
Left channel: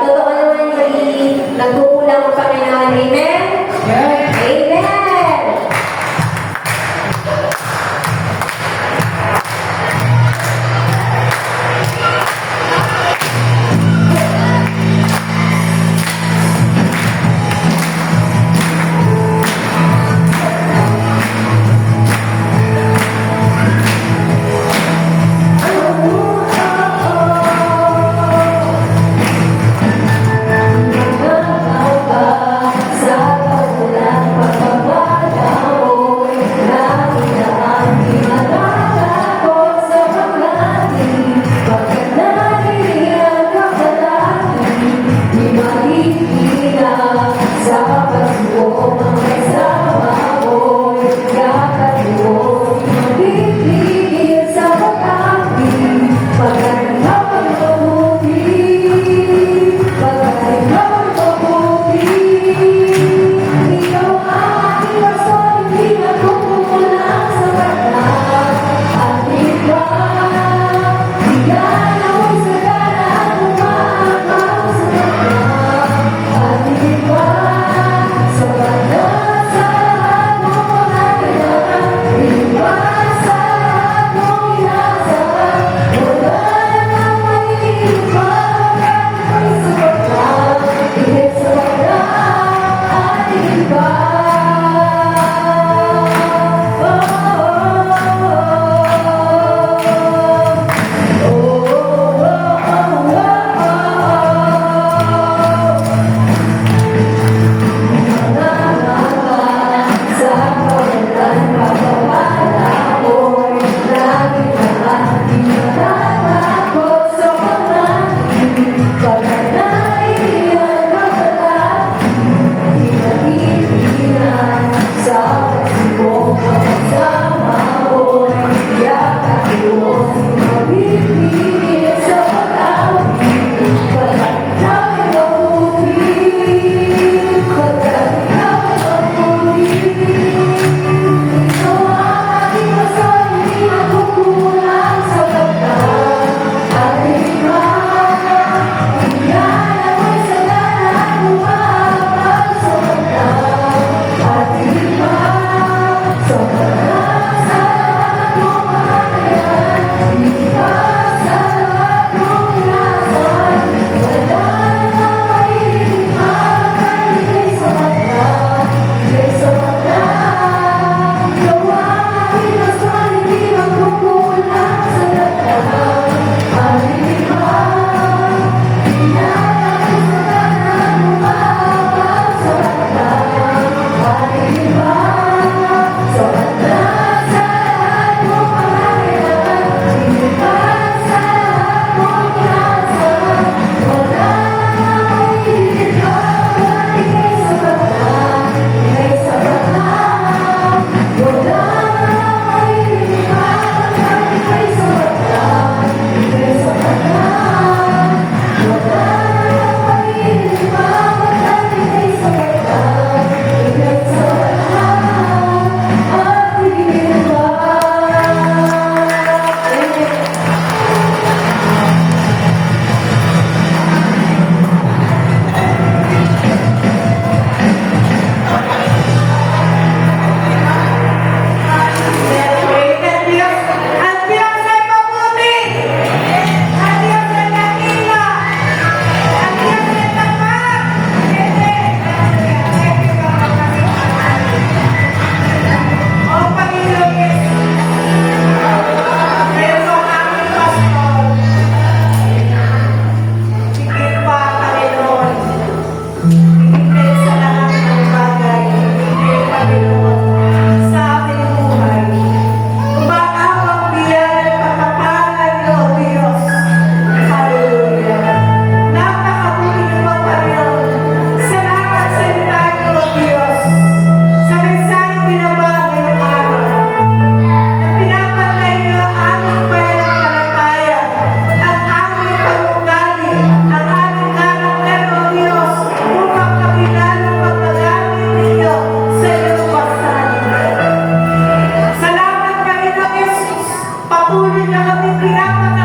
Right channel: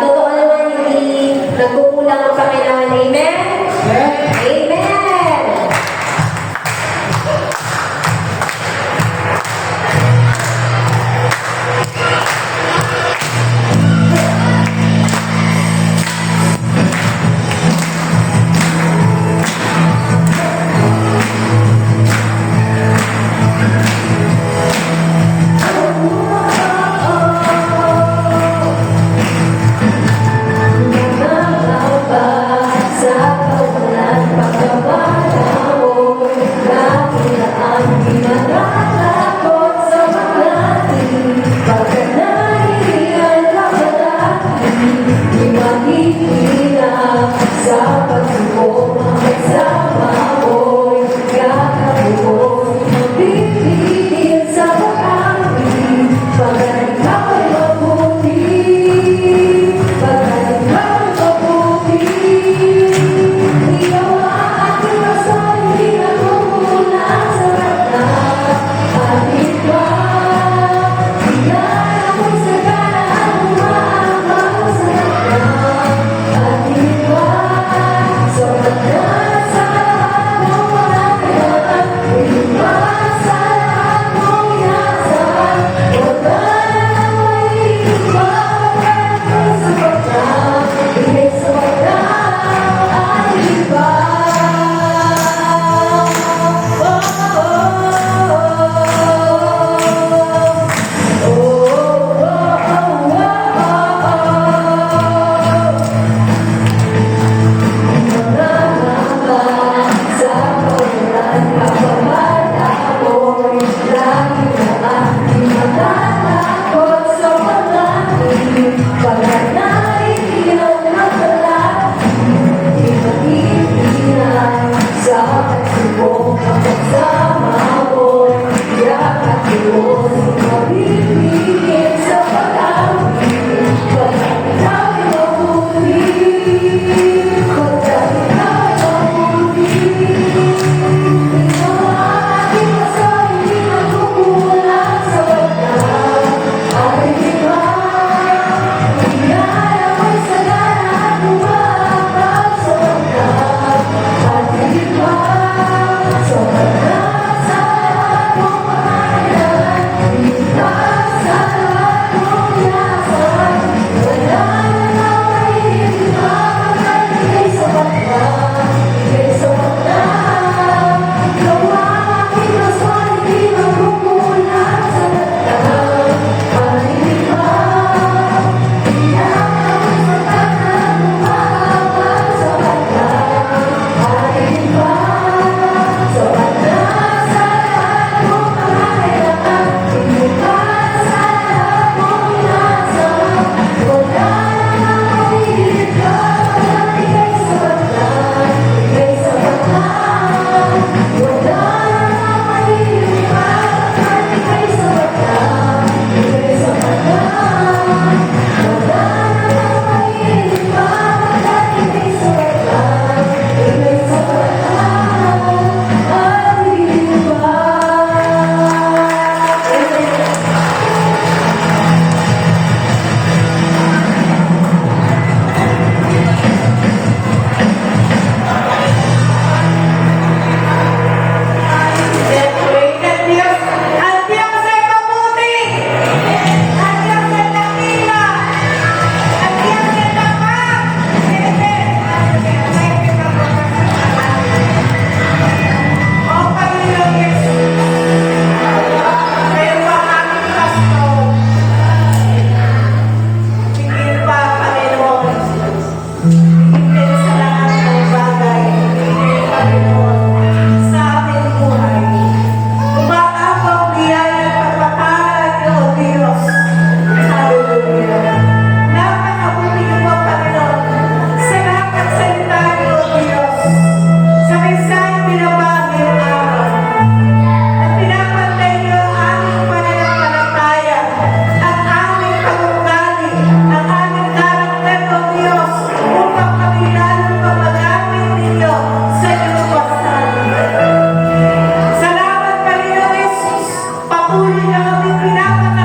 totoo naman hindi nagkukulang ang Panginoon. Amen? Amen! Oh niyo kami pinapatawad.